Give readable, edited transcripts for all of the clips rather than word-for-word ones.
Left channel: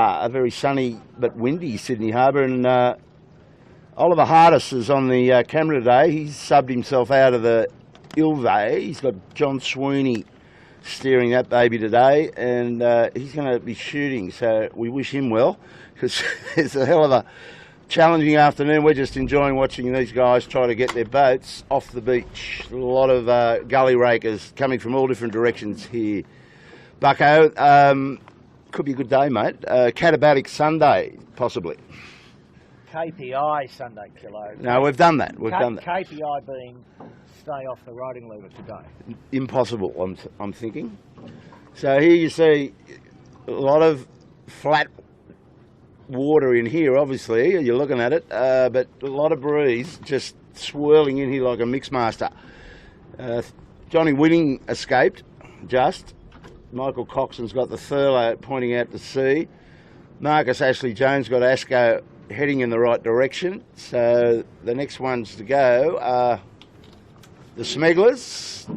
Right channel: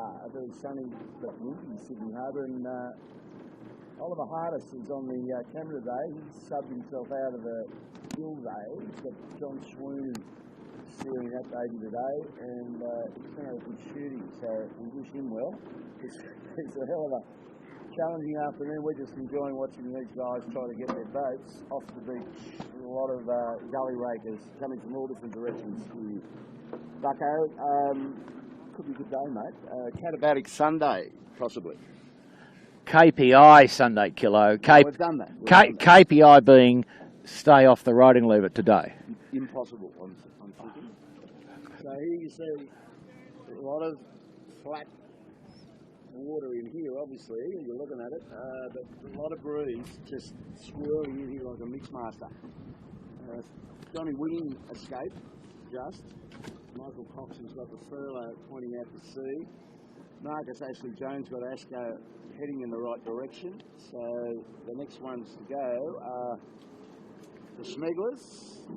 A very sunny but windy Sydney Harbour, and Oliver Hardis is on the camera today. He's subbed himself out of the Ilve. He's got John Sweeney steering that baby today, and he's going to be shooting, so we wish him well, because it's a hell of a challenging afternoon. We're just enjoying watching these guys try to get their boats off the beach. A lot of gully rakers coming from all different directions here. Bucko, could be a good day, mate. Katabatic Sunday, possibly. KPI Sunday Kilo. No, we've done that. KPI being stay off the riding lever today. Impossible, I'm thinking. So here you see a lot of flat water in here, obviously. You're looking at it, but a lot of breeze just swirling in here like a mixmaster. Johnny Winning escaped, just. Michael Coxon's got the Thurlow pointing out to sea. Marcus Ashley Jones got Asco heading in the right direction. So the next ones to go are the Smegglers,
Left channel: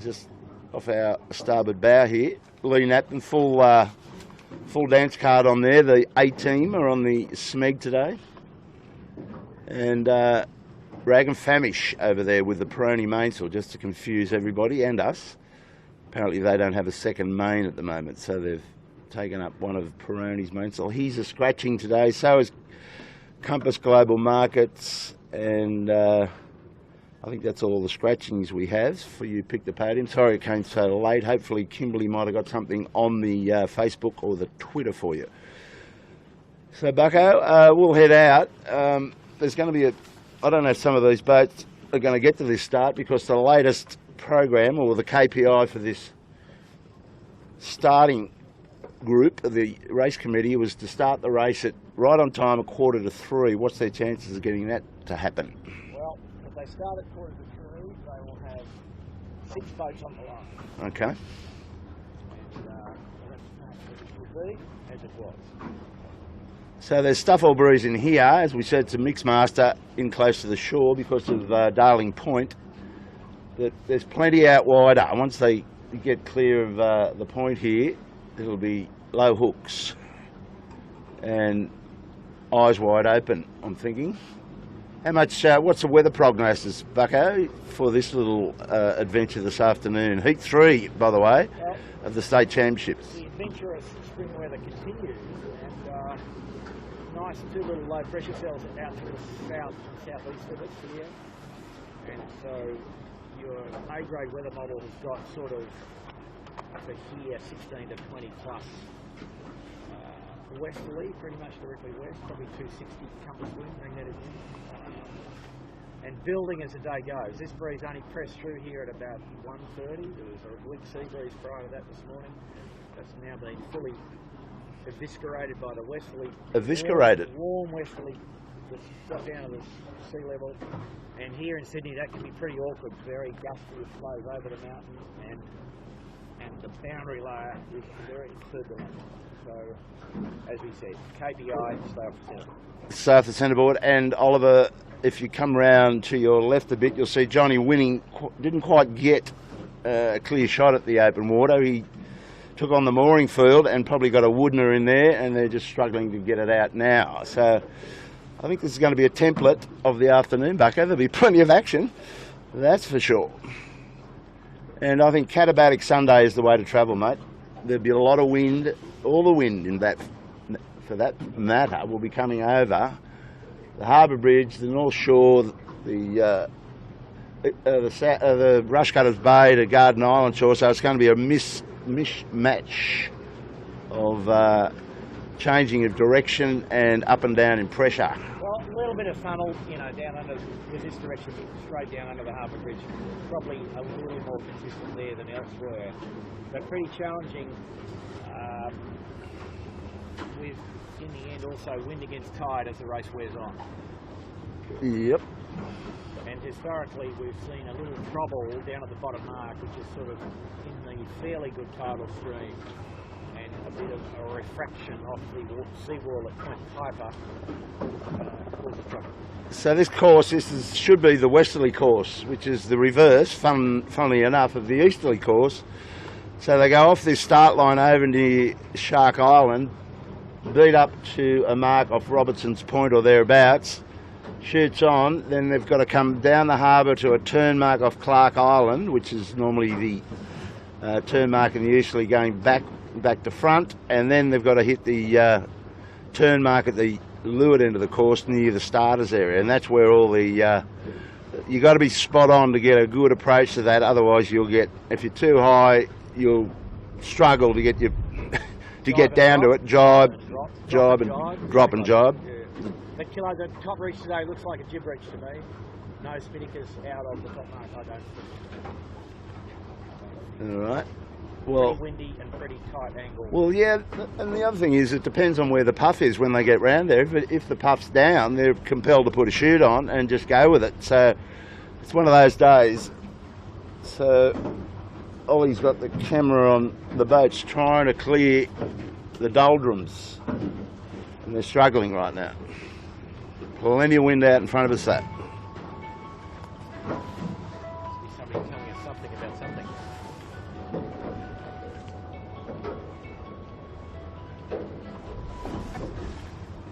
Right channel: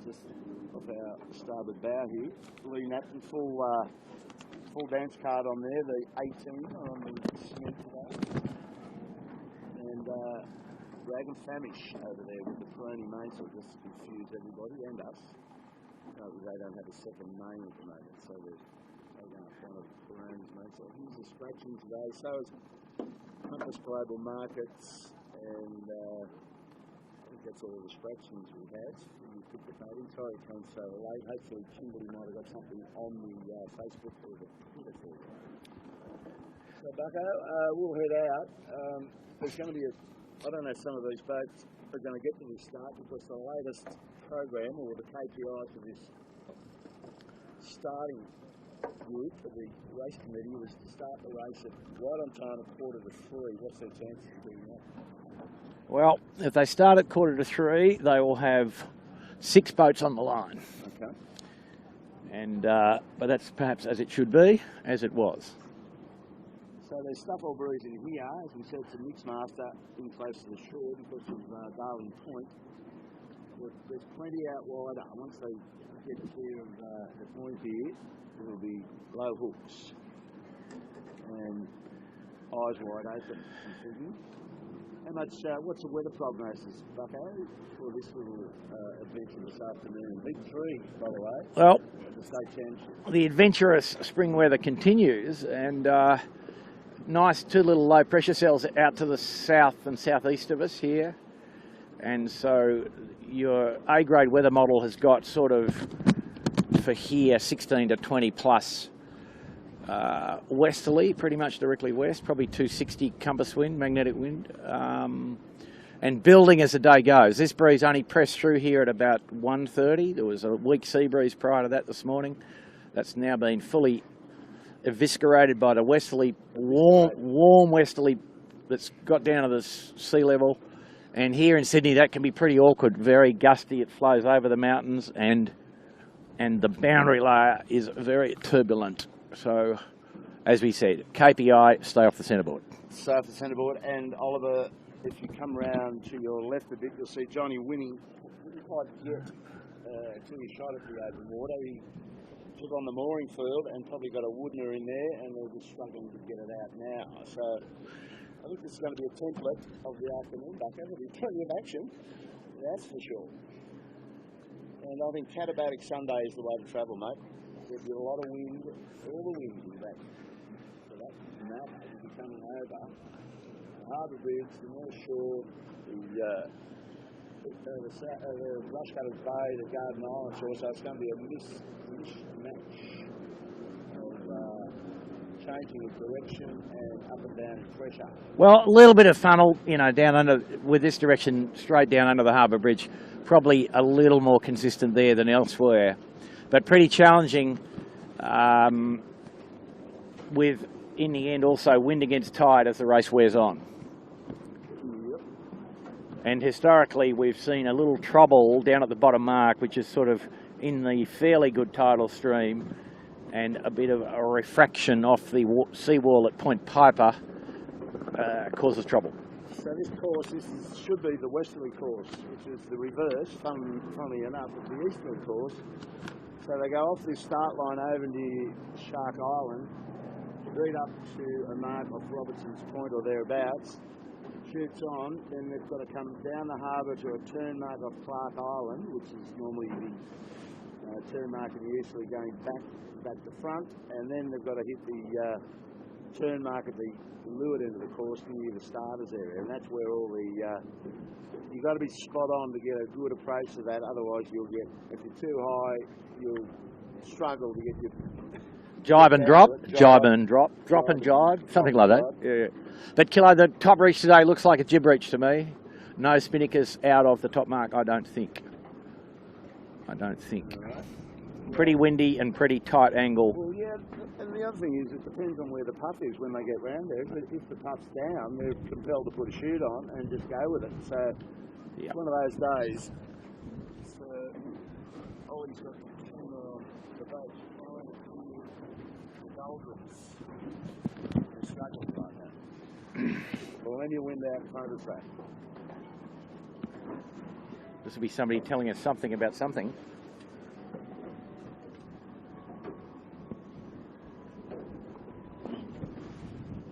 just off our starboard bow here. Lee Napton, full dance card on there. The A-team are on the Smeg today. And Rag and Famish over there with the Peroni mainsail, just to confuse everybody and us. Apparently they don't have a second main at the moment, so they've taken up one of Peroni's mainsail. He's a scratching today, so is Compass Global Markets, and I think that's all the scratchings we have for you. Pick the podium. Sorry it came so late. Hopefully Kimberly might have got something on the Facebook or the Twitter for you. So Bucko, we'll head out. There's going to be I don't know if some of these boats are going to get to this start, because the latest program, or the KPI for this starting group of the race committee, was to start the race at right on time, 2:45. What's their chances of getting that to happen? Well, if they start at 2:45, they will have 6 boats on the line. Okay. And but that's perhaps as it should be, as it was. So there's stuff all breeze in here. As we said, it's a mixmaster in close to the shore because of Darling Point. There's plenty out wider. Once they get clear of the point here, it'll be low hooks and eyes wide open, I'm thinking. How much? What's the weather prognosis, Bucko, for this little adventure this afternoon? Heat 3, by the way, well, of the state championships. The adventurous spring weather continues, and nice 2 little low pressure cells out to the south and southeast of us here, and so your A-grade weather model has got sort of, for here, 16 to 20 plus westerly, pretty much directly west, probably 260 compass wind, magnetic wind, and building as the day goes. This breeze only pressed through here at about 1:30. There was a weak sea breeze prior to that this morning. That's now been fully eviscerated by the westerly, warm westerly that's got down to the sea level. And here in Sydney, that can be pretty awkward, very gusty. It flows over the mountains, and the boundary layer is very turbulent. So, as we said, KPI, stay off the centreboard. Stay off the centreboard. And Oliver, if you come round to your left a bit, you'll see Johnny Winning didn't quite get a clear shot at the open water. He took on the mooring field and probably got a Woodner in there, and they're just struggling to get it out now. So I think this is going to be a template of the afternoon, Bucko. There'll be plenty of action, that's for sure. And I think Katabatic Sunday is the way to travel, mate. There'll be a lot of wind. All the wind in that, for that matter, will be coming over the Harbour Bridge, the North Shore, the Rushcutters Bay to Garden Island shore. So it's going to be a mishmatch of changing of direction and up and down in pressure. Well, a little bit of funnel, you know, down under, with this direction, straight down under the Harbour Bridge. Probably a little more consistent there than elsewhere, but pretty challenging with, in the end, also wind against tide as the race wears on. Yep. And historically, we've seen a little trouble down at the bottom mark, which is sort of in the fairly good tidal stream, and a bit of a refraction off the seawall at Point Piper causes trouble. So this course, should be the westerly course, which is the reverse, funnily enough, of the easterly course. So they go off this start line over near Shark Island, beat up to a mark off Robertson's Point or thereabouts, shoots on, then they've got to come down the harbour to a turn mark off Clark Island, which is normally the turn mark and usually going back to front, and then they've got to hit the turn mark at the leeward end of the course near the starters area, and that's where all the you got to be spot on to get a good approach to that. Otherwise, you'll get, if you're too high, you'll struggle to get your to Jibe get down to it. Jibe and drop. Drop and jibe. Yeah. But Kilo, the top reach today looks like a jib reach to me. No spinnakers out of the top mark, I don't think. All right. Well, Pretty windy and pretty tight angle. Well, yeah, and the other thing is it depends on where the puff is when they get round there. If the puff's down, they're compelled to put a chute on and just go with it. So it's one of those days. So Ollie's got the camera on the boats trying to clear the doldrums, and they're struggling right now. Plenty of wind out in front of us, though. This will be somebody telling us something about something.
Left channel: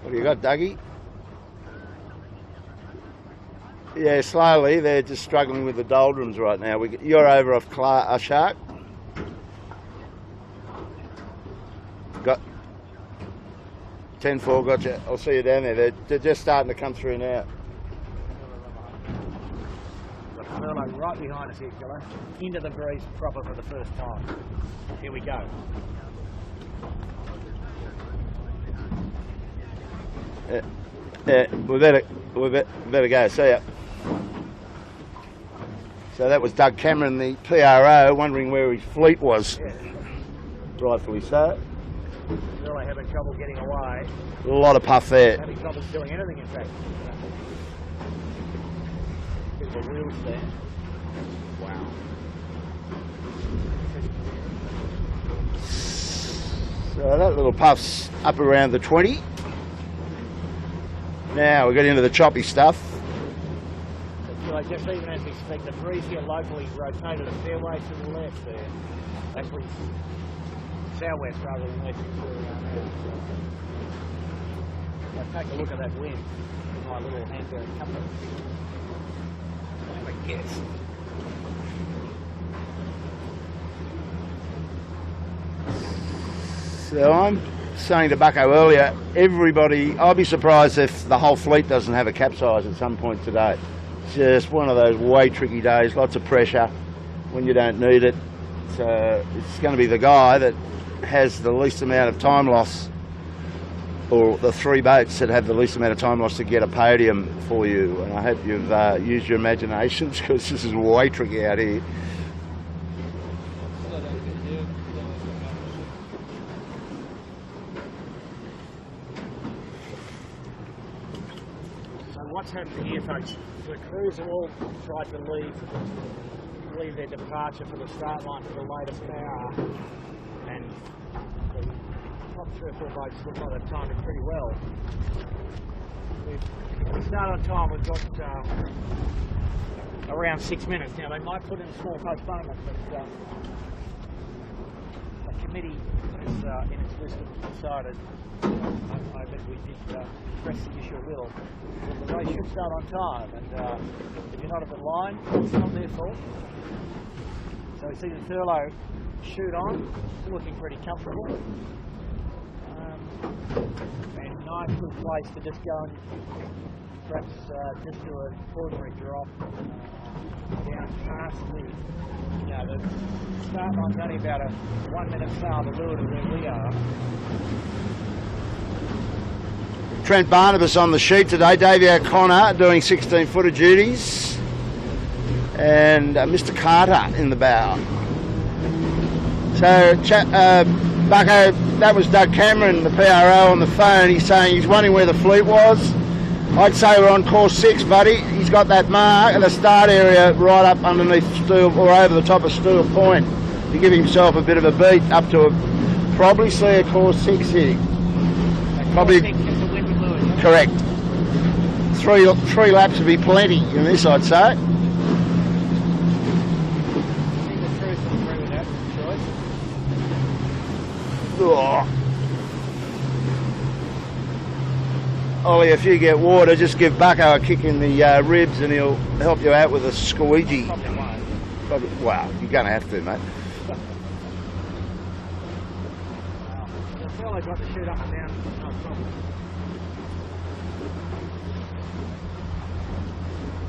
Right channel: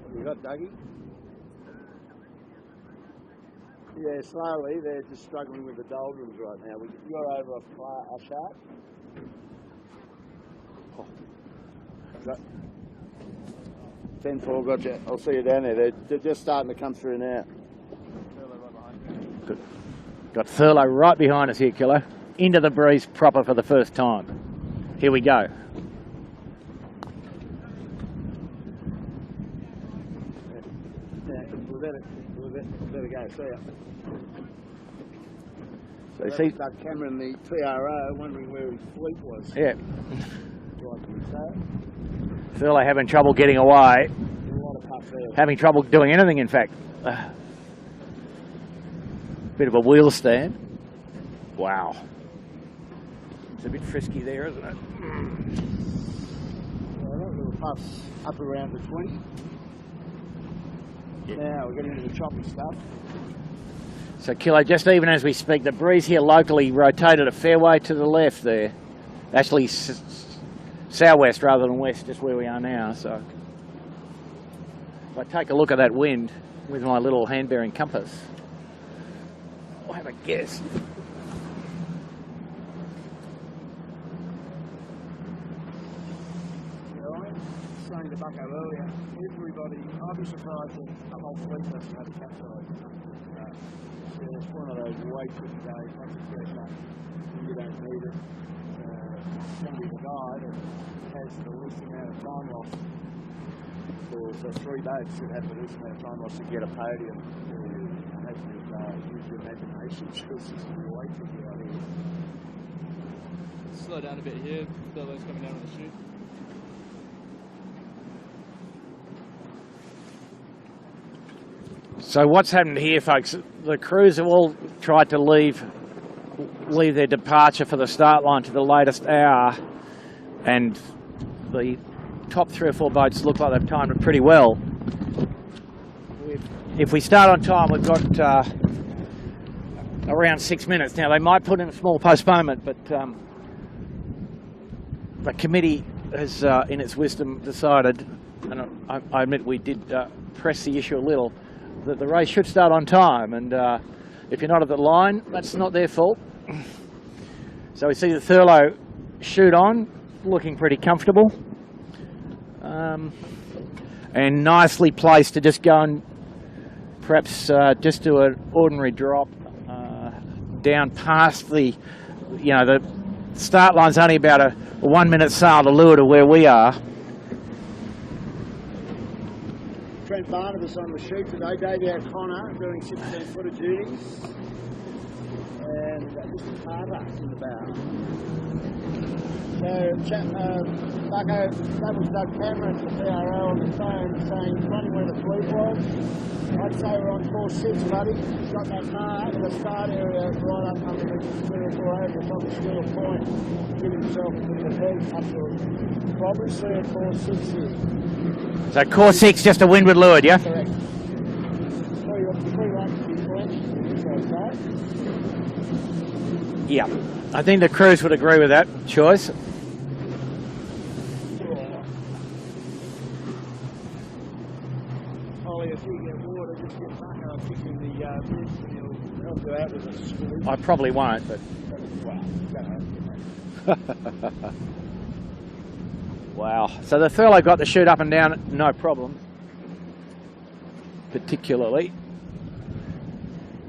What do you got, Dougie? Yeah, slowly. They're just struggling with the doldrums right now. You're over off Shark. Got 10-4, got you. I'll see you down there. They're just starting to come through now. Got Thurlow right behind us here, Kilo. Into the breeze proper for the first time. Here we go. Yeah, we better go. See ya. So that was Doug Cameron, the PRO, wondering where his fleet was. Yeah. Rightfully so. Thurlow having trouble getting away. A lot of puff there. Having trouble doing anything, in fact. Bit of a wheel stand. Wow. It's a bit frisky there, isn't it? So that little puff's up around the 20. Now we get into the choppy stuff. So Kilo, just even as we speak, the breeze here locally rotated a fair way to the left there. Actually southwest rather than west, just where we are now. So if I take a look at that wind with my little hand-bearing compass, I have a guess. So I'm saying to Bucko earlier, everybody, I'll be surprised if the whole fleet doesn't have a capsize at some point today. It's just one of those way tricky days, lots of pressure when you don't need it. So it's going to be the guy that has the least amount of time loss, or the three boats that have the least amount of time loss to get a podium for you. And I hope you've used your imaginations, because this is way tricky out here. Slow down a bit here. So what's happened here, folks, the crews have all tried to leave their departure for the start line to the latest hour, and the top 3 or 4 boats look like they've timed it pretty well. If we start on time, we've got around 6 minutes. Now, they might put in a small postponement, but the committee has, in its wisdom, decided, and I admit we did press the issue a little, that the race should start on time, and if you're not at the line, that's not their fault. So we see the Thurlow shoot on, looking pretty comfortable, and nicely placed to just go and perhaps just do an ordinary drop down past the, the start line's only about a 1 minute sail to leeward of where we are. Trent Barnabas on the sheet today, Davey O'Connor doing 16-footer duties, and Mr. Carter in the bow. So, Bucko, that was Doug Cameron, the PRO, on the phone. He's saying he's wondering where the fleet was. I'd say we're on course 6, buddy. He's got that mark at the start area right up underneath Stewart, or over the top of Stewart Point, to give himself a bit of a beat up to probably see a course 6 here. So course 6, just a windward leeward, yeah? Correct. Three laps would be plenty in this, I'd say. Yeah, I think the crews would agree with that choice. Oh. Ollie, if you get water, just give Bucko a kick in the ribs and he'll help you out with a squeegee. I probably won't. But... Well, you're going to have to, mate. Wow. So the Thurlow got the chute up and down, no problem. Particularly.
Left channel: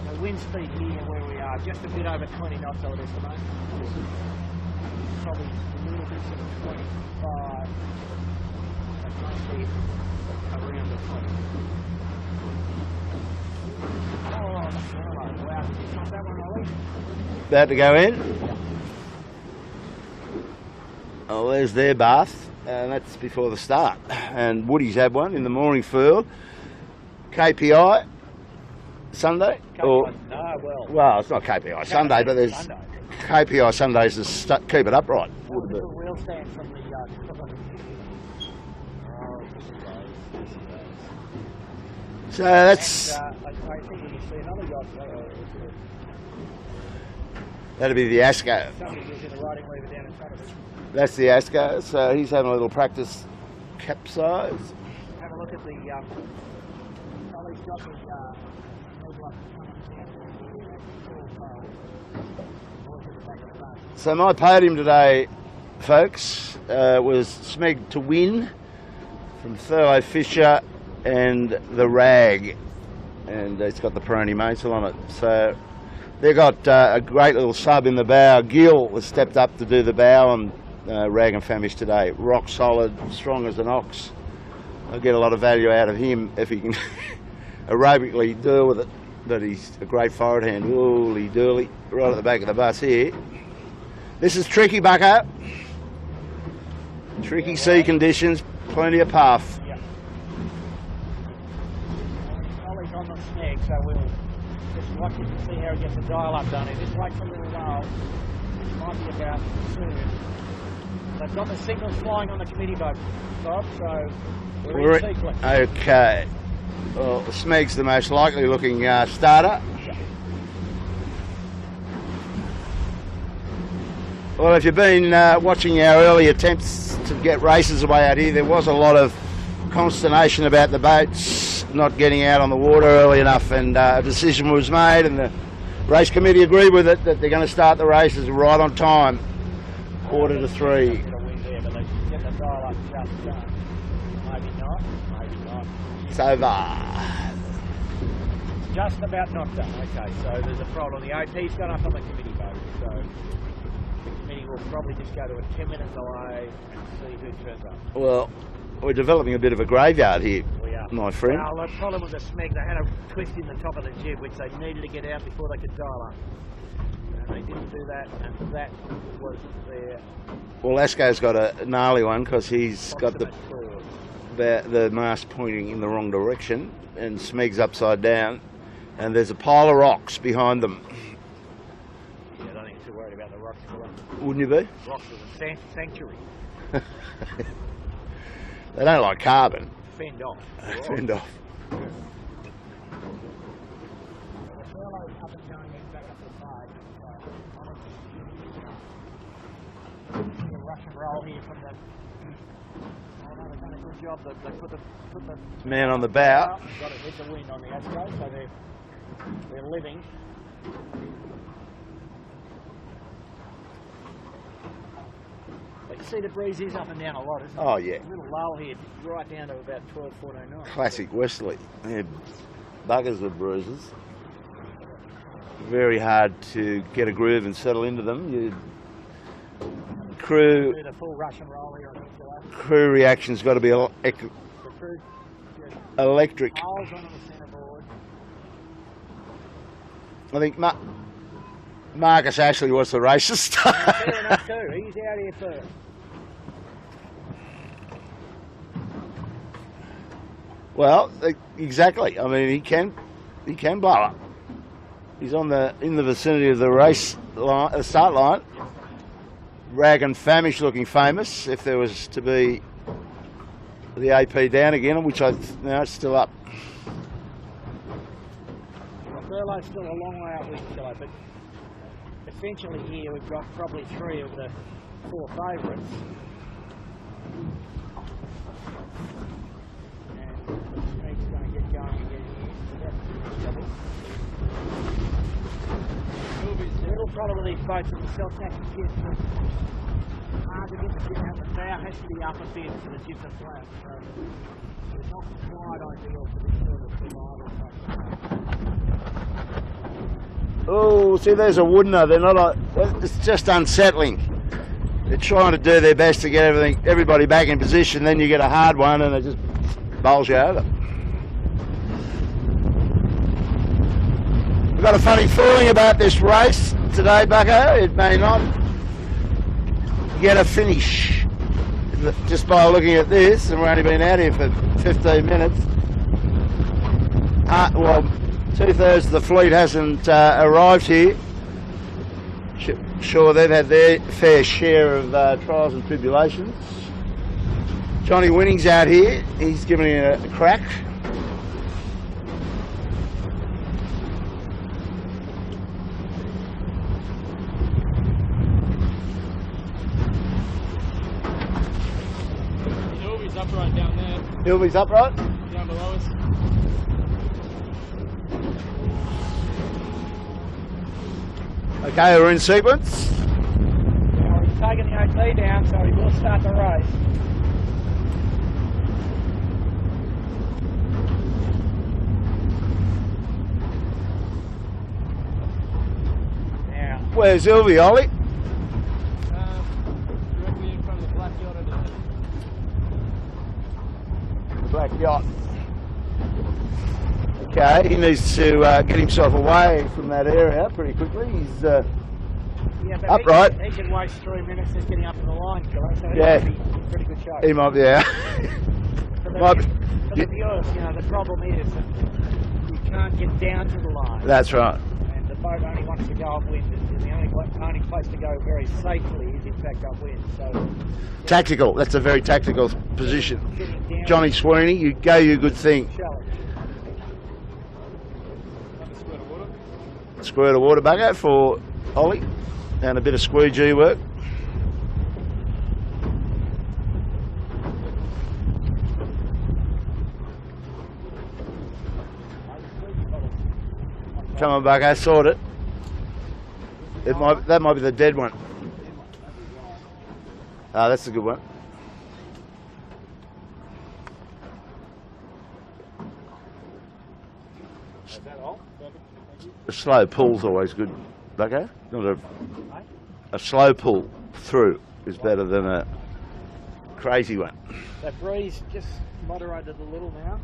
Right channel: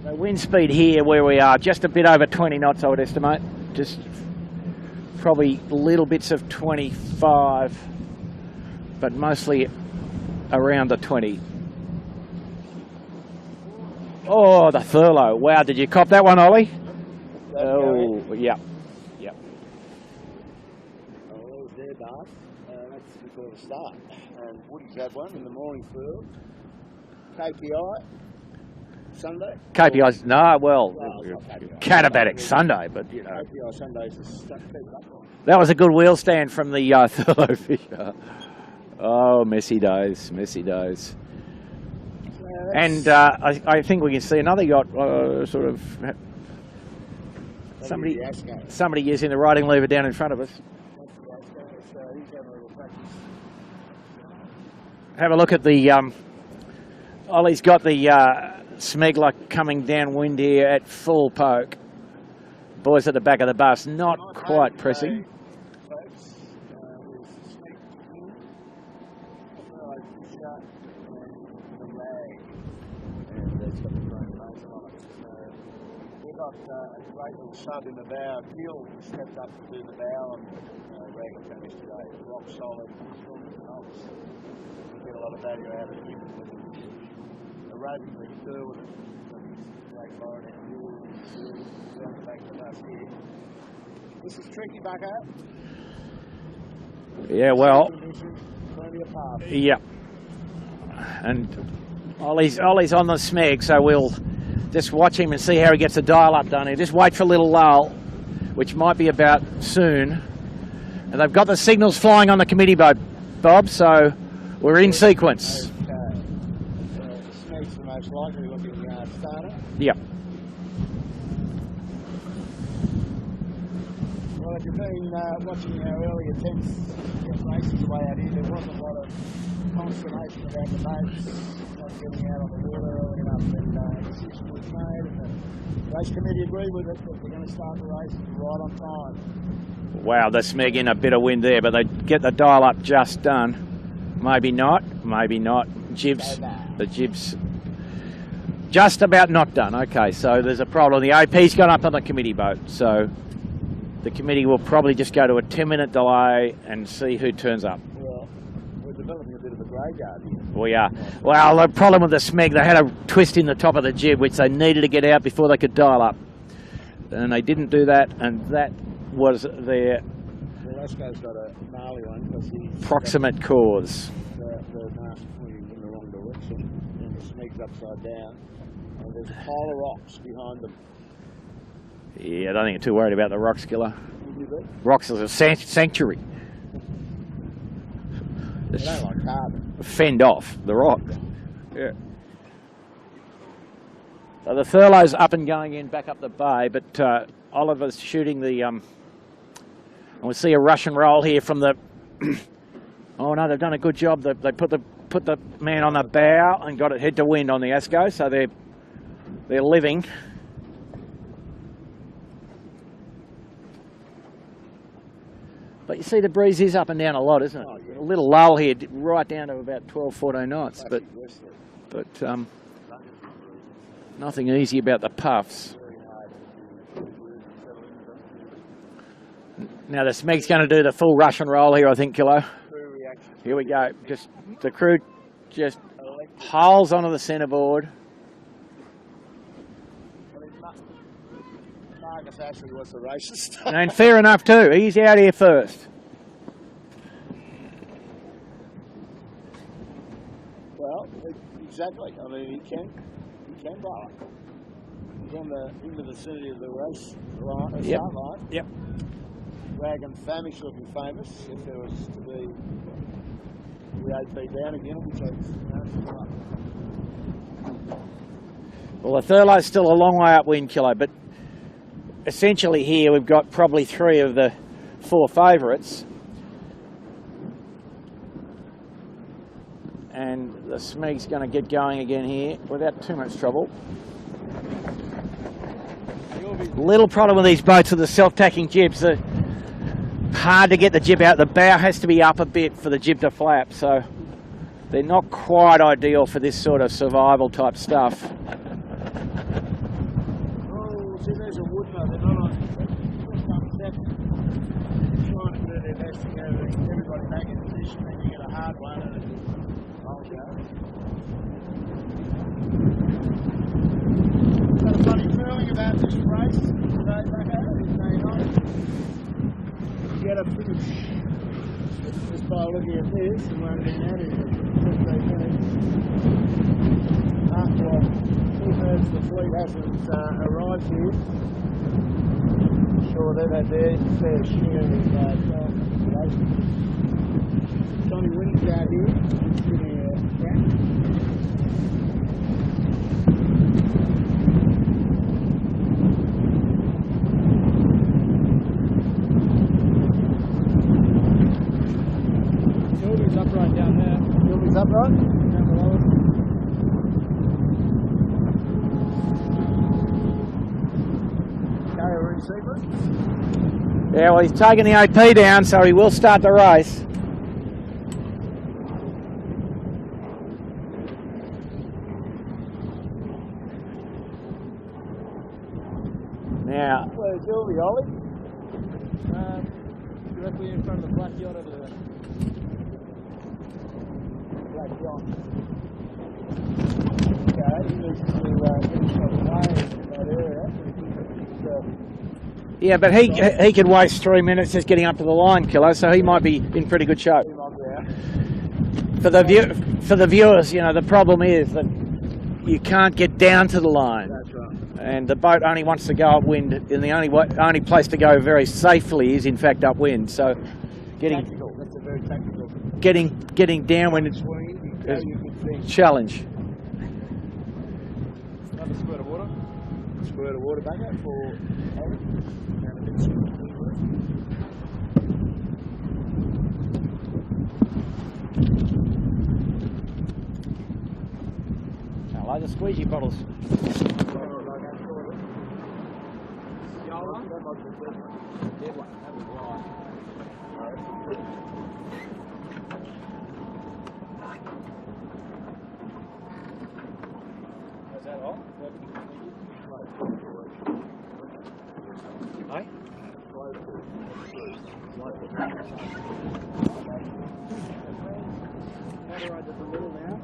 The wind speed here where we are, just a bit over 20 knots, I would estimate. Just probably little bits of 25, but mostly around the 20. Oh, the Thurlow. Wow, did you cop that one, Ollie? About to go in? Yeah. Oh, there's their bath, and that's before the start. And Woody's had one in the morning furl. KPI Sunday? KPI, no, well... Well, it's not KPI Sunday, Sunday, but... KPI Sundays to keep it upright. That was a good wheel stand from the Thurlow fisher. Oh, messy days, messy days. So that's... And I think we can see another yacht sort of... That'll be the Asco. Somebody using the riding lever down in front of us. That's the Asco, so he's having a little practice capsize. Have a look at the... Ollie's got the Smegler coming downwind here at full poke. Boys at the back of the bus. Not so my podium today, folks, was Smeg to win from Thurlow Fisher and the Rag. And it's got the Peroni Maisel on it. So they've got a great little sub in the bow. Gill has stepped up to do the bow on Rag and Famish today. Rock solid, strong as an ox. I'll get a lot of value out of him if he can aerobically deal with it. But he's a great forward hand. Holy dooly, right at the back of the bus here. This is tricky, Bucko. Tricky sea conditions, plenty of puff. Yeah. And Ollie's on the Smeg, so we'll just watch him and see how he gets the dial up done here. Just wait for a little lull, which might be about soon. And they've got the signals flying on the committee boat, Bob, so we're in sequence. Okay. Well, the Smeg's the most likely looking starter. Yep. Well, if you've been watching our early attempts to get races away out here, there was a lot of consternation about the boats not getting out on the water early enough, and a decision was made, and the race committee agreed with it, that they're going to start the races right on time. Wow, the Smeg in a bit of wind there, but they get the dial up just done. Maybe not, maybe not. Jibs, the jibs just about not done. Okay, so there's a problem. The AP's gone up on the committee boat, so the committee will probably just go to a 10-minute delay and see who turns up. Well, we're developing a bit of a graveyard here. We are. My friend. Well, the problem with the Smeg, they had a twist in the top of the jib, which they needed to get out before they could dial up. And they didn't do that, and that was their... Well, Asco's got a gnarly one because he's proximate cause. The mast pointing in the wrong direction, and Smeg's upside down, and there's a pile of rocks behind them. Yeah, I don't think you're too worried about the rocks, Killer. Wouldn't you be? Rocks is a sanctuary. They don't like carbon. Fend off the rock. Fend off. Yeah. So the Thurlow's up and going in back up the bay, but Oliver's shooting the... we see a rush and roll here from the... Oh no, they've done a good job. They put the man on the bow and got it head to wind on the Asco, so they're living. But you see the breeze is up and down a lot, isn't it? Oh yeah. A little lull here, right down to about 12, 14 knots. Classic westerly. Yeah. But, buggers with bruises. Nothing easy about the puffs. Very hard to get a groove and settle into them. Now the Smeg's going to do the full rush and roll here, I think, Kilo. Crew reaction's got to be the crew just electric. Piles onto the centreboard. I think Marcus Ashley was the race to start. And fair enough too. He's out here first. Well, exactly. I mean, he can blow up. He's in the vicinity of the race line, the start line. Yep. Rag and Famish looking famous if there was to be the AP down again, which now it's still up. Well, the Thurlow's still a long way upwind, Kilo, but essentially here we've got probably 3 of the 4 favourites. and the Smeg's going to get going again here without too much trouble. Little problem with these boats are the self-tacking jibs. They're hard to get the jib out. The bow has to be up a bit for the jib to flap, so they're not quite ideal for this sort of survival type stuff. Oh, see, there's a woodener. They're not. It's just unsettling. They're trying to do their best to get everybody back in position. Then you get a hard one, and it just bowls you over. I've got a funny feeling about this race today, Bucko. It may not get a finish just by looking at this, and we've only been out here for 15 minutes. Well, 2/3 of the fleet hasn't arrived here. Sure, they've had their fair share of trials and tribulations. Johnny Winning's out here. He's giving it a crack. Newby's upright down there. Newby's upright? Down below us. Okay, we're in sequence. Yeah, well, he's taking the AP down, so he will start the race. Now, where's Ilvy, Ollie? Directly in front of the black yacht over there. Black yacht. Okay, he needs to get himself away from that area pretty quickly. He's yeah, but he can waste 3 minutes just getting up to the line, Kilo, so he might be in pretty good shape. He might be out. For the viewers, you know, the problem is that you can't get down to the line. That's right. And the boat only wants to go upwind, and the only place to go very safely is in fact upwind. So tactical. That's a very tactical position. Getting down. Johnny Sweeney, you go, you good thing. Challenge. Squirt of water, Bucko, for Ollie. And a bit of squeegee work. I like the squeegee bottles. Come on, Bucko, sort it. That might be the dead one. Ah, that's a good one. A slow pull's always good, Bucko. Not a slow pull through is better than a crazy one. That breeze just moderated a little now.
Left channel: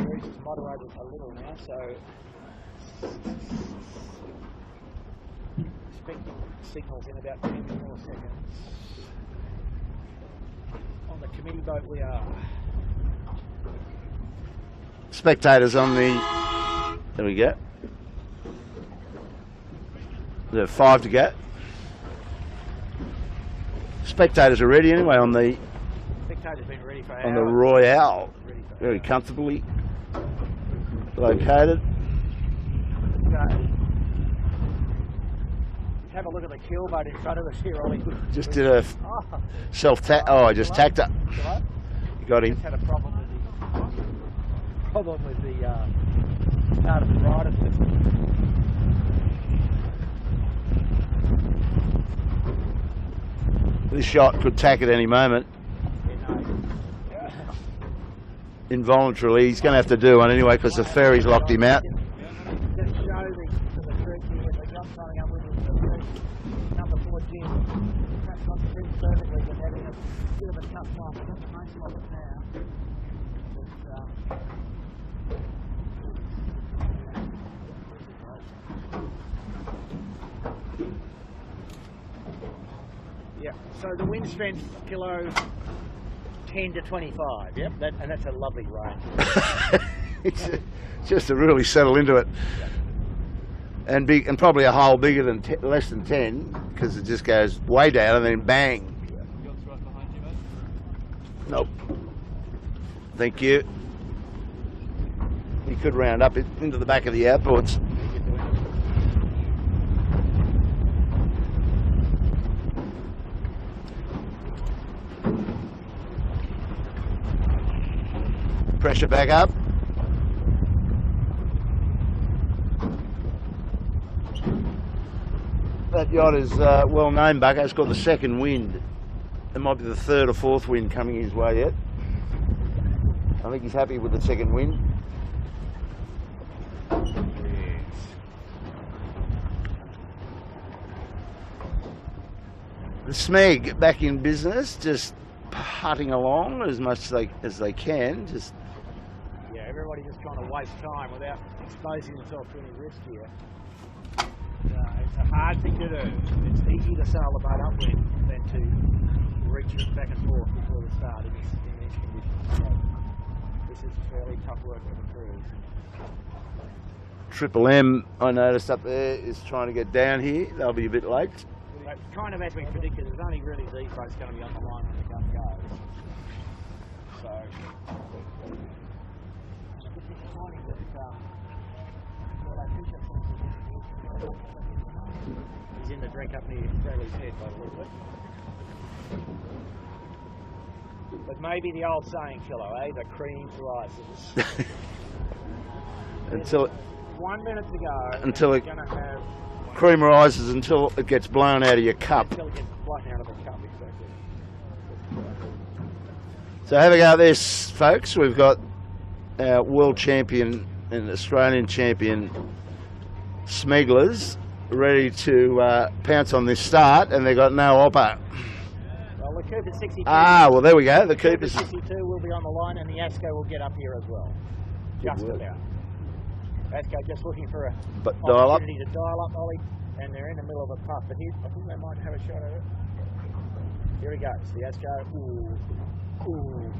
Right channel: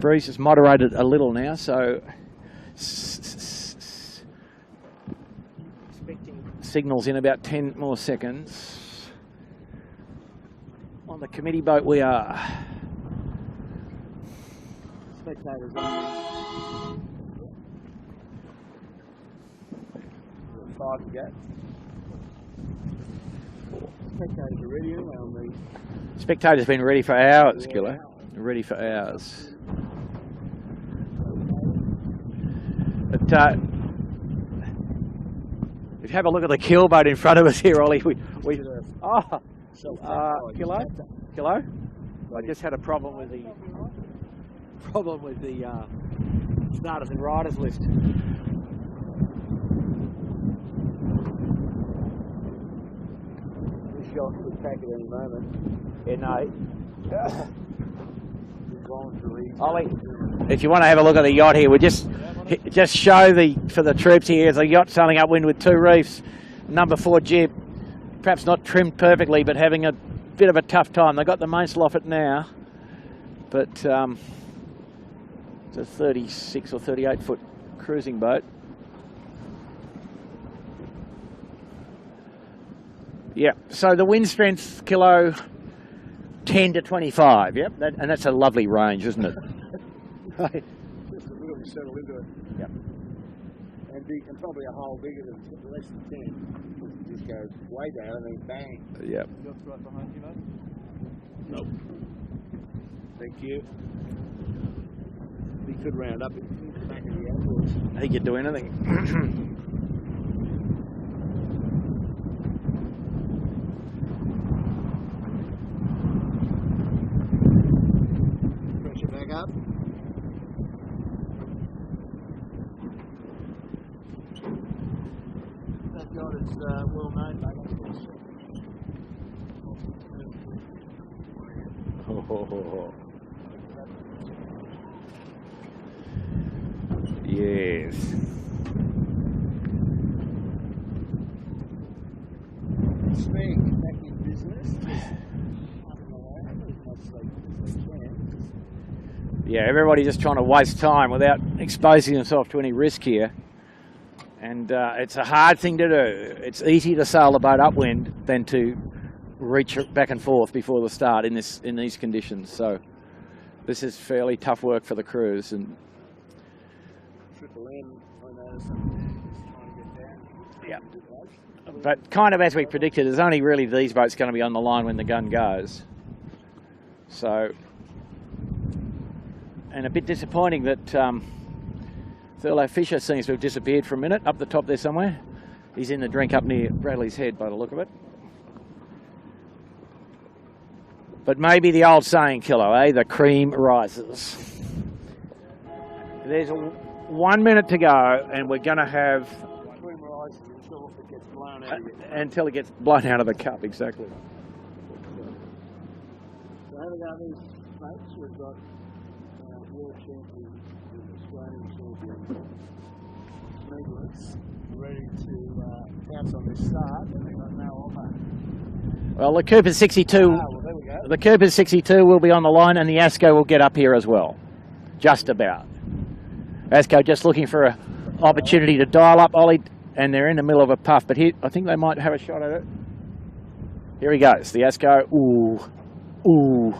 Breeze has moderated a little now, so expecting signals in about 10 more seconds. On the committee boat we are. Spectators on the... There we go. There are 5 to go. Spectators are ready anyway on the... Spectators have been ready for hours. The Royale. Ready for very hours. Comfortably located. But if you have a look at the keel boat in front of us here, Ollie. We did a self-tack. I just tacked up. Hello? You got him. Just had a problem with the starters and riders list. This shot could tack at any moment. Yeah, no. Involuntarily, he's going to have to do one anyway. If you want to have a look at the yacht here, we just show for the troops here, there's a yacht sailing upwind with 2 reefs, number 4 jib, perhaps not trimmed perfectly, but having a bit of a tough time. They've got the mainsail off it now, but it's a 36 or 38 foot cruising boat. Yeah, so the wind strength, Kilo, 10 to 25, yeah? And that's a lovely range, isn't it? It's just to really settle into it. Yeah. And probably a hole bigger than less than 10, because it just goes way down and then bang. Yeah. Yacht's right behind you, mate. Nope. Thank you. You could round up into the back of the outboards. He could do anything. pressure back up. That yacht is well known, Bucko. It's got the second wind. It might be the third or fourth wind coming his way yet. I think he's happy with the second wind. Yes. Smeg back in business, just putting along as much as they can. Just Yeah, everybody just trying to waste time without exposing themselves to any risk here. And it's a hard thing to do. It's easy to sail the boat upwind than to reach it back and forth before the start in these conditions. So this is fairly tough work for the crews. And Triple M, I noticed up there, is trying to get down here. They'll be a bit late. but kind of as we predicted, there's only really these boats going to be on the line when the gun goes. So, and a bit disappointing that Thurlow Fisher seems to have disappeared for a minute up the top there somewhere. He's in the drink up near Bradley's Head by the look of it. But maybe the old saying, Kilo, eh? The cream rises. There's 1 minute to go until we're going to have... Cream rises until it gets blown out of your cup. Until it gets blown out of the cup, exactly. So have a go at this, folks. We've got our world champion and Australian champion smugglers ready to pounce on this start, and they've got no oppo. Well, the Cooper 62. Well, there we go. The Cooper 62 will be on the line, and the ASCO will get up here as well. Just about. ASCO just looking for an opportunity to dial up Ollie, and they're in the middle of a puff. But here, I think they might have a shot at it. Here he goes. The ASCO. Ooh. Ooh.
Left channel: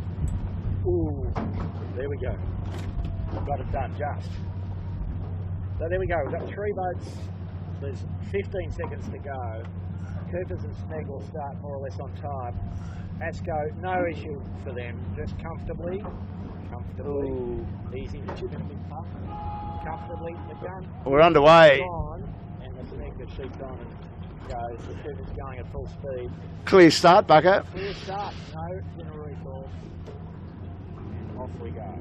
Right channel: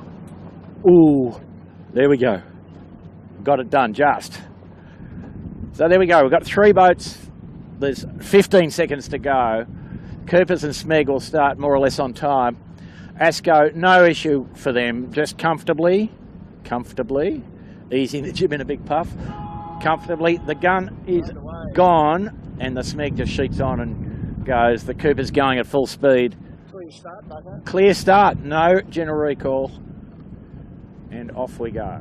Ooh. There we go. Got it done, just. So there we go. We've got 3 boats. There's 15 seconds to go. Coopers and Smeg will start more or less on time. ASCO, no issue for them. Just comfortably. Easing the jib in a big puff. Comfortably. The gun We're underway. Gone, and the Smeg just sheets on and goes. The Cooper's going at full speed. Clear start, Bucko. Clear start. No general recall. And off we go.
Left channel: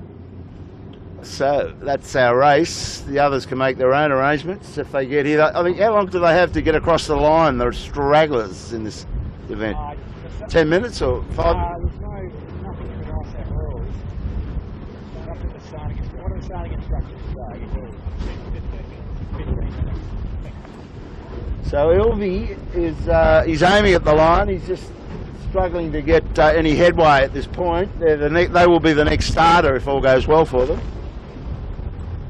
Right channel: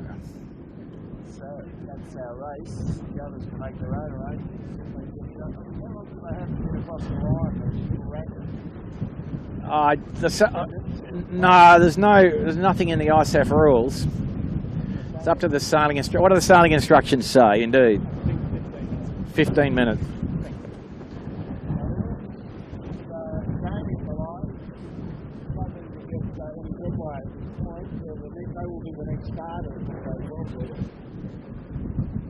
So that's our race. The others can make their own arrangements if they get here. I think, how long do they have to get across the line? The stragglers in this event. 10 minutes or 5? No, there's nothing in the ISAF rules. It's up to the sailing instructor. What do the sailing instructions say? Indeed, 15 minutes. So Ilvey is he's aiming at the line. He's just struggling to get any headway at this point. They will be the next starter if all goes well for them.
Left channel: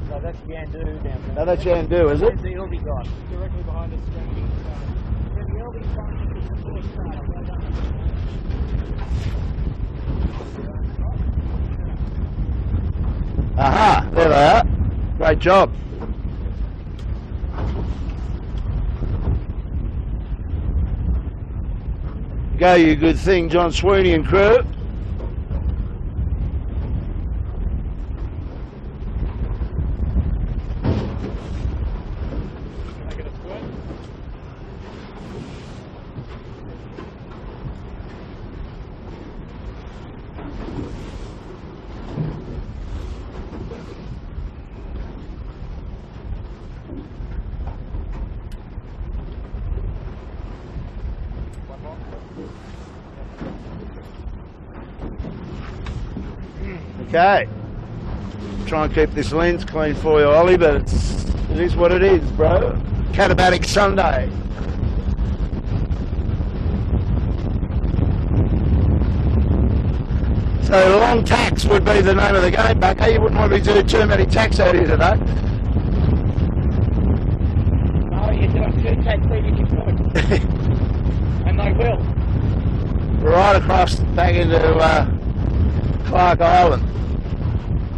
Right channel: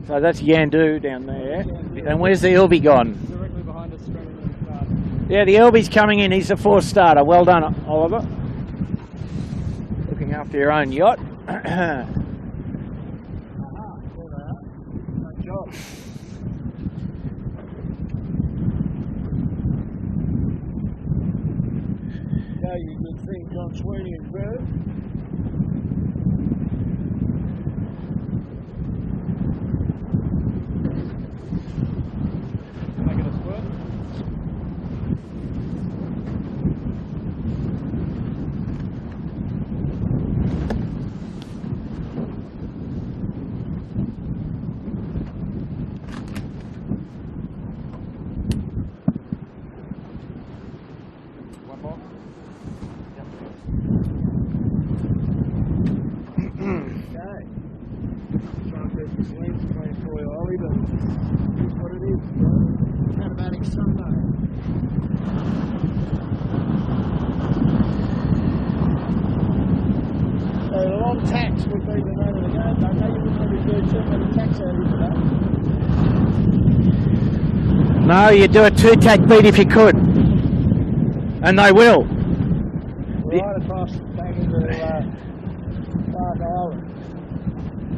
So that's Yandu down there. Oh, that's Yandu. And where's the Ilby gone? Directly behind us, straight into the start. Yeah, the Ilby's coming in. He's the 4th starter. Well done, Oliver. Looking after your own yacht. Aha, there they are. Great job. Go, you good thing, John Sweeney and crew. Make it a squirt. Okay. Try and keep this lens clean for you, Ollie, but it is what it is, bro. Catabatic Sunday. So long tacks would be the name of the game, Bucko. You wouldn't want me to do too many tacks out here today. No, you do a 2-tack beat if you could. And they will. Right across back into Clark Island.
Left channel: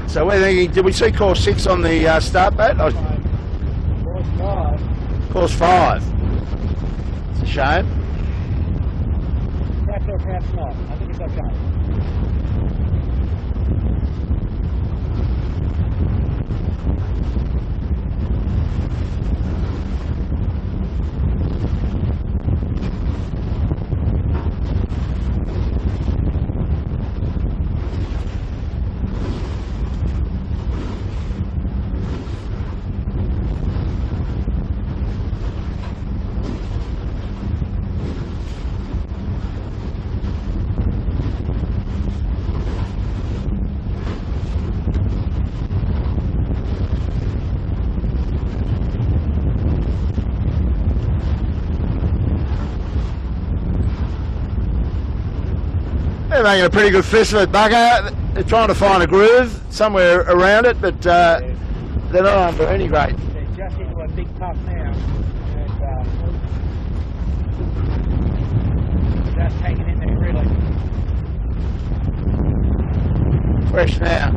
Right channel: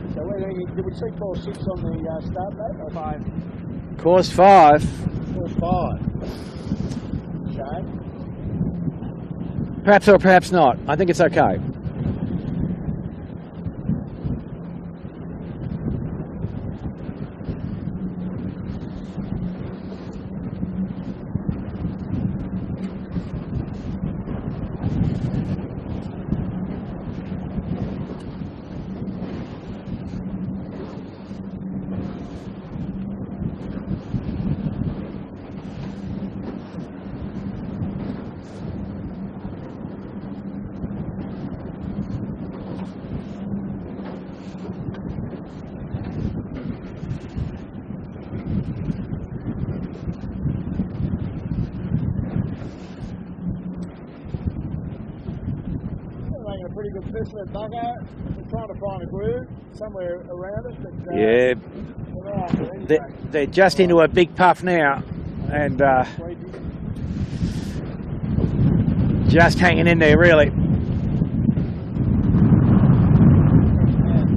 So we're thinking, did we see course 6 on the start boat? Course 5. Course 5. It's a shame. Perhaps or perhaps not. I think it's okay. They're making a pretty good fist of it, Bucko. They're trying to find a groove somewhere around it, but Yeah. they're not under any rate. They're just into a big puff now, and just hanging in there, really. Fresh now.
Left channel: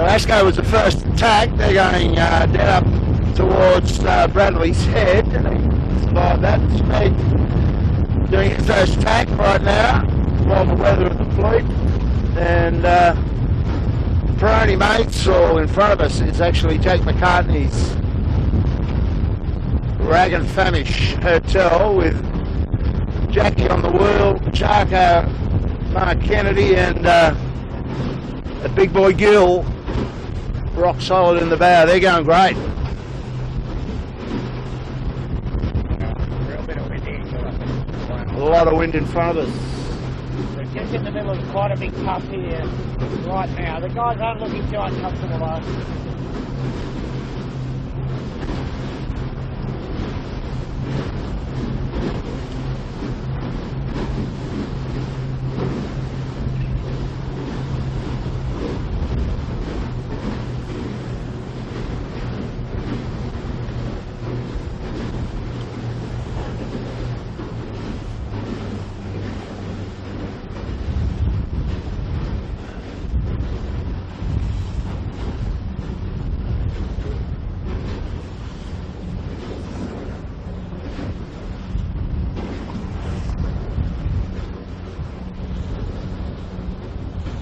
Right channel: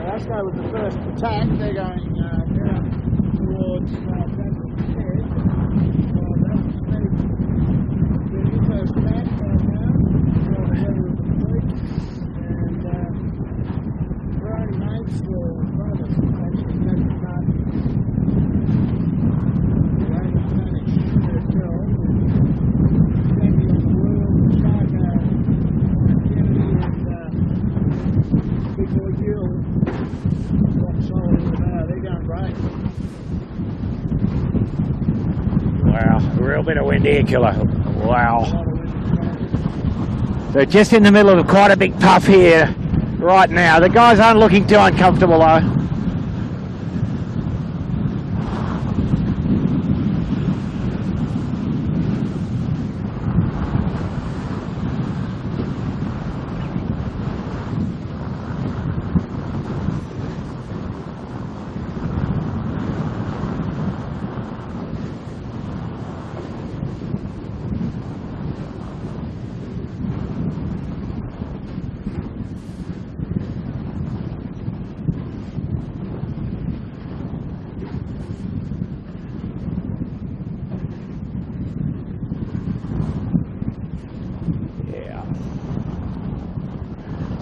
Asco was the first attack. They're going down up towards Bradley's head. They survived that. Smeg doing his first attack right now while the weather of the fleet. And the Peroni mates all in front of us is actually Jack Macartney's Rag and Famish Hotel with Jackie on the wheel, Charco, Mark Kennedy, and a big boy Gill rock solid in the bow. They're going great. Wow, a real bit of wind here, Killer. Wow. A lot of wind in front of us. They're just in the middle of quite a big puff here right now. The guys aren't looking too uncomfortable though.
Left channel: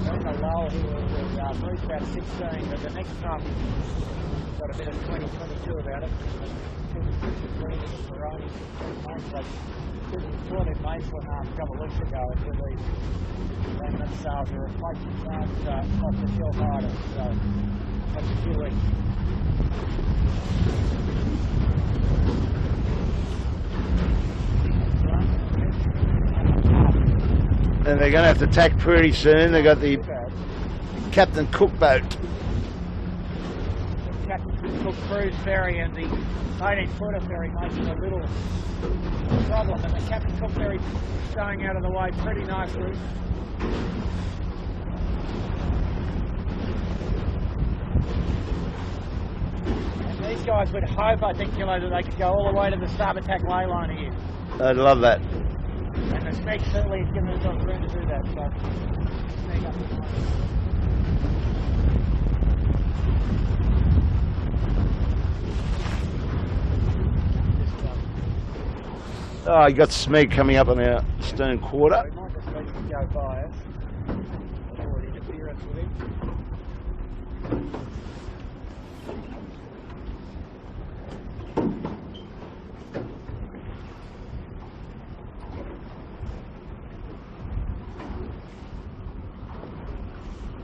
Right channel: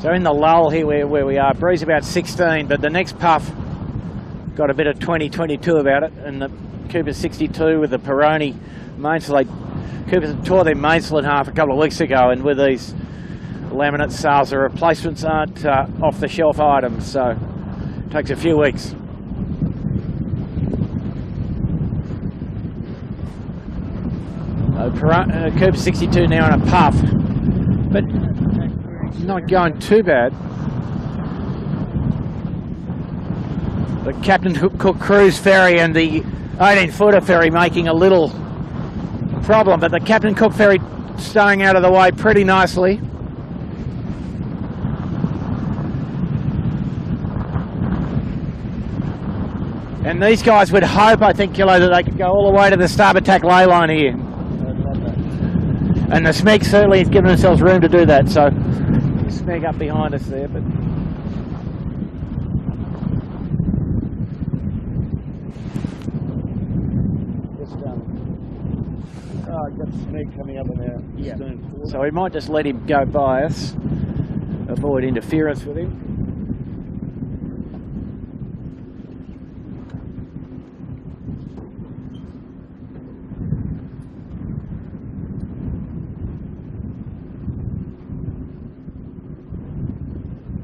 So in the lull here where we are, breeze about 16, but the next puff got a bit of 20-22 about it, and the Cooper 62 with the Peroni mainsail. Cooper tore their mainsail in half a couple of weeks ago, and with these laminate sails, the replacements aren't off-the-shelf items, so it takes a few weeks. Cooper 62 now in a puff. And they're going to have to attack pretty soon. Not going too bad. Captain Cook boat. The Captain Cook cruise ferry and the 18-footer ferry making a little problem, but the Captain Cook ferry staying out of the way pretty nicely. And these guys would hope, I think, Kilo, that they could go all the way to the starboard tack ley line here. I'd love that. And the Smeg certainly has given themselves room to do that, so Smeg up behind us there. But oh, you got Smeg coming up on our stern quarter. So we might just let him go by us, avoid interference with him.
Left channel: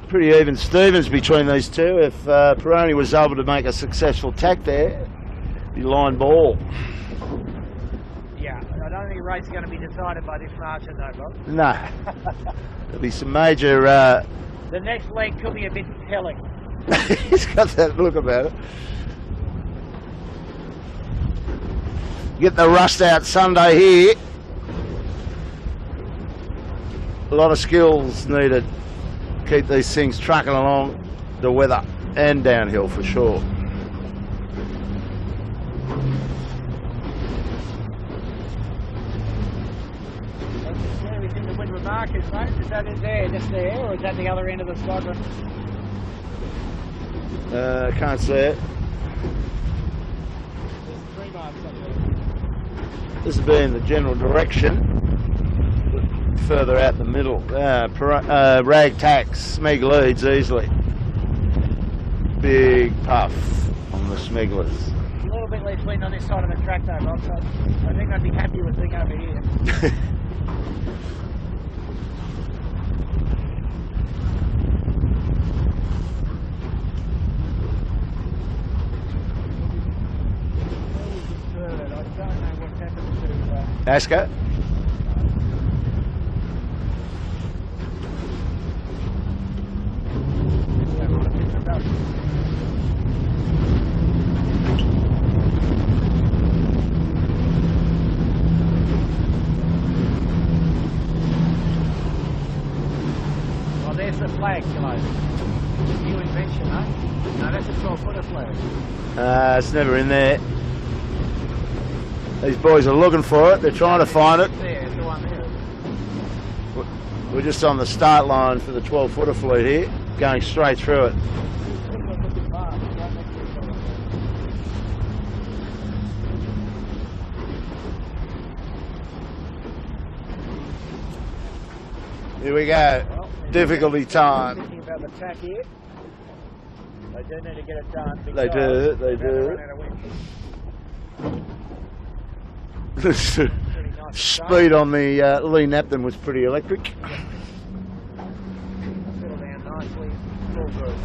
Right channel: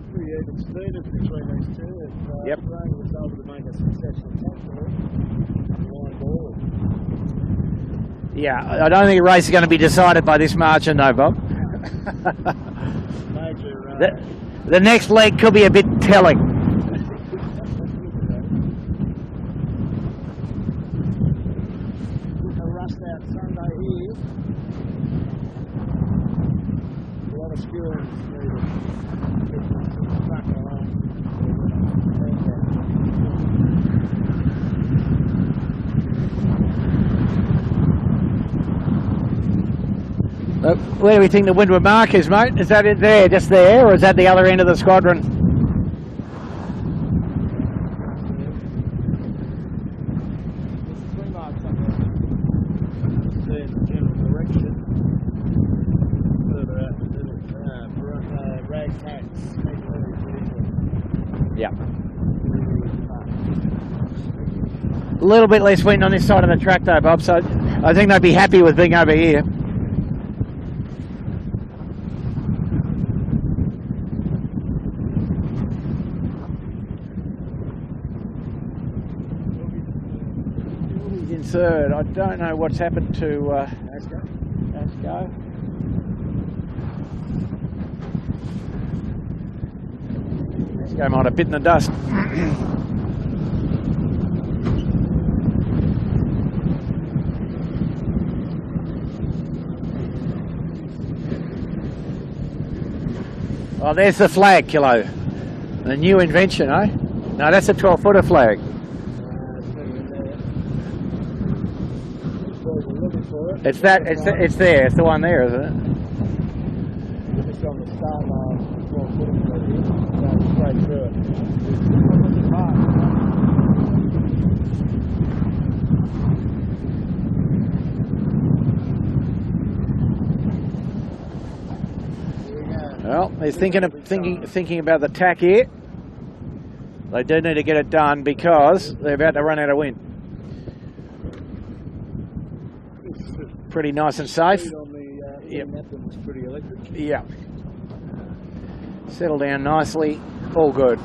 Pretty even Stevens between these two. If Peroni was able to make a successful tack there, it'd be line ball. Yeah, I don't think the race is going to be decided by this margin though, Bob. No. There'll be some major... the next leg could be a bit telling. He's got that look about it. Get the rust out Sunday here. A lot of skills needed. Keep these things trucking along the weather and downhill for sure. Where do we think the windward mark is, mate? Is that it there, just there, or is that the other end of the squadron? Can't see it. There's 3 marks up there. This will be in the general direction. Further out the middle. Rag tacks, Smeg leads easily. Yeah. Big puff on the Smeglers. A little bit less wind on this side of the track though, Bob, so I think they'd be happy with being over here. third. I don't know what's happened to Asco. Asco. Asco might have bitten the dust. Well, there's the flag, Kilo. A new invention, eh? No, that's a 12-footer flag. It's never in there. These boys are looking for it. They're trying to find it. It's there. It's the one there, isn't it? We're just on the start line for the 12-footer fleet here, going straight through it. Here we go. Well, Difficulty time. Thinking about the tack here. They do need to get it done because they're about to run out of wind. Pretty nice and safe. Speed on the Lee Napton was pretty electric. Yeah. Settle down nicely. All good.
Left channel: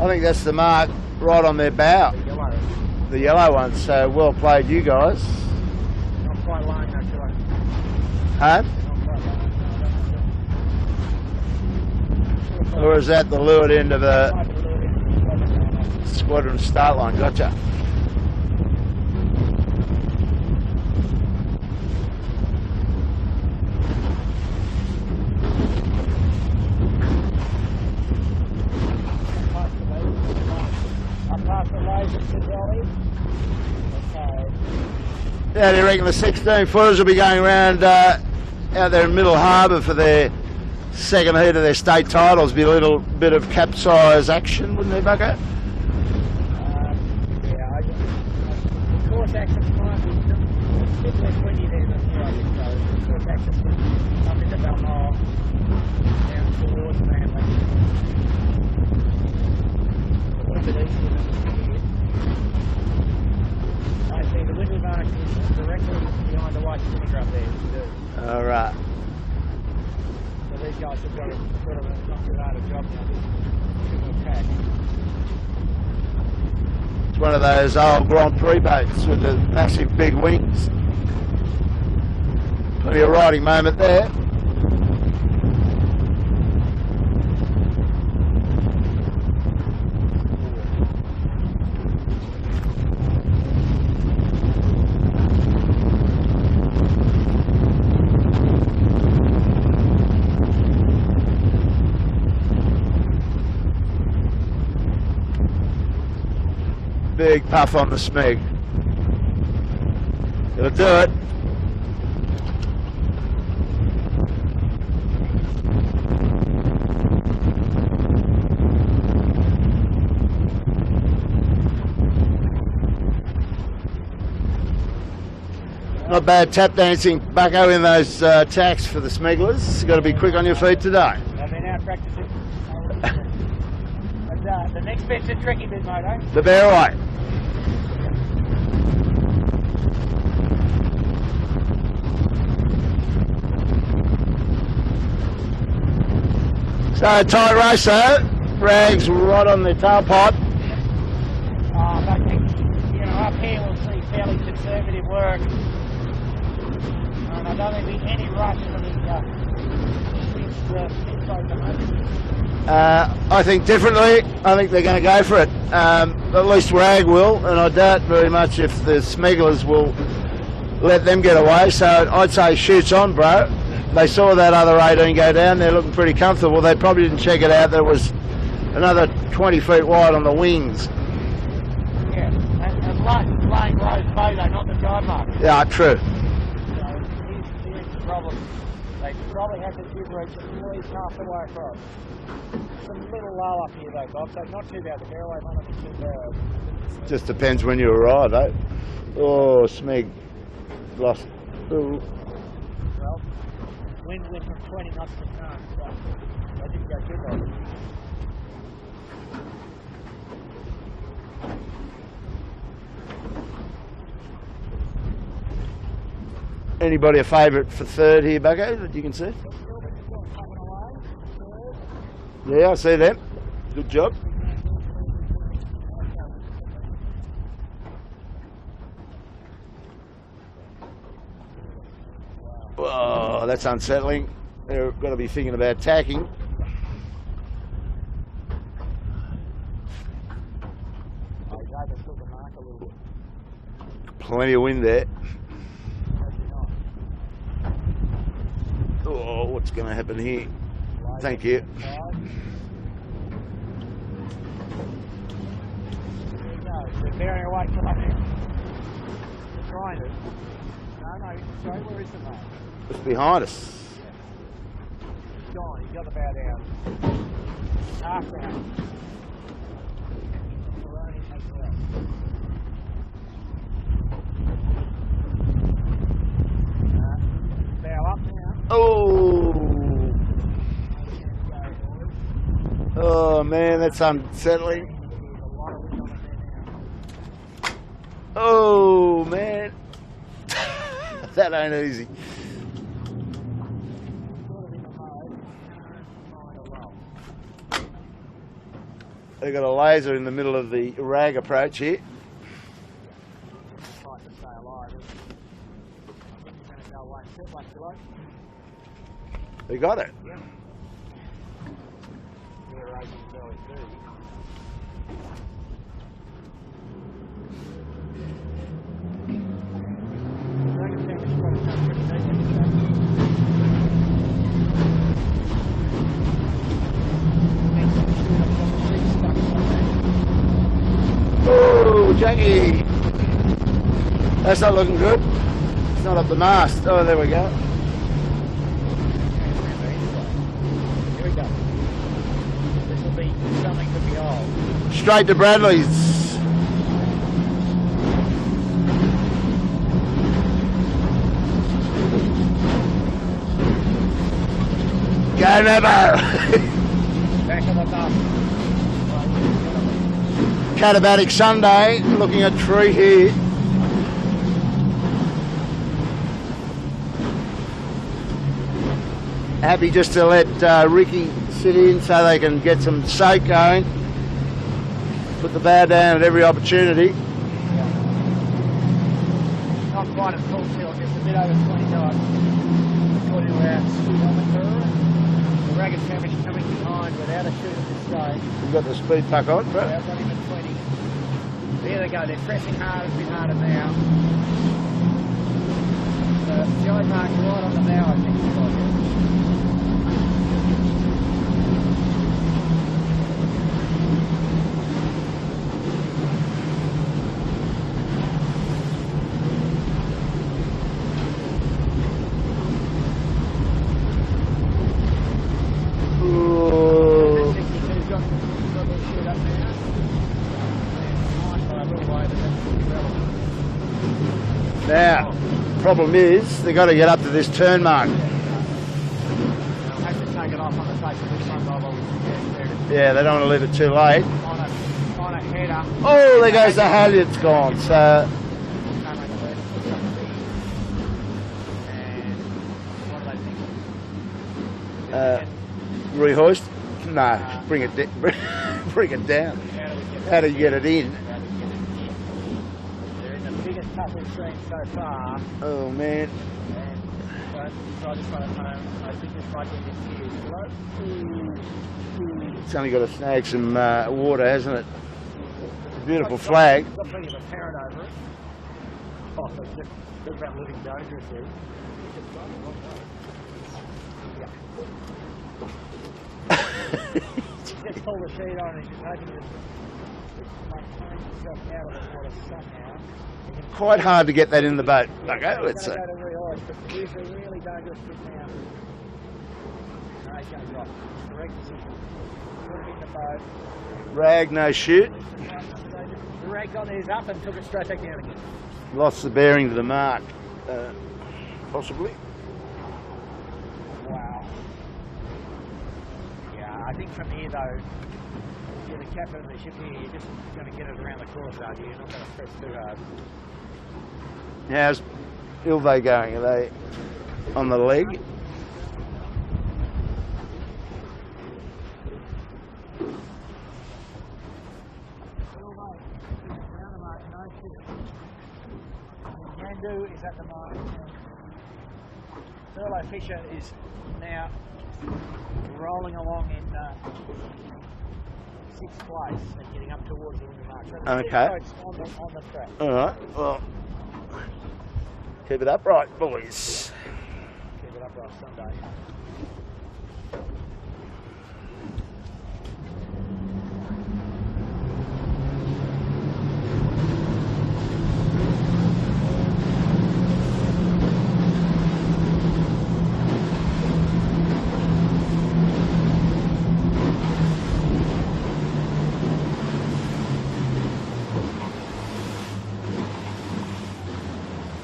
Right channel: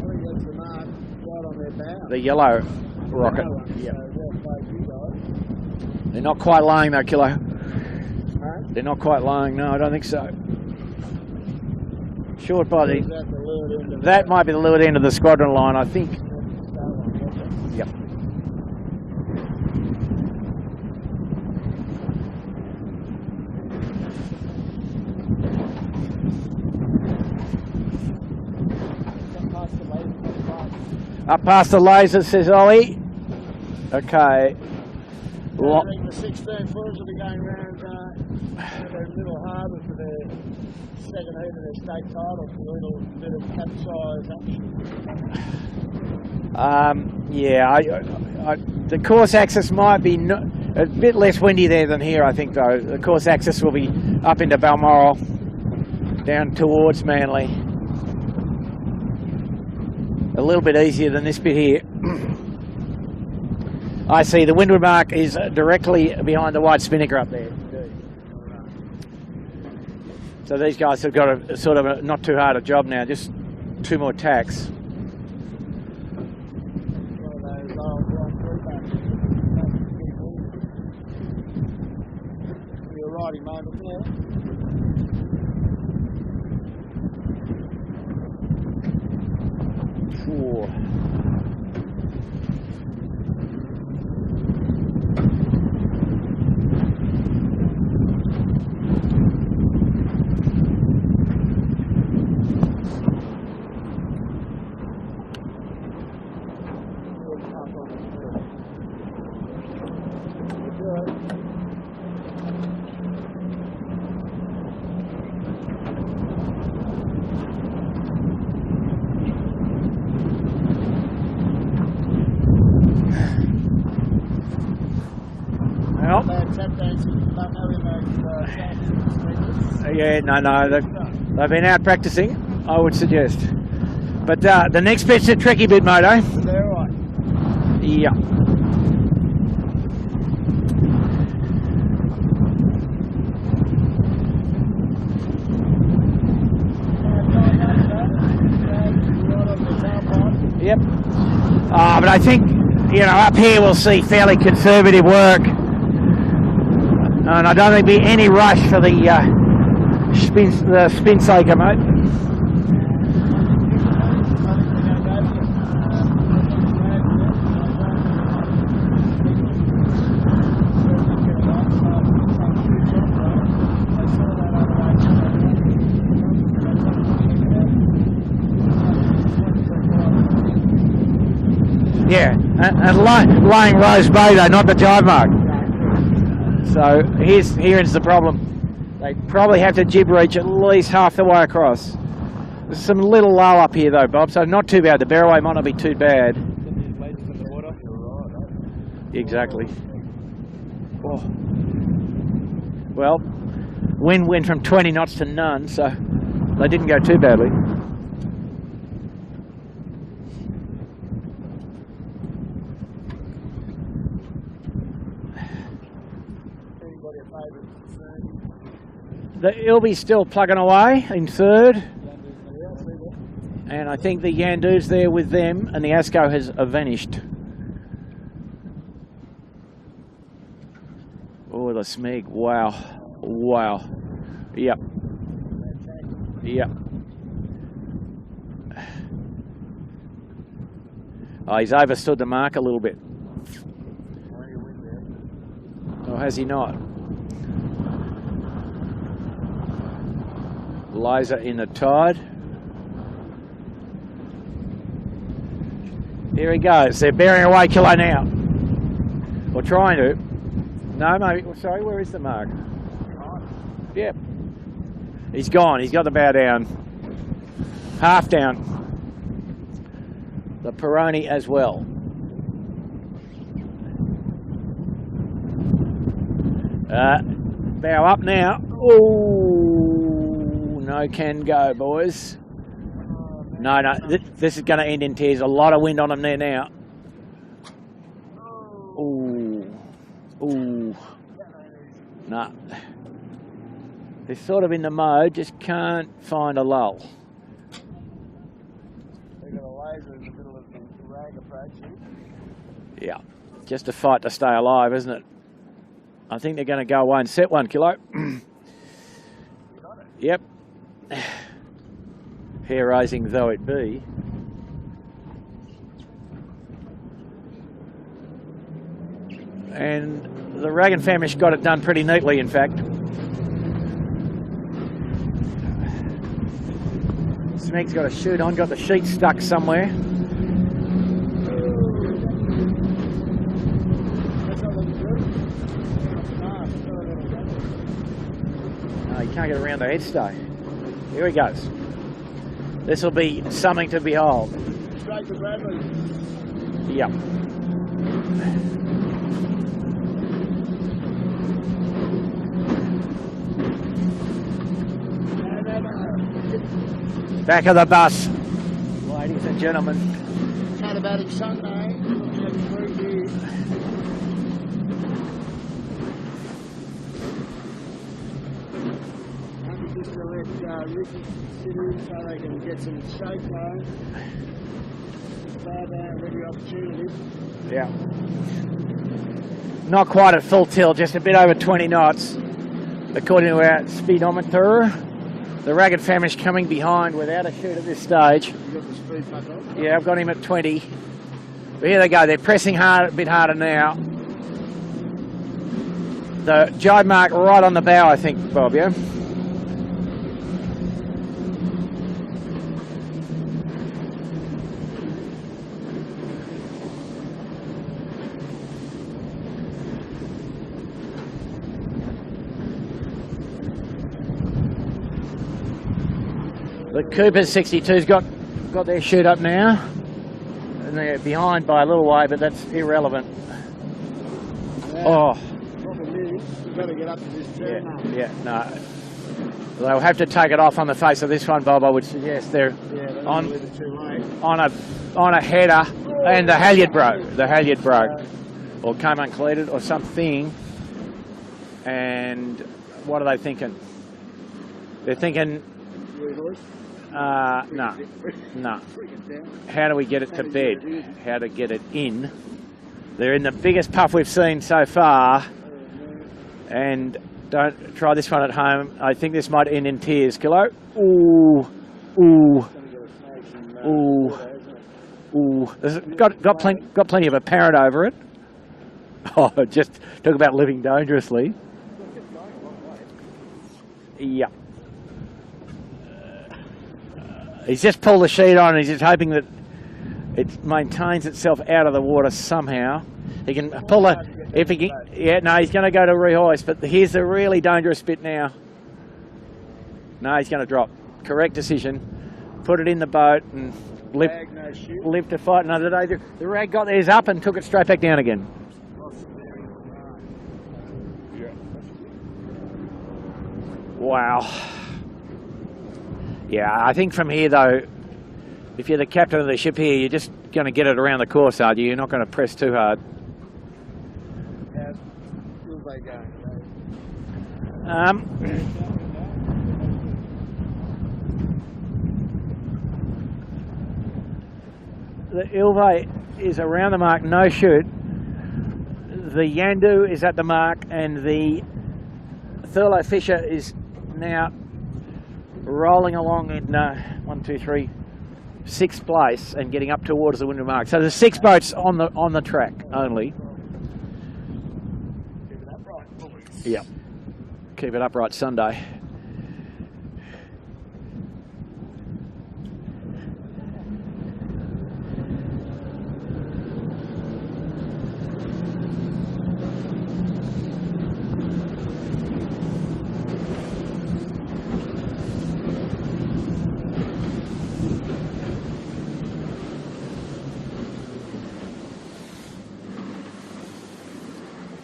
I think that's the mark right on their bow. The yellow. The yellow one. So well played, you guys. They're not quite lying though, Kilo. Huh? They're not quite lying. No, I don't think so. Short body. Or is that the leeward end of that might be the leeward end of the squadron line, I think. Squadron start line. Gotcha. Yep. Up past the laser, says Ollie. Okay. Yeah, they reckon the 16 footers will be going around out there in Middle Harbour for their second heat of their state titles. Be a little bit of capsize action, wouldn't there, Bucko? Yeah, the course axis might be a bit less windy there than here, I think, though. The course axis will be up into Balmoral, down towards Manly. A little bit easier than this bit here. I see the windward mark is directly behind the white spinnaker up there. All right. So these guys have got a sort of not too hard a job now, just 2 more tacks. It's one of those old Grand Prix boats with the massive big wings. Plenty of riding moment there. Big puff on the smeg. It'll do it. Not bad tap dancing, Bucko, in those tacks for the smugglers. Got to be quick on your feet today. They've been out practicing, I would suggest. But the next bit's a tricky bit, Moto. The Barraway. Yeah. So tight race though. Rags right on the tailpipe. Yep. But I think, you know, up here we'll see fairly conservative work. And I don't think there'll be any rush for the spin saker, mate. I think differently. I think they're going to go for it. At least Rag will, and I doubt very much if the smugglers will let them get away. So I'd say shoots on, bro. They saw that other 18 go down. They looked pretty comfortable. They probably didn't check it out. There was another 20 feet wide on the wings. Yeah, and lying Rose Bay though, not the dive mark. Yeah, true. So here's the problem. They probably have to jib reach at least half the way across. There's some little lull up here though, Bob, so not too bad. The Barraway might not be too bad. Just depends when you arrive, eh? Exactly. Oh, Smeg lost. Well, wind went from 20 knots to none, so they didn't go too badly. Anybody a favourite for third here, Bucko, that you can see? He'll be still plugging away in third. Yeah, I see them. And Good I job. think the Yandu's there with them, and the Asco has vanished. Oh, the Smeg, wow. Oh, that's Wow. unsettling. Yeah. You're going to be thinking about tacking. Yeah. Oh, he's overstood the mark a little bit. Plenty of wind there. Or has he not? Oh, what's going to happen here? Liza Thank in you. the tide. Here he goes. They're bearing away Kilo now. Or trying to. No, mate. Sorry, where is the mark? It's behind us. Yep. He's gone. He's got the bow down. Half down. The Peroni as well. Bow up now. Oh. No can go, boys. Oh, man, No, that's no, this is unsettling. going to end in tears. A lot of wind on them there now. Oh, man. Ooh, That ain't easy. no. They're sort of in the mode, just can't find a lull. They've got a laser in the middle of the rag approach here. Yeah, just a fight to stay alive, isn't it? I think they're going to go away and set 1 kilo. They got it. Yep. Hair raising though it be. And the Rag and Famish got it done pretty neatly, in fact. Snake's got a chute on, got the sheet stuck somewhere. Oh, Jackie. That's not looking good. It's not up the mast. Oh, there we go. No, he can't get around the headstay. Here he goes. This will be something to behold. Straight to Bradley's. Yep. Go Nevo. Back of the bus, ladies and gentlemen. Catabatic Sunday, looking at tree here. Happy just to let Ricky sit in so they can get some soak going. Put the bow down at every opportunity. Yeah. Not quite at full tilt, just a bit over 20 knots, according to our speedometer. The Ragged Famish coming behind without a chute at this stage. You've got the speed puck on, bro. Yeah, I've got him at 20. But here they go, they're pressing hard, a bit harder now. The jibe mark right on the bow, I think, Bob, yeah? Cooper's 62's got their chute up now. And they're behind by a little way, but that's irrelevant. Now, problem is, they've got to get up to this turn mark. Yeah, no. They'll have to take it off on the face of this one, Bob, I would suggest. They're Yeah, they don't want to leave it too late. on a header. Oh, and there the goes halyard the broke. The halyard halyard's broke. Or came uncleated or something. And what are they thinking? They're thinking, Rehoist? No, bring no. it No. bring it down. how do we get it How to to get bed? it in. How to get it in. They're in the biggest puff we've seen so far. Oh, man. And don't try this one at home. I think this might end in tears. Kilo. Ooh. Ooh. It's only got to snag some Ooh. water, hasn't it? Ooh. There's Beautiful flag. got plenty of apparent over it. Oh, just talk about living dangerously. Yeah. He's just pulled the sheet on and he's just hoping that it maintains itself out of the water somehow. He can Quite pull hard it to get that if in he the boat. Yeah, Okay, no, he's let's going to say. go to rehoist, but here's the really dangerous bit now. No, he's going to drop. Correct decision. Put it in the boat and Rag, no shoot. live to fight another day. The rag got theirs up and took it straight back down again. Lost the bearing to the mark. Possibly. Wow. Yeah, I think from here though, if you're the captain of the ship here, you're just going to get it around the course, are you? You're not going to press too hard. How's Ilve going? Are they on the leg? The Ilve is around the mark, no shoot. The Yandu is at the mark, and the Thurlow Fisher is now rolling along in 6th place and getting up towards the window mark. So there's 6 boats on the track only. Well, keep it upright, boys. Yeah. Keep it upright Sunday.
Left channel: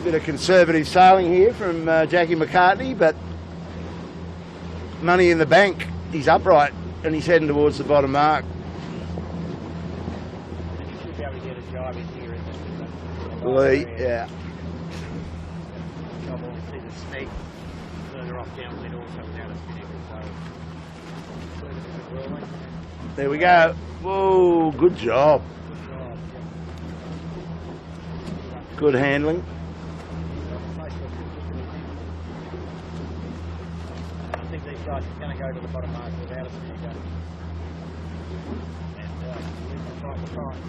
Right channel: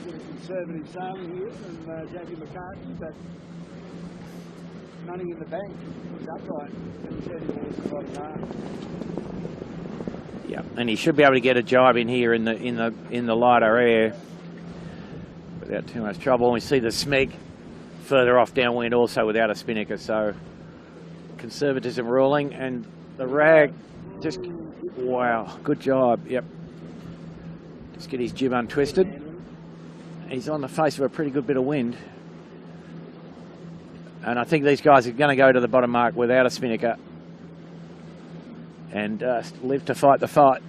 Bit of conservative sailing here from Jackie Macartney, but money in the bank. He's upright and he's heading towards the bottom mark. Yeah, and he should be able to get a jibe in here in the lighter air without too much trouble. And we see the Smeg further off downwind also without a spinnaker. So conservatism ruling, and there we go. Whoa, good job. Wow, good job. Yep. Let's get his jib untwisted. Good handling. He's on the face of a pretty good bit of wind. And I think these guys are going to go to the bottom mark without a spinnaker and live to fight the fight.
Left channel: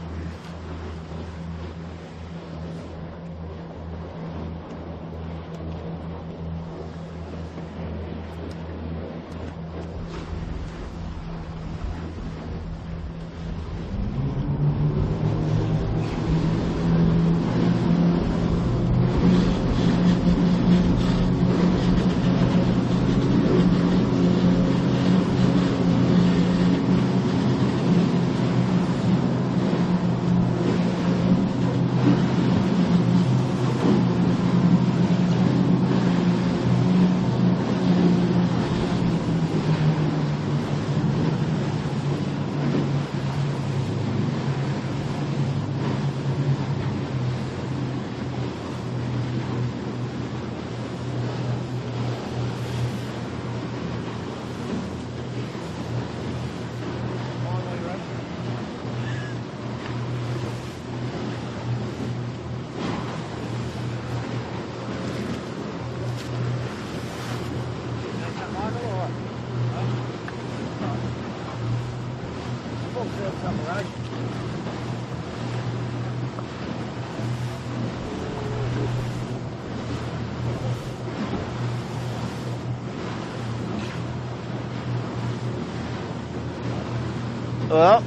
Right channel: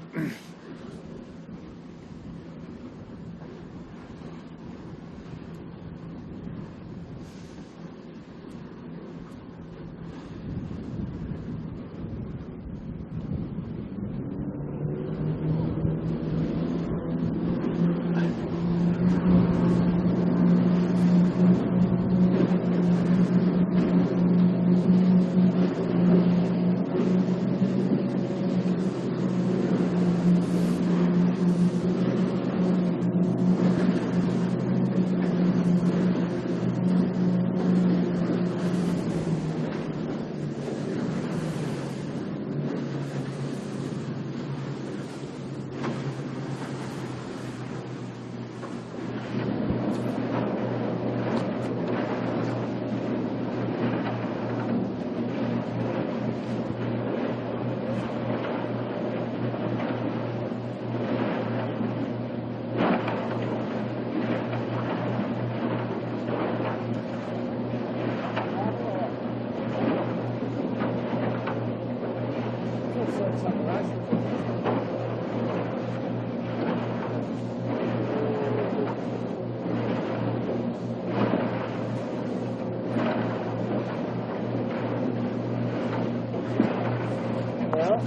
Well,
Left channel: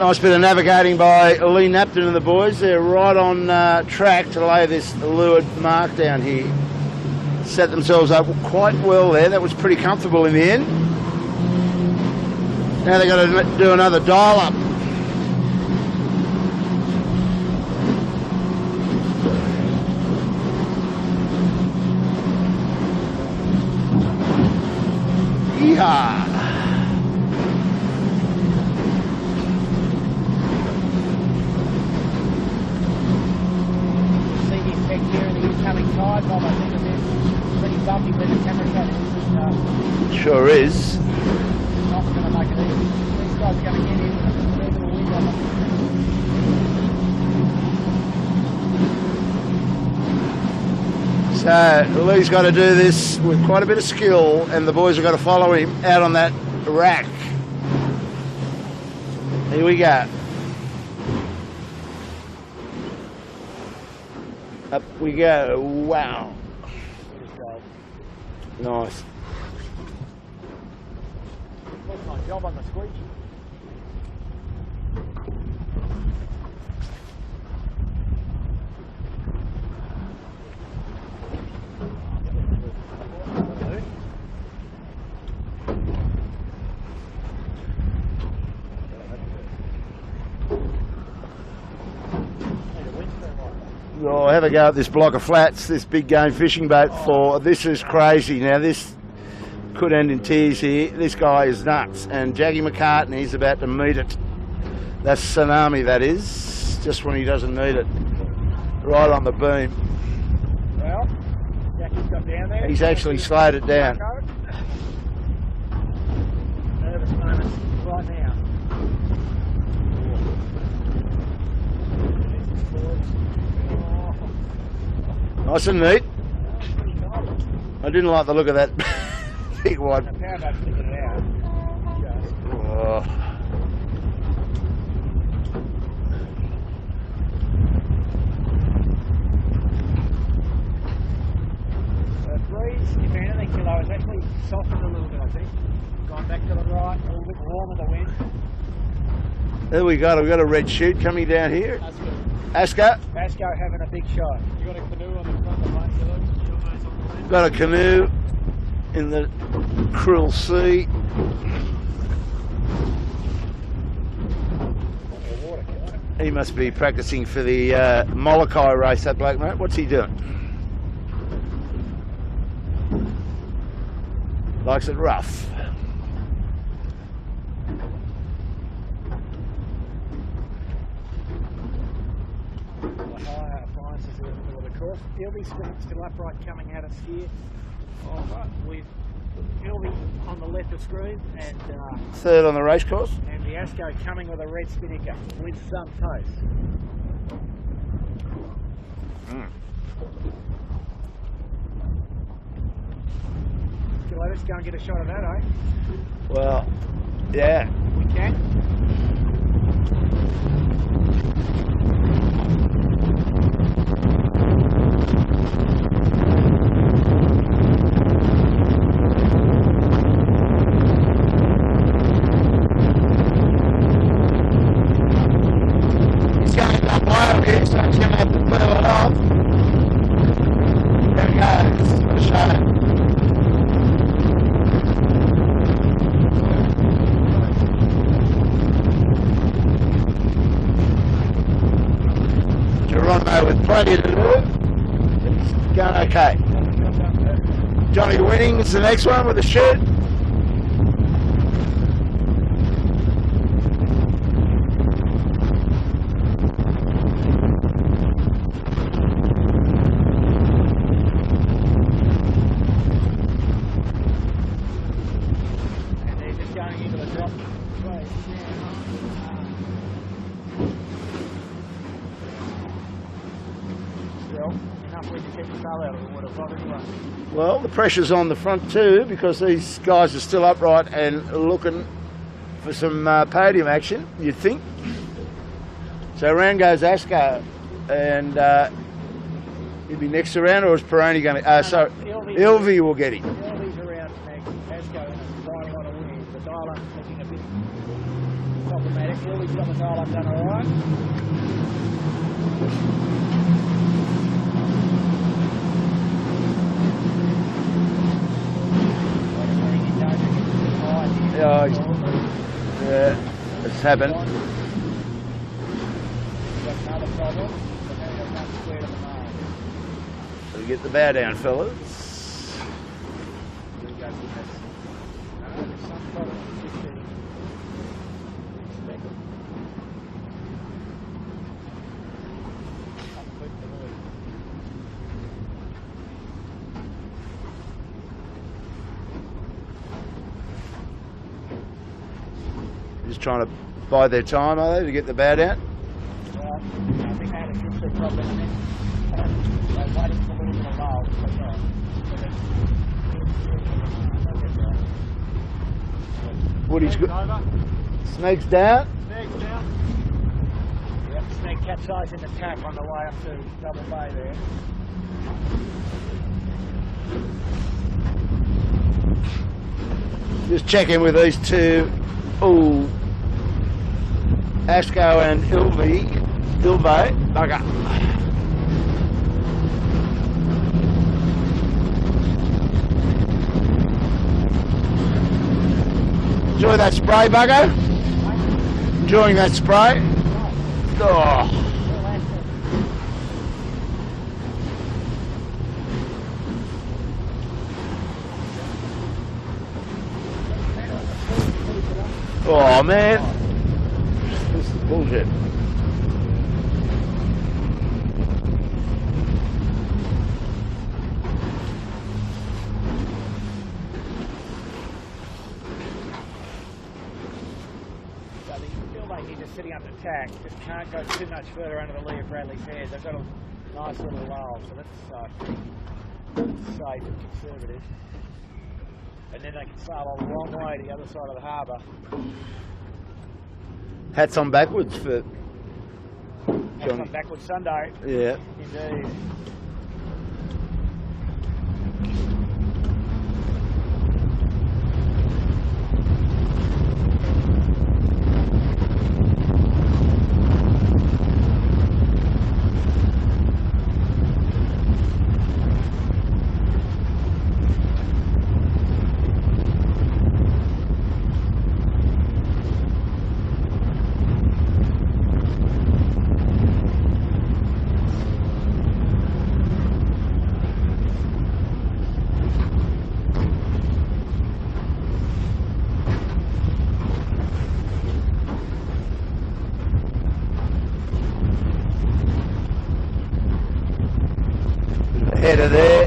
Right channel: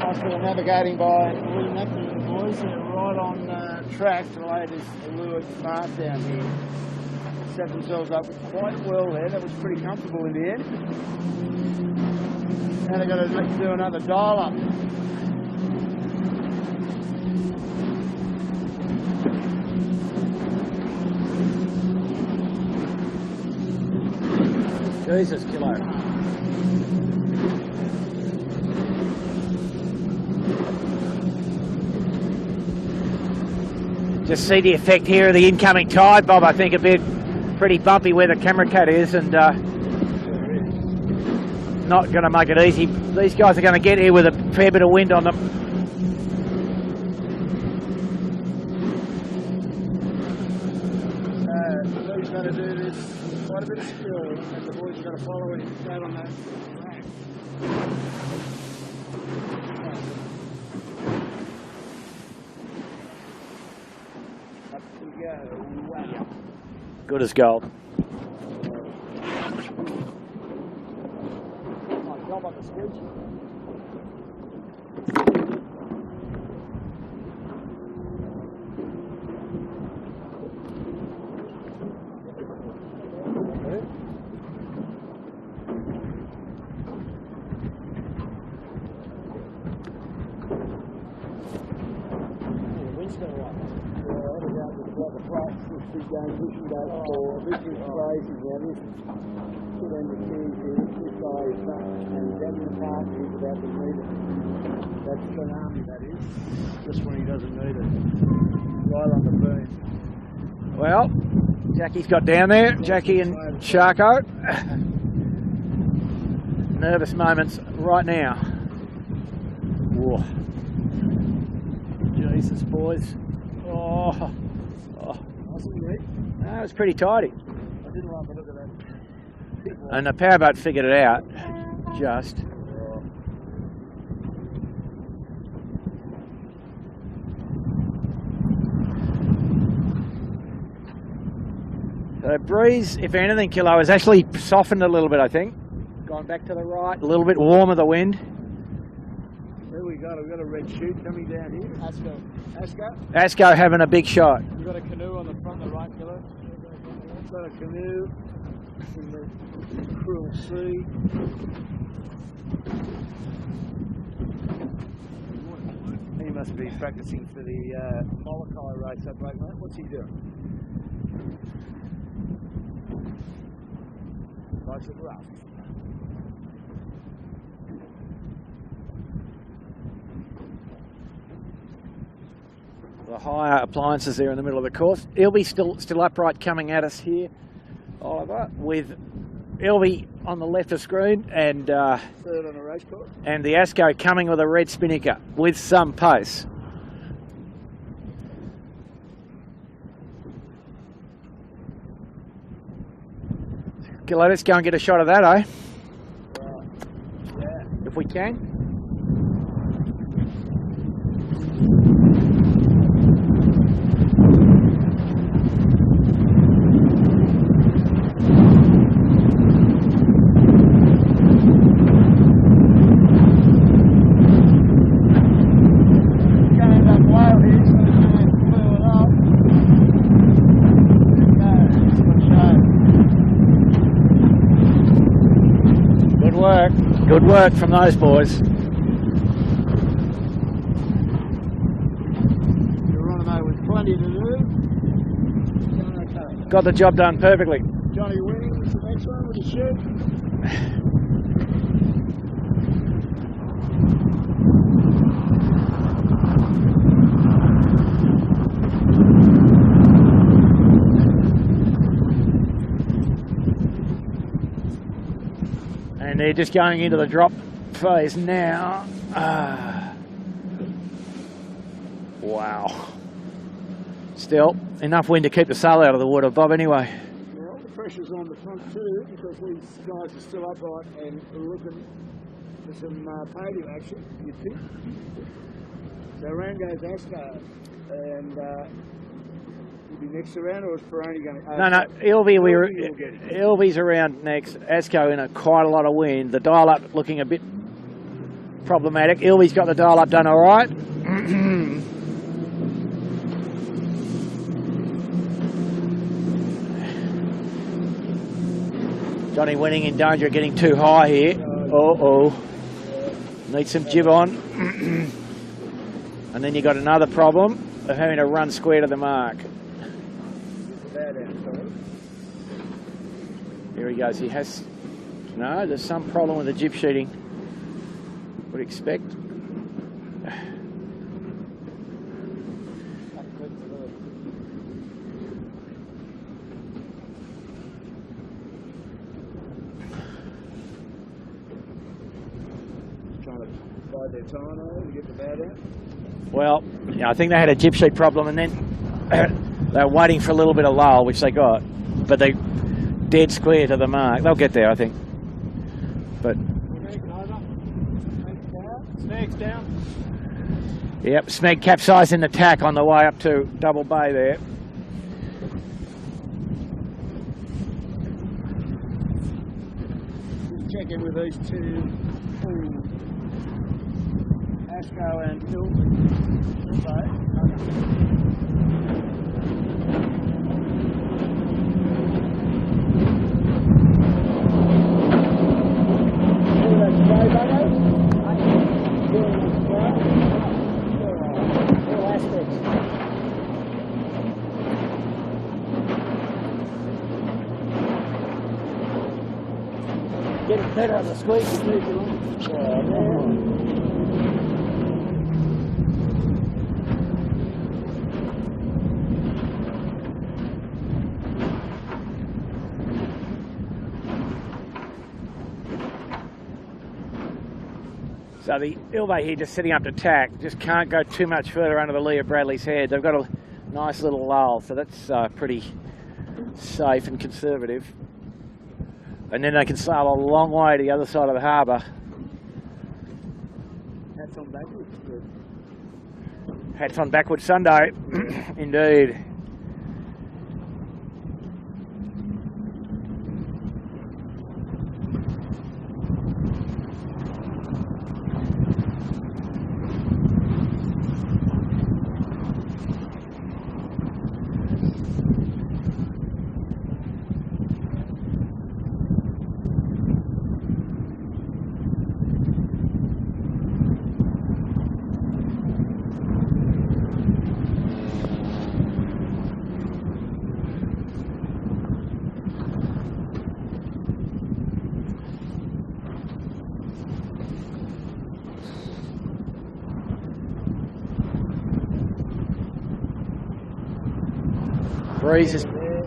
nice bit of navigating by Lee Napton and the boys. They're right on track to lay this leeward mark down here. Set themselves up quite well there. That was pretty comfortable in the end. Now they've got to do another dial up. Yeehaw. Just see the effect here of the incoming tide, Bob. I think a bit pretty bumpy where the camera cat is, and sure is. Not going to make it easy. These guys are going to get here with a fair bit of wind on them. So Lee's got to do this with quite a bit of skill, and the boys have got to follow him out on that rack. Here we go. Up we go. Wow. Good as gold. Nice. Job on the screech. Oh, have a go at this block of flats, this big game fishing boat for. This is crazy. Now this could end in tears here. This guy is nuts, and Jackie Macartney is about to meet it. That's tsunami, that is. Just when he doesn't need it. Right on the beam. Well, Jackie's got down there. He's Jackie actually and slowed it down. Sharko. Nervous moments right now. Whoa. Jesus, boys. Oh. Nice and neat. It's pretty tidy. I didn't like the look of that big one. And the powerboat figured it out. Just. Oh. The breeze, if anything, Kilo, has actually softened a little bit, I think. Gone back to the right, a little bit warmer the wind. There we go. We've got a red chute coming down here. Asco. Asco having a big shot. You got a canoe on the front, the right pillar. Got a canoe in the cruel sea. He must be practicing for the Molokai race, that bloke, mate. What's he doing? Likes it rough. The higher appliances there in the middle of the course. Ilby still upright coming at us here. With Ilby on the left of screen and third on the race course. And the Asco coming with a red spinnaker with some pace. Gillo, let's go and get a shot of that, eh? Well, yeah, If we can. he's going up high a bit, so he's going to have to pull it off. There we go. What a shame. Good work. Good work from those boys. Geronimo with plenty to do. He's going okay. Got the job done perfectly. Johnny Winning's the next one with the chute. And they're just going into the drop phase now. Wow. Still, enough wind to keep the sail out of the water, Bob, anyway. Well, the pressure's on the front too because these guys are still upright and looking for some podium action, you'd think. So round goes Asco, and he'll be next around, or is Peroni going to... No, Ilby will get him. Ilby's around next. Asco in quite a lot of wind. The dial-up looking a bit problematic. Ilby's got the dial-up done all right. Johnny Winning in danger of getting too high here. Yeah, Needs some jib on. And then you got another problem of having to run square to the mark. So we get the bow down, fellas. Here he goes. He has... No, there's some problem with the jib sheeting. Would expect. Just trying to bide their time, are they, to get the bow down? Well, I think they had a jib sheet problem, and then they were waiting for a little bit of lull, which they got, but they dead square to the mark. They'll get there, I think. But Woody's good. Snakes down. Snakes down. Yep, Smeg capsized in the tack on the way up to Double Bay there. Just checking with these two. Oh, Asco and Ilby. Okay. Enjoy that spray, Buggo? Enjoying that spray? Oh. Getting better on the sweep. Oh, man. Bullshit. So the Ilve here just setting up to tack, just can't go too much further under the lee of Bradley's Head. They've got a nice little lull, so that's pretty safe and conservative. And then they can sail a long way to the other side of the harbour. Hats on backwards for... Hats on backward Sunday. Yeah. Indeed.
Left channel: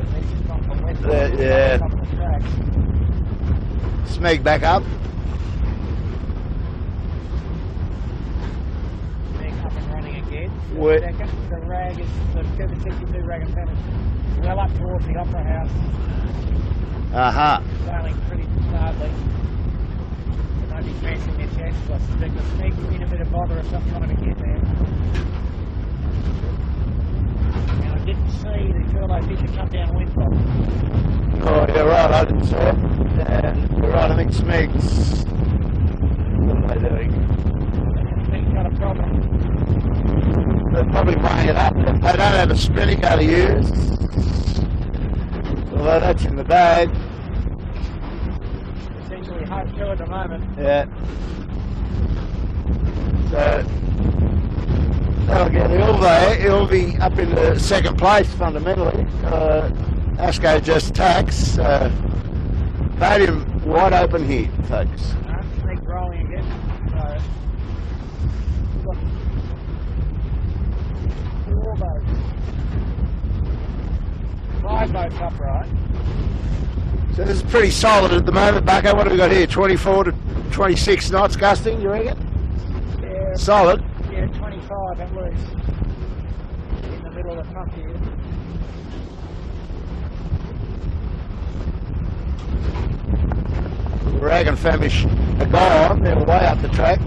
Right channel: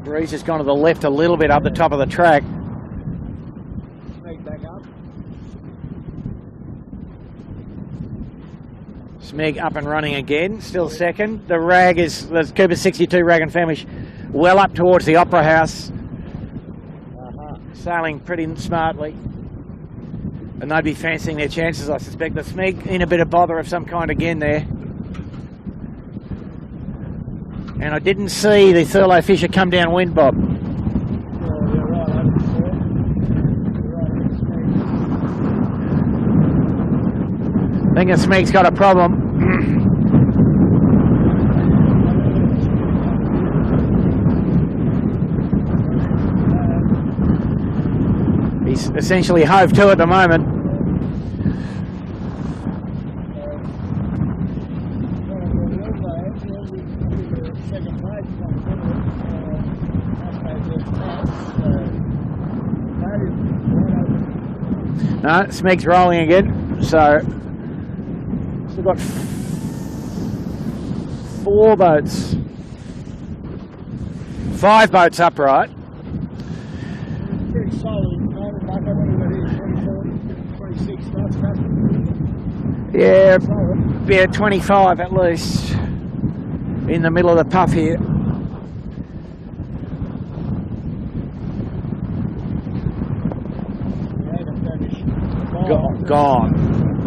Breeze has gone to the left a little bit up the top of the track. Smeg back up. Smeg up and running again, still second. The rag is, the Cooper 62 rag and Famish well up towards the Opera House. Sailing pretty smartly. And they'd be fancying their chances, I suspect. The Smeg in a bit of bother of some kind again there. And I didn't see the Thurlow Fisher come down wind, Bob. Oh, you're right, I didn't see it. Yeah, you're right, I think Smeg's... I think the Smeg's got a problem. They're probably playing it up. They don't have a spinning go to use. Although that's in the bag. He's essentially hove to at the moment. Yeah. So... That'll get Ilve. He'll be up in the second place fundamentally. Asco just tacks. Made him wide open here, folks. No, Smeg's rolling again. So we've got 4 boats. 5 boats upright. So this is pretty solid at the moment, Bucko. What have we got here? 24 to 26 knots gusting, you reckon? Yeah, solid. Yeah, 25 at least in the middle of the puff here. Rag and Famish are gone. They're way up the track.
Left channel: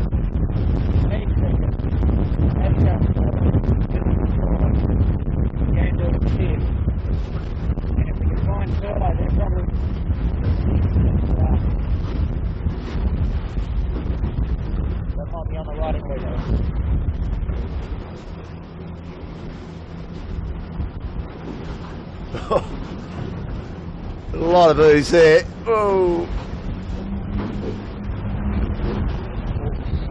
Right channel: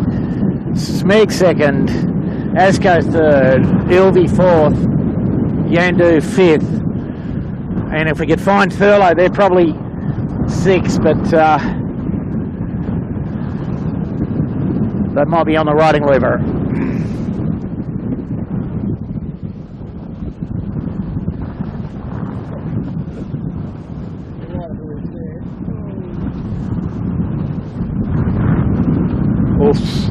Smeg second, Asco third, Ilve fourth, Yandu fifth. And if we could find Thurlow, they're probably 6, but they might be on the riding lever. A lot of ooze there. Oh. Oops.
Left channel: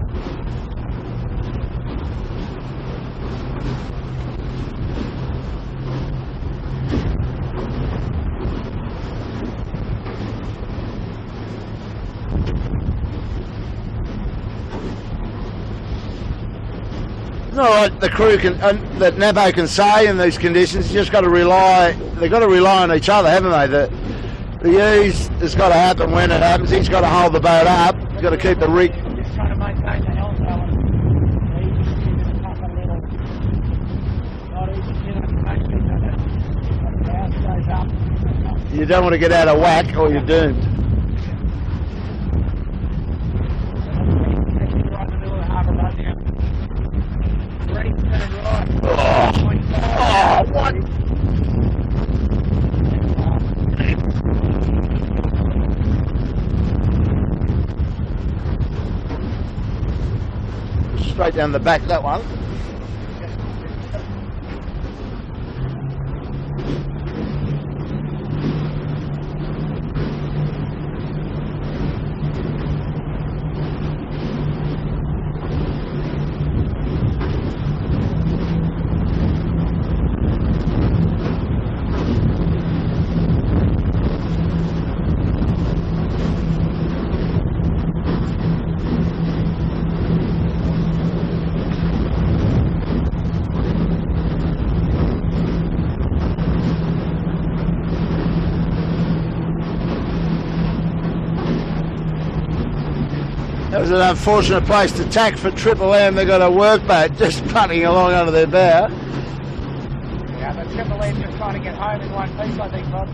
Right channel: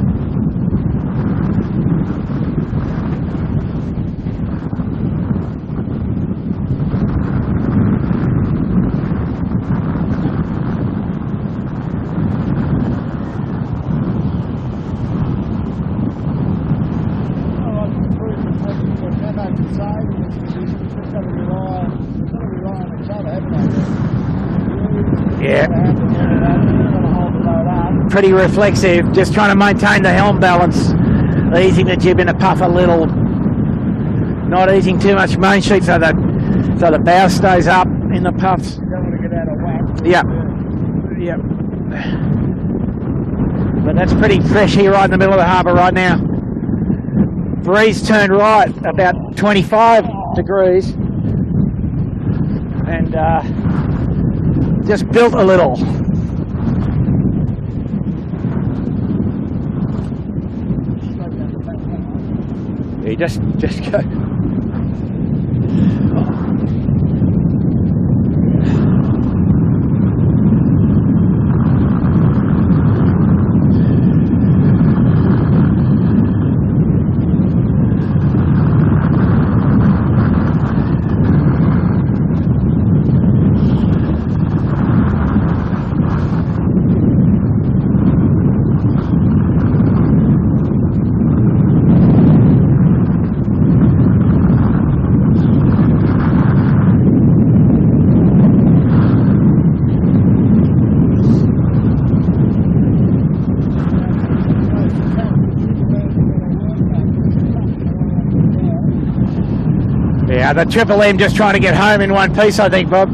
The crew can, that Nabo can say in these conditions, just got to rely. They've got to rely on each other, haven't they? The ease has got to happen when it happens. He's got to hold the boat up. Pretty reflexive, just trying to maintain the helm balance, easing the jib in a puff a little, not easing too much main sheet so the bow stays up in the puffs. You don't want to get out of whack or you're doomed. Yep. But that's pretty fresh here right in the middle of the harbour right now. Breeze turned right about 25 degrees and just built a little. Straight down the back, that one. Yeah, just go. was an unfortunate place to tack for Triple M. They got a workboat just putting along under their bow. Yeah, the Triple M just trying to get home in one piece, I think, Bob.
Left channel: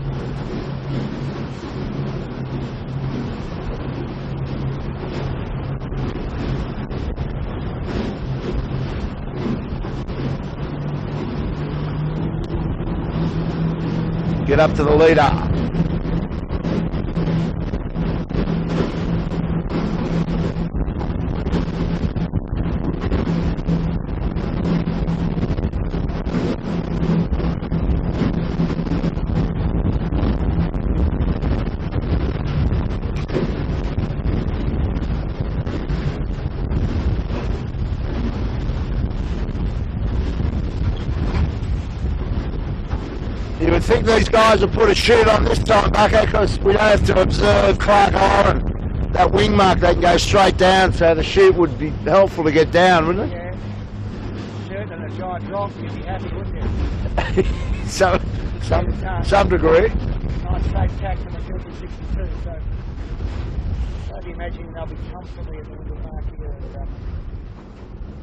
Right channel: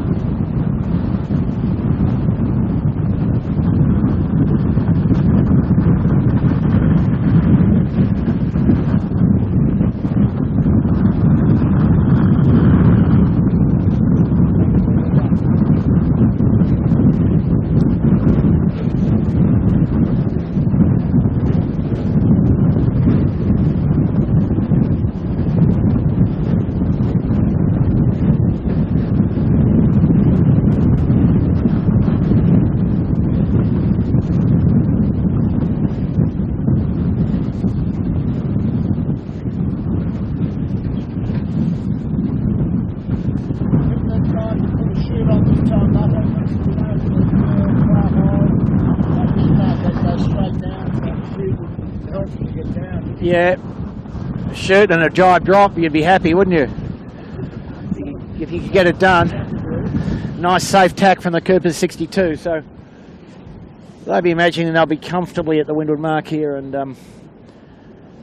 Get up to the leader. You would think these guys will put a chute on this time, Bucko, because we don't have to observe Clark Hire and that wing mark. They'd go straight down, so the chute would be helpful to get down, wouldn't it? Yeah. Chute and a giant drop, you'd be happy, wouldn't you? So If you could get it done. to some degree. Nice safe tack from the Coopers 62, so they'll be imagining they'll be comfortably at the windward mark here, and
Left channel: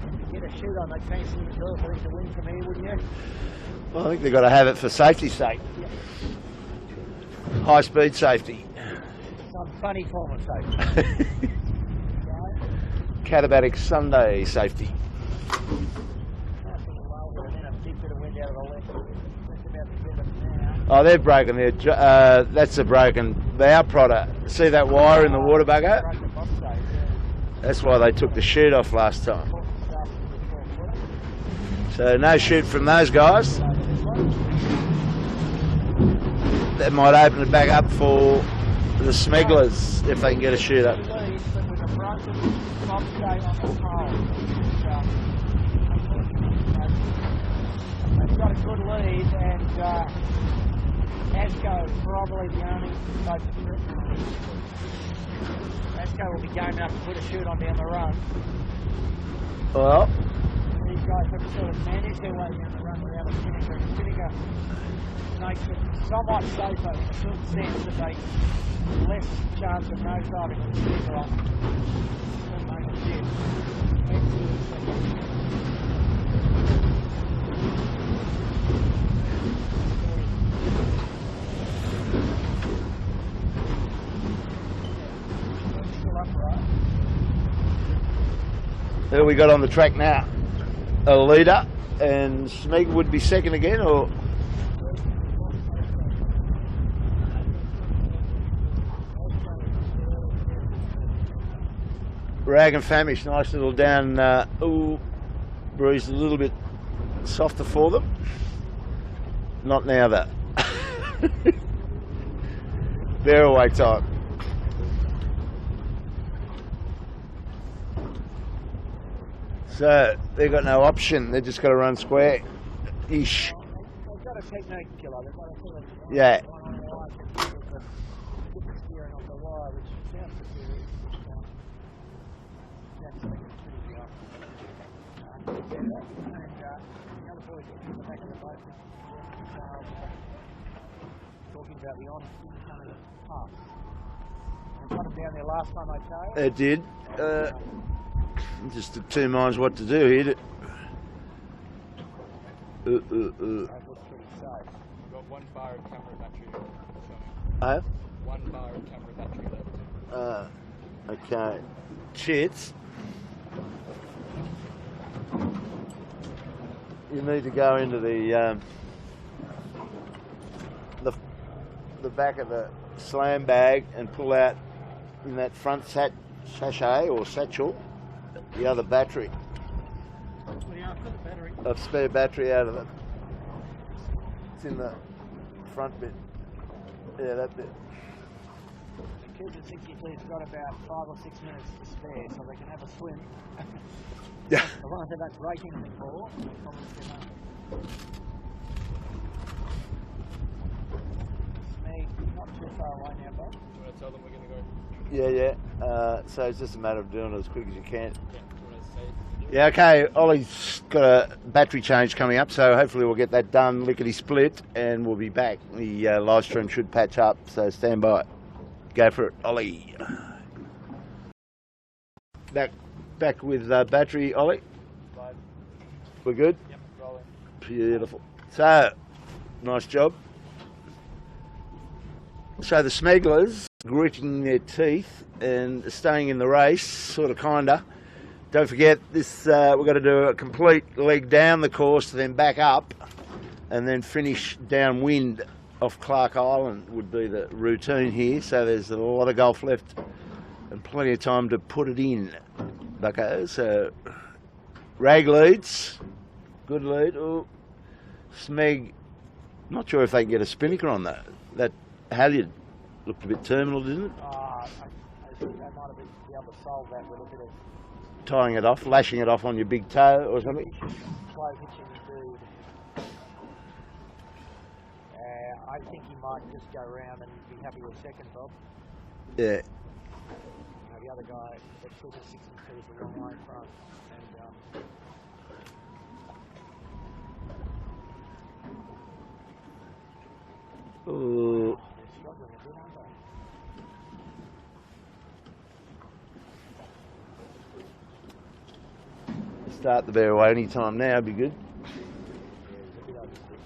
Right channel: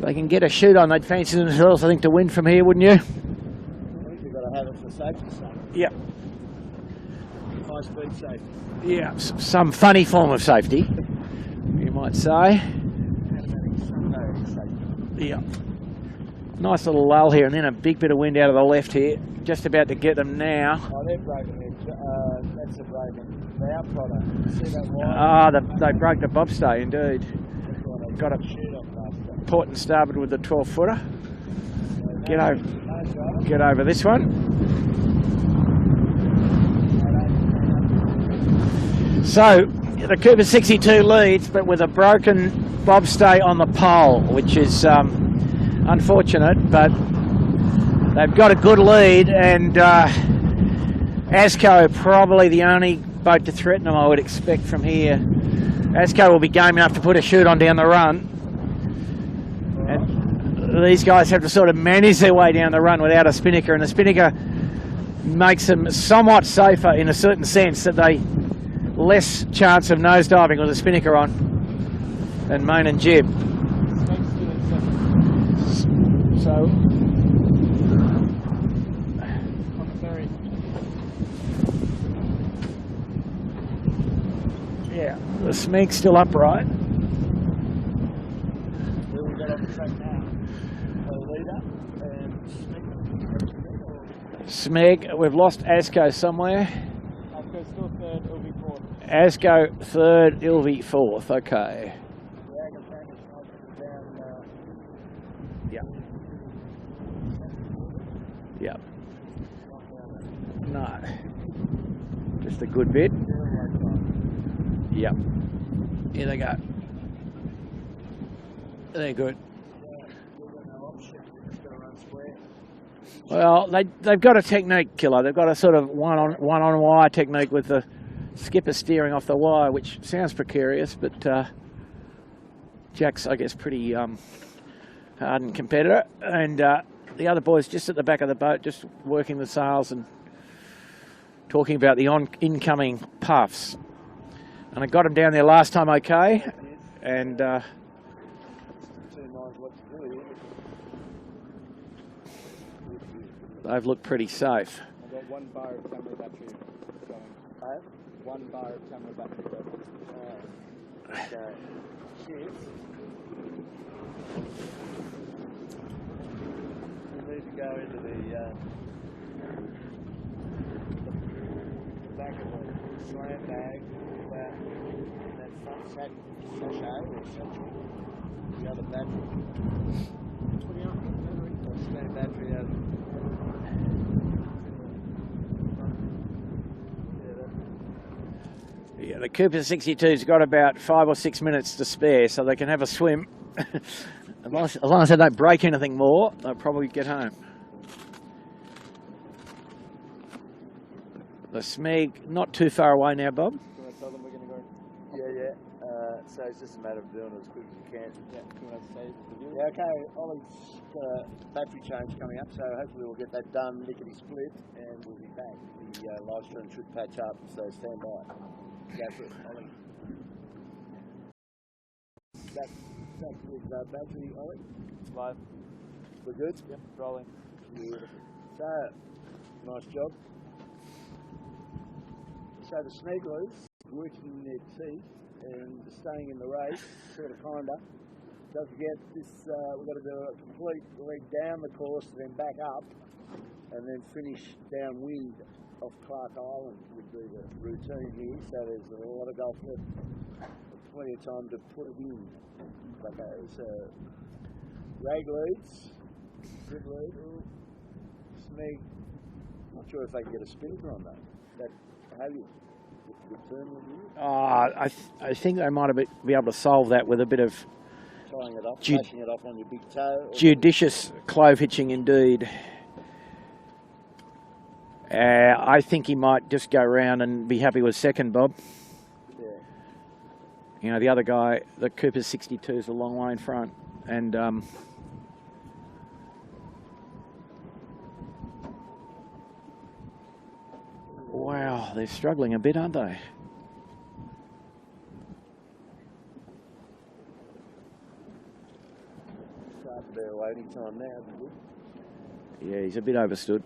they can get a chute on. They'd fancy themselves, I think, to win from here, wouldn't you? Well, I think they've got to have it for safety's sake. Yeah. High speed safety. Yeah, some funny form of safety, you might say. Catabatic Sunday safety. Yeah. Nice little lull here, and then a big bit of wind out of the left here. Just about to get them now. Oh, they've broken there. That's a broken bow prodder. See that wire in the water, They Bugger? broke the bobstay, indeed. That's why they took Got the a- chute off last time. Port and starboard with the 12-footer. So no Get chute over. from those guys. Get over this one. That might open it back up for the So, smugglers. the if they Cooper get a chute 62 up. leads, but with a broken bobstay on the pole, which is unfortunate, but they've got a good lead, and Asco probably the only boat to threaten them, I would expect, from here. Asco will be game enough to put a chute on down the run. Well, These guys have to sort of manage their way down the run without a spinnaker, and the spinnaker makes them somewhat safer in a certain sense, that they less chance of nosediving with a spinnaker on than main and jib. So yeah, the Smeg's still upright. who we got on the track now? A leader, and Smeg would be second again, or Smeg, we've lost Asco somewhere. Asco's still third, it'll be fourth. Asco third, Ilvy fourth. Okay. Rag and Famish, nice little down. Ooh, Yep. breeze a little bit softer for them. Yeah. Not now though. Just a good bit. They're away time. Yeah. Here they go. They're good. So they've got no option. They've just got to run square. Ish. Well, they've got a technique killer. They've got a sort of one Yeah. on wire technique with the skipper steering off the wire, which sounds precarious, but Jack's, I guess, pretty hardened competitor, and the other boys just at the back of the boat, just working the sails and talking about the incoming puffs. And I got them down there last time, okay, They did. and Just of two minds what to do here. they've looked pretty safe. I've got 1 bar of camera battery showing. Oh, 1 bar of camera battery left. okay. Chits. You need to go into the back of the slam bag and pull out in that front sachet or satchel the other battery. A spare battery out of it. It's in the front bit. Yeah, that bit. Yeah, the Cooper 62's got about 5 or 6 minutes to spare, so they can have a swim. As long as they don't break anything more, they'll probably get home. The Smeg not too far away now, Bob. Do you want to tell them we're going to go? Yeah. So it's just a matter of doing it as quick as you can. Yeah. Do you want to say to do? Yeah, okay. Ollie's got a battery change coming up, so hopefully we'll get that done lickety-split and we'll be back. The live stream should patch up, so stand by. Go for it, Ollie. back with battery, Ollie. Live. We're good? Yep, rolling. Beautiful. So, nice job. So the smegglers gritting their teeth and staying in the race, sort of, kinda. Don't forget this. We've got to do a complete leg down the course, then back up, and then finish downwind off Clark Island would be the routine here. So there's a lot of golf left and plenty of time to put it in, bucko. So rag leads, good lead. Oh, Smeg, not sure if they can get a spinnaker on that. That halyard looked a bit terminal, didn't it? I think they might be able to solve that with a bit of tying it off, lashing it off on your big toe. Or judicious clove hitching indeed. I think he might just go round and be happy with second, Bob. Yeah. You know, the other guy, the Cooper's 62 is a long way in front. And wow, they're struggling a bit, aren't they? Start the bear away any time now, be good. Yeah, he's a bit overstood.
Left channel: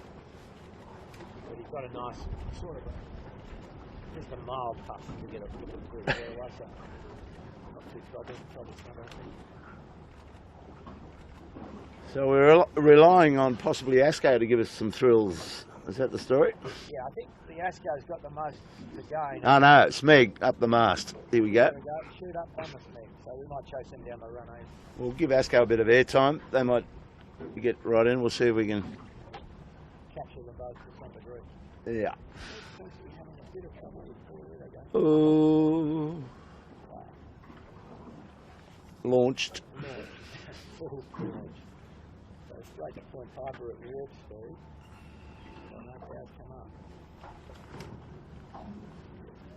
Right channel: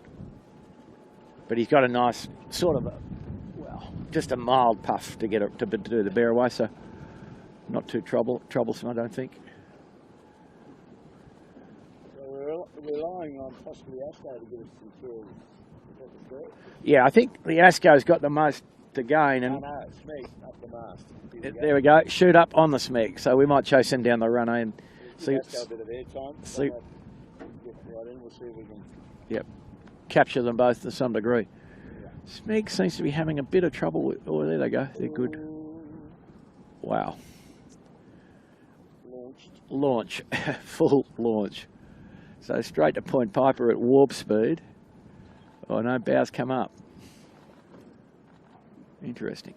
But he's got a nice sort of just a mild puff to get to do the bear away, so not too troublesome, I don't think. So we're relying on possibly Asco to give us some thrills. Is that the story? Yeah, I think the Asco's got the most to gain. Oh no, Smeg up the mast. Here we go. There we go. Shoot up on the Smeg. So we might chase him down the run and we'll give Asco a bit of airtime. They might get right in. We'll see if we can. Yep. Capture them both to some degree. Yeah. Smeg seems to be having a bit of trouble with. Oh, there they go. They're good. Wow. Launch. Full launch. So straight to Point Piper at warp speed. Oh no, bows come up. Interesting.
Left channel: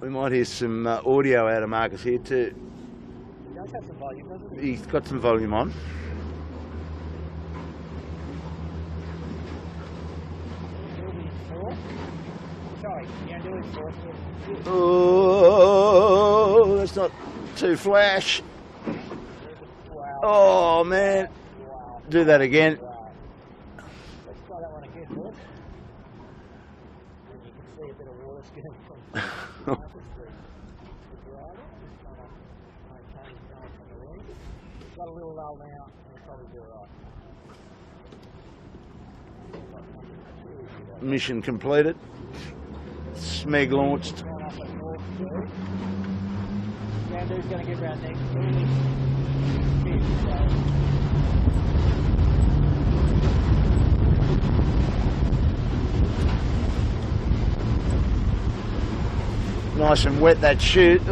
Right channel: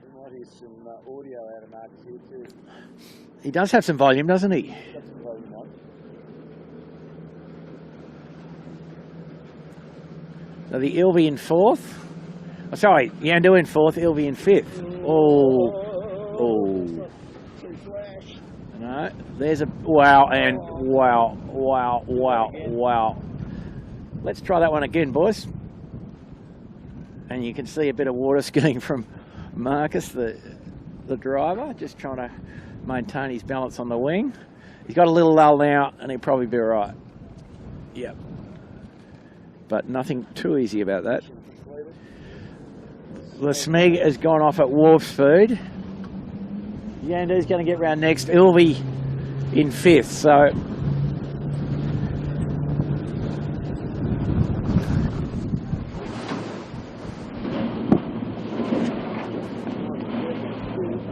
We might hear some audio out of Marcus here too. He does have some volume, doesn't he? He's got some volume on. So the Ilvy in fourth. Oh, sorry, Yandu in fourth, Ilvy in fifth. Oh, it's not too flash. No, there's a wow. Oh, and man. Wow. Do that again. Wow. Let's try that one again, boys. And you can see a bit of water skiing from Marcus, the driver, just trying to maintain his balance on the wing. He's got a little lull now, and he'll probably be all right. Yep. But nothing too easy about that. Mission completed. The Smeg has gone off at warp speed. Yandu's going to get round next. Ilvy in fifth, so... Nice and wet, that chute.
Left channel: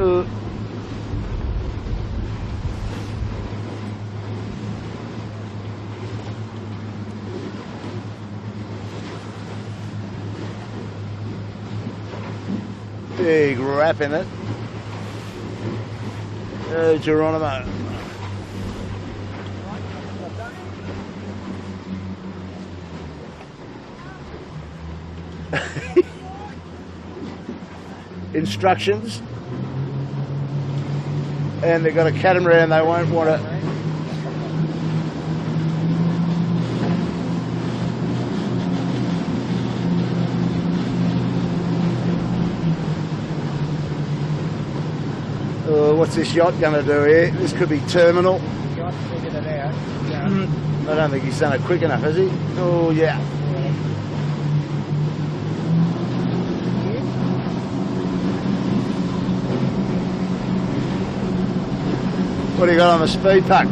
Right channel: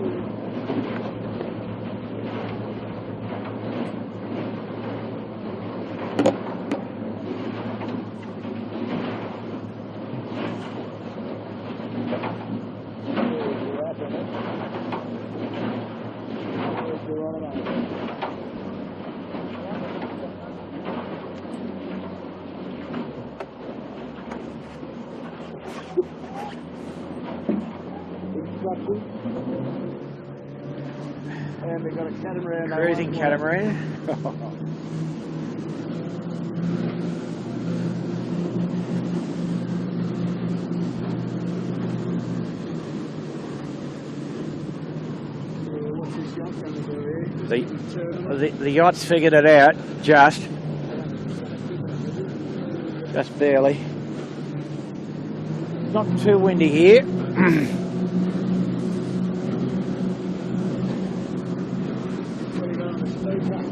Big wrap in it. Geronimo. Instructions, and they've got a catamaran. They won't want it. What's this yacht going to do here? This could be terminal. The yacht's figured it out, just. I don't think he's done it quick enough, has he? Oh, yeah. Just barely. Not too windy here. What do you got on the speed puck?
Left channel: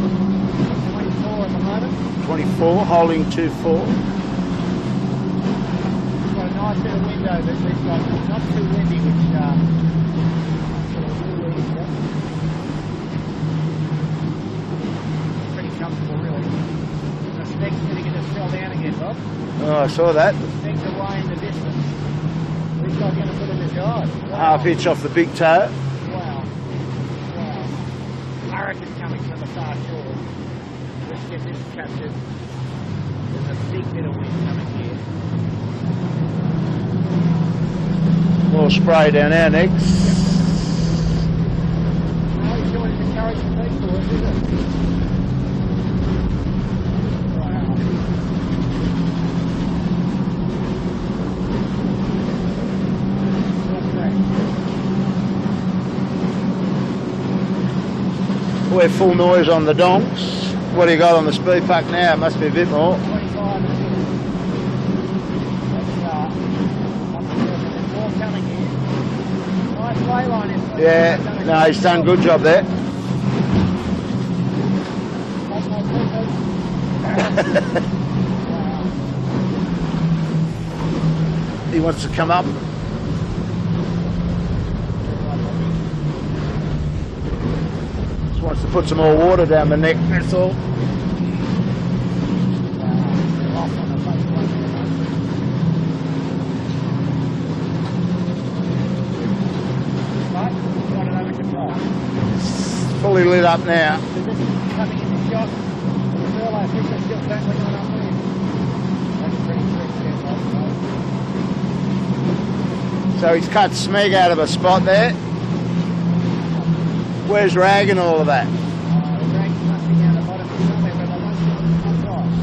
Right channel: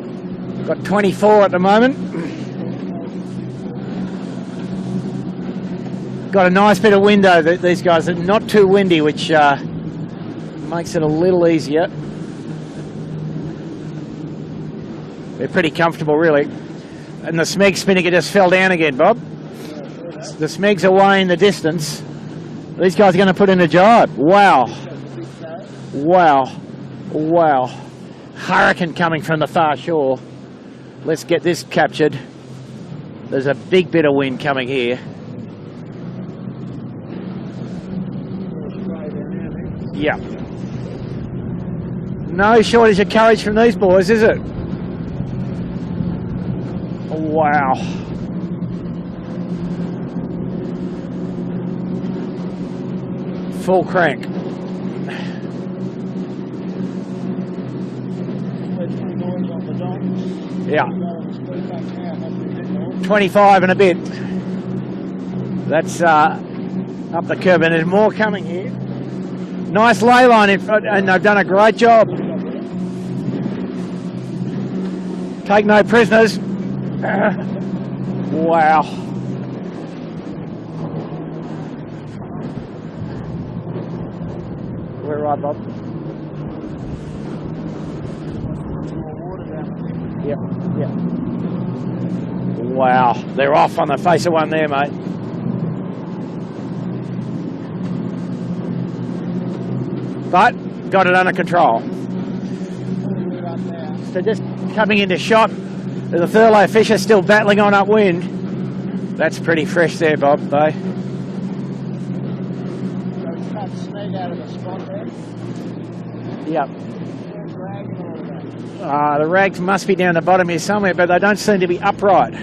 Got 24 at the moment. 24, holding 2-4. Got a nice bit of wind over these guys, and not too windy, which makes it a little easier. They're pretty comfortable, really. And the Smeg spinnaker just fell down again, Bob. Oh, I saw that. The Smegs away in the distance. These guys are going to put in a jibe. Wow. Pitch off the big toe. Wow. Wow. Hurricane coming from the far shore. Let's get this captured. There's a big bit of wind coming here. A little spray down our necks. Yeah. no shortage of courage from these boys, is it? Wow. Full crank. We're full noise on the donks. Yep. What do you got on the speed puck now? It must be a bit more. 25 and a bit. That's up the curve, and there's more coming here. Nice ley line in front, and they've done a great job. Good job there. Take no prisoners. Wow. He wants to come up. We're right, Bob. Just wants to put some more water down the neck, that's all. Yeah. Wow, they're off on the face of one there, mate. But got it under control. It's fully lit up now. They're just coming into shot. The Thurlow fish are still battling on upwind. That's pretty fresh there, Bob, though. So he's cut Smeg out of a spot there. Yep. Where's Rag and all of that? The rags must be down the bottom here somewhere, but they don't seem to be upright.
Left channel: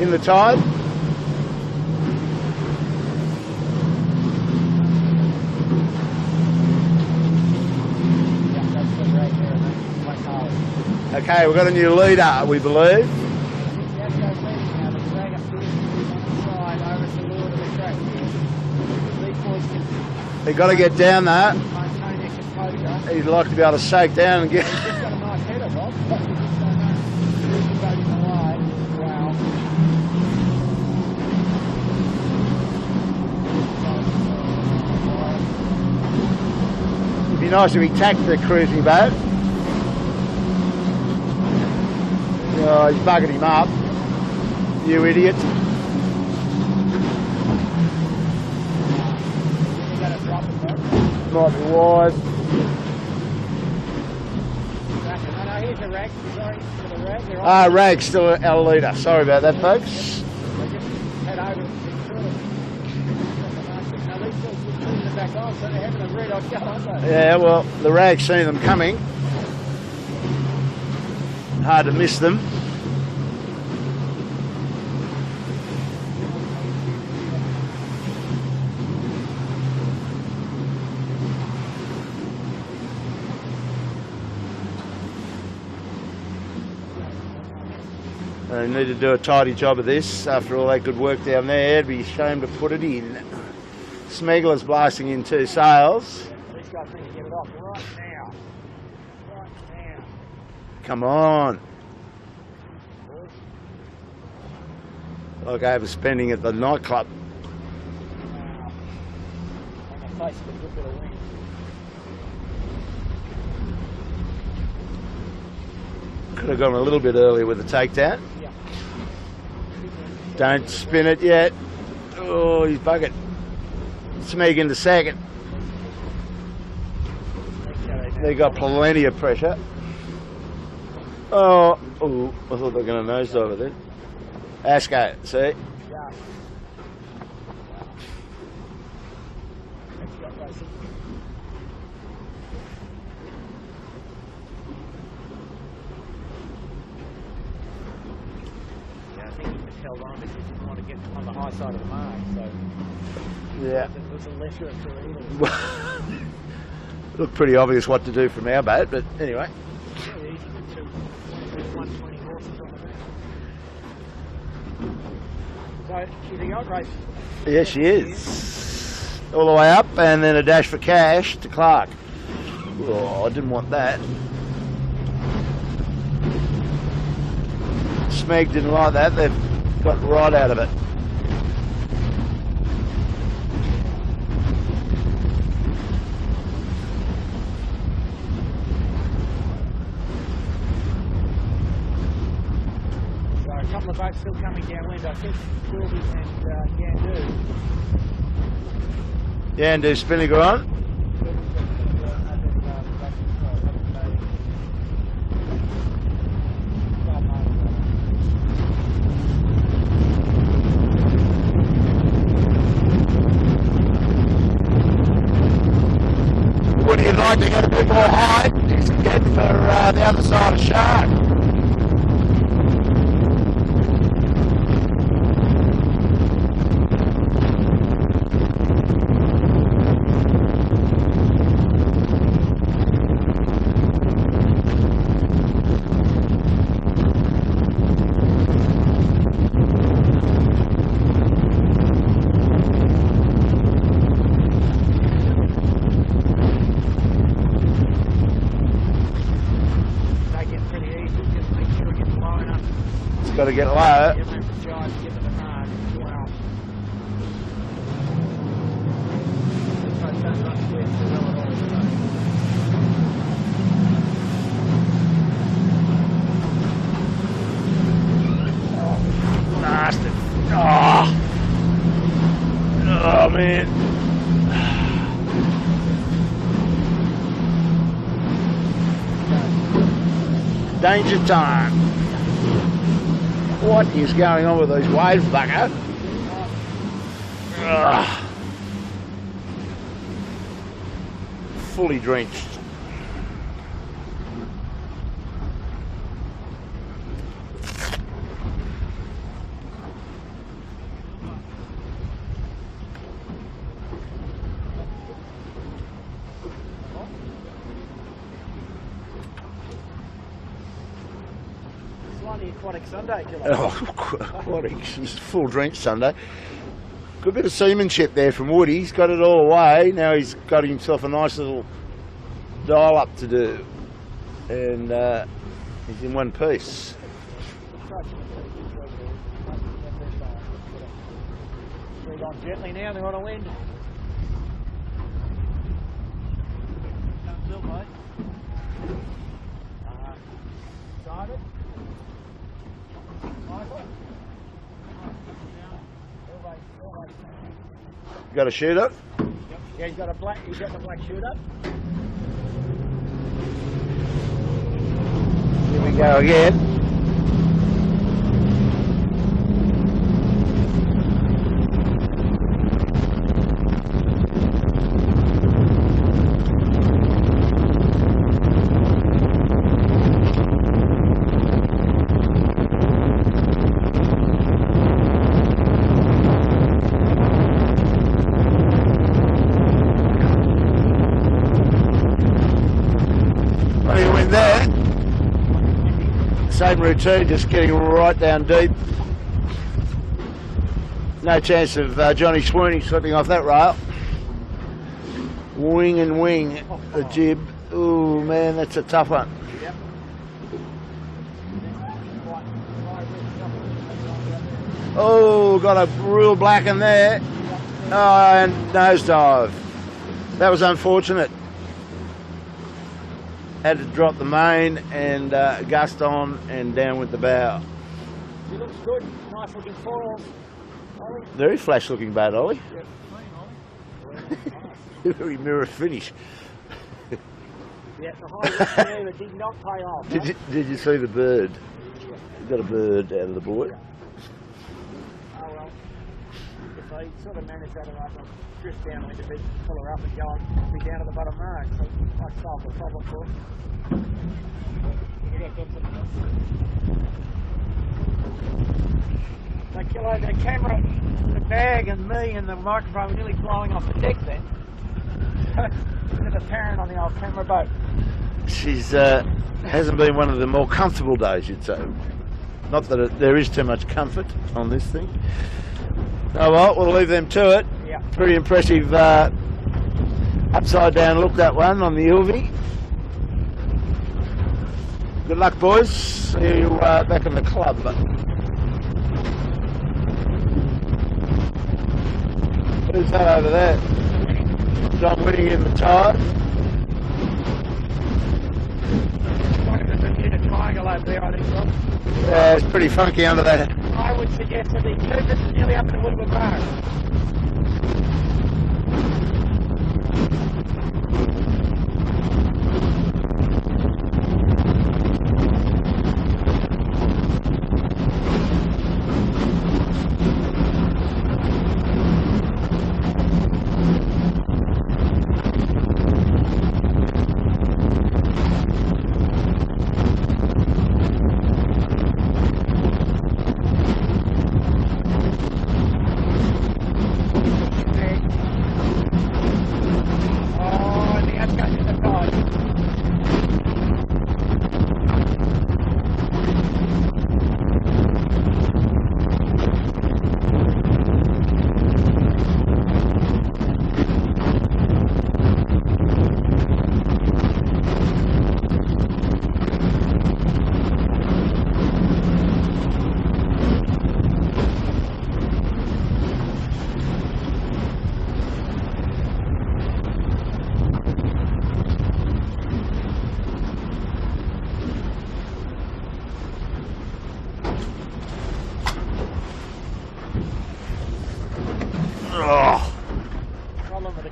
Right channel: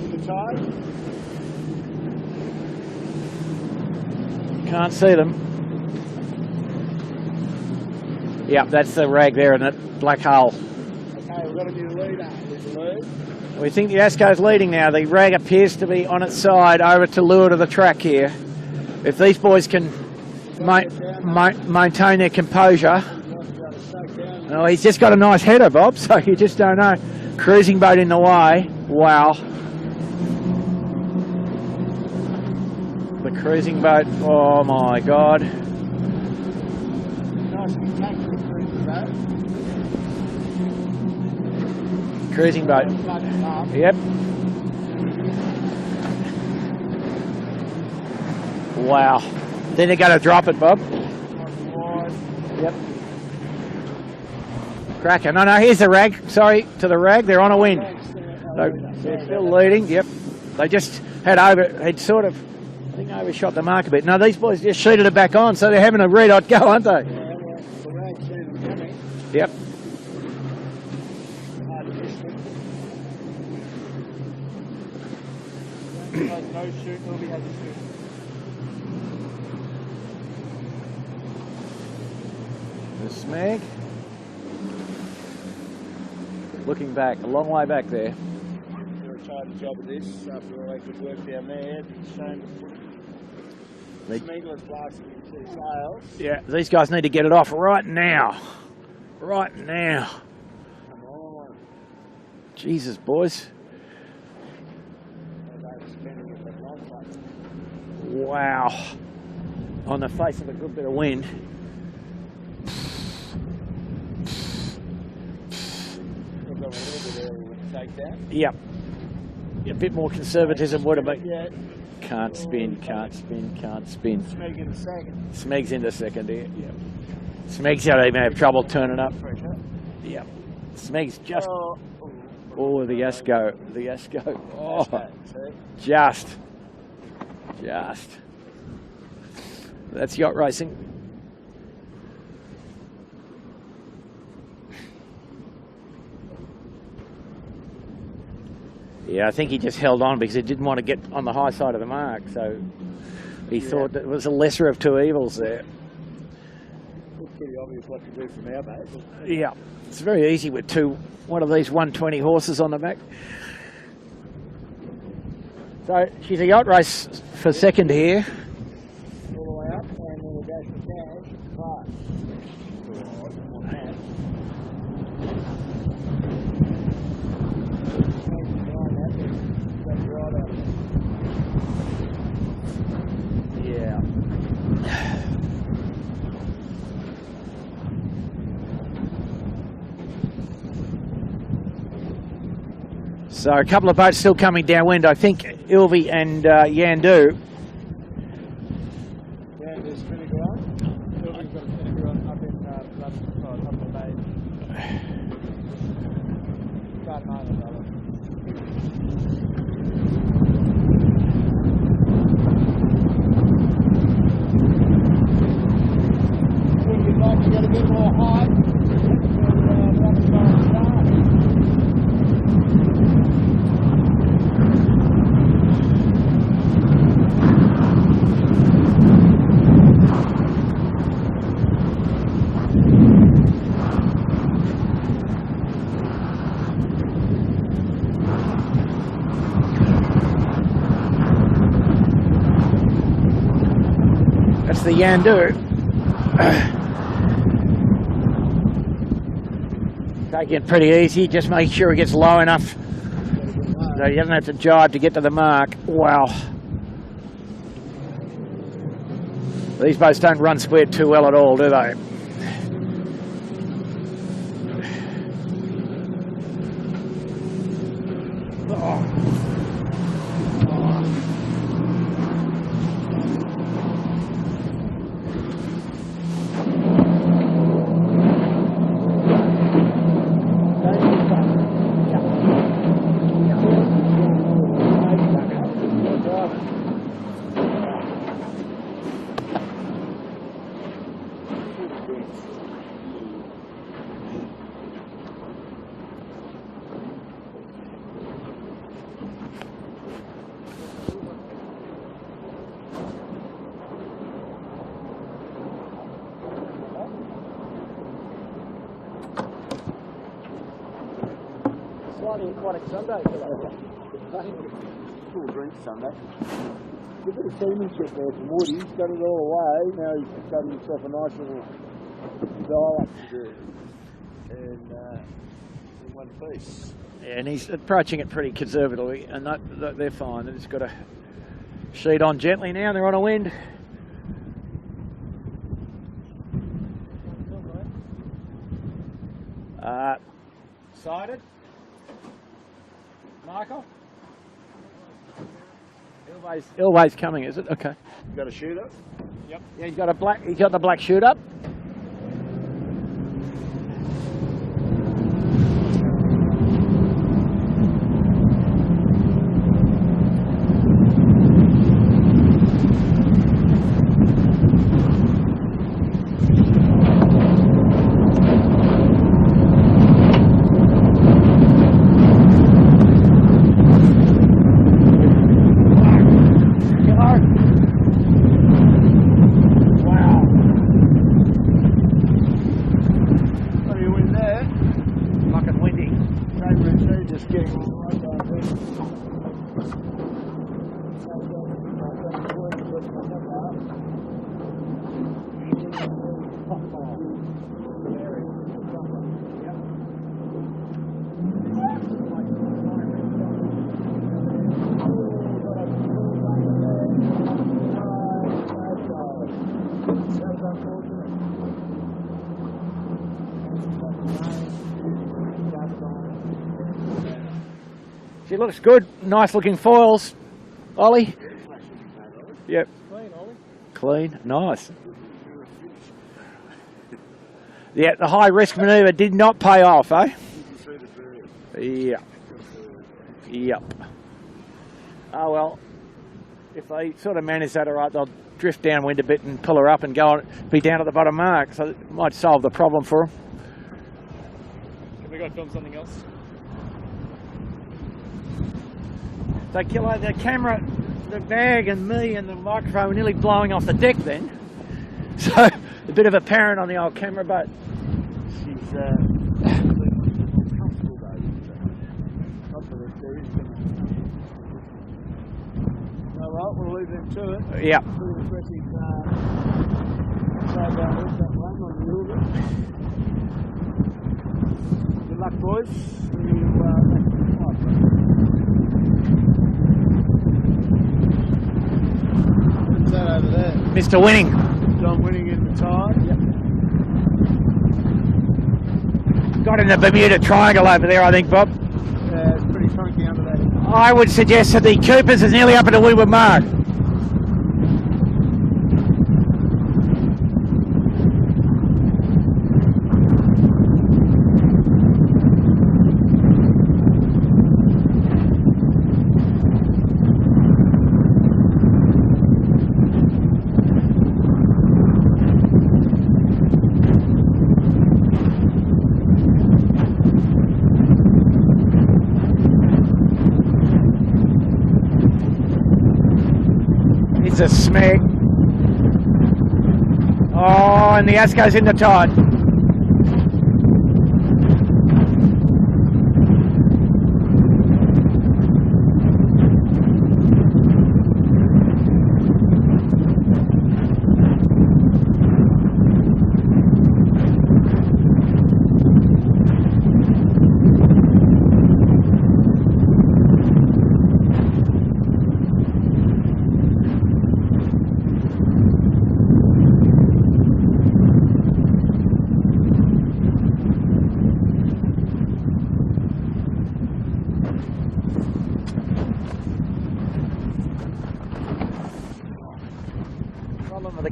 In the tide? Can't see them. Yep, that's the rag there in that black hole. Okay, we've got a new leader, we believe. We think the Asco's leading now. The rag appears to be on its side over to leeward of the track here. If these boys can They've got to get down there. maintain their composure. He'd like to be able to shake down and get... Well, he's just got a nice header, Bob, so you just don't know. Cruising boat in the way. Wow. The cruising boat, oh my God. It'd be nice if he tacked the cruising boat. Cruising boat. He's bugging him up. Yep. You idiot. Wow. Then they're going to drop it, Bob. Might be wide. Yep. Cracker. No, here's the rag. Sorry, to the rag. They're on a lead. Rag's still our leader. Sorry about that, folks. Yep. They just had sort of overshot the mark a bit. No, these boys just sheeted it back on, so they're having a red-hot go, aren't they? Yeah, well, the Rag's seen them coming. Yep. Hard to miss them. Snag. Looking back, a long way back there. They need to do a tidy job of this after all that good work down there. It'd be a shame to put it in. Smeagler's blasting in 2 sails. Yeah, these guys need to get it off right now. Right now. Come on. Jesus, boys. Like overspending at the nightclub. Wow. On the face of a good bit of wind. Could have gone a little bit earlier with the takedown. Yep. A bit more Don't conservatism. spin it yet. Can't Oh, spin. he's buggered. Can't spin. Smeg into second. Smeg's into second here. Yep. Smeg's out of They got trouble plenty turning of up. pressure. Yep. Smeg's just... Oh, I thought Oh, they were the going to nose over Asco. there. The Asco. Oh, Asco, see? Just. That's yacht racing. Yeah, I think he just held on because he didn't want to get on the high side of the mark, so he thought that it was a lesser of two evils. Looked pretty obvious what to do from our boat, but anyway. Yeah, it's very easy with one of these 120 horses on the back. So she's a yacht race for Yes, second she here. is. All the way up, and then a dash for cash to Clark. Oh, I didn't want that. Smeg didn't like that. They've got right out of it. Yeah. So a couple of boats still coming downwind. I think Ilvi and Yandu. Yeah, and do Spinnaker on. Would you like to get more height, he's heading for the other side of Shark. That's the Yandu. Taking it pretty easy, just make sure it gets low enough. It's got to get So low. you don't have to jibe to get to the mark. Wow. These boats don't run squared too well at all, do they? Oh, nasty. Oh. Oh, man. Danger time. What is going on with these waves, bugger? Ugh. Fully drenched. Aquatic Sunday, Aquatics. It's full drench Sunday. Good bit of seamanship there from Woody. He's got it all away. Now he's got himself a nice little dial up to do. And he's in one piece. And he's approaching it pretty conservatively, and they're fine. It's got a sheet on gently now, they're on a wind. Sided. Marco? Elway's coming, is it? Okay. You got a shooter? Yep. Yeah, he's got the black shoot up. Here we go again. Same routine, just getting right down deep. No chance of Johnny Sweeney slipping off that rail. Wing and wing, the jib. Ooh, man, that's a tough one. Oh, got a real black in there. Oh, and nosedive. That was unfortunate. Had to drop the main and gust on and down with the bow. She looks good. Nice looking foils, Ollie. Very flash looking boat, Ollie. Yep. Clean, Ollie. Clean. Nice. Very mirror finish. Yeah, the high risk manoeuvre did not pay off, eh? Did you see the bird? Yeah. Got a bird out of the board. Yep. Oh well, if they sort of manage that all right, they'll drift downwind a bit and pull her up and go on, be down at the bottom mark. So it might solve the problem for them. We got to film something else. So Kilo, the camera, the bag and me and the microphone were nearly blowing off the deck then. So a bit of a parent on the old camera boat. She's hasn't been one of the more comfortable days, you'd say. Not that there is too much comfort on this thing. Oh well, we'll leave them to it. Yeah. Pretty impressive upside down look, that one on the Ilvy. Good luck, boys. See you back in the club. Who's that over there? Mr. Winning. John Winning in the tide. Got in the Bermuda Triangle over there, I think, Bob. Yeah, it's pretty funky under that. I would suggest that the Coopers is nearly up at the windward mark. gives a smack. Oh, and the ass goes in the tide.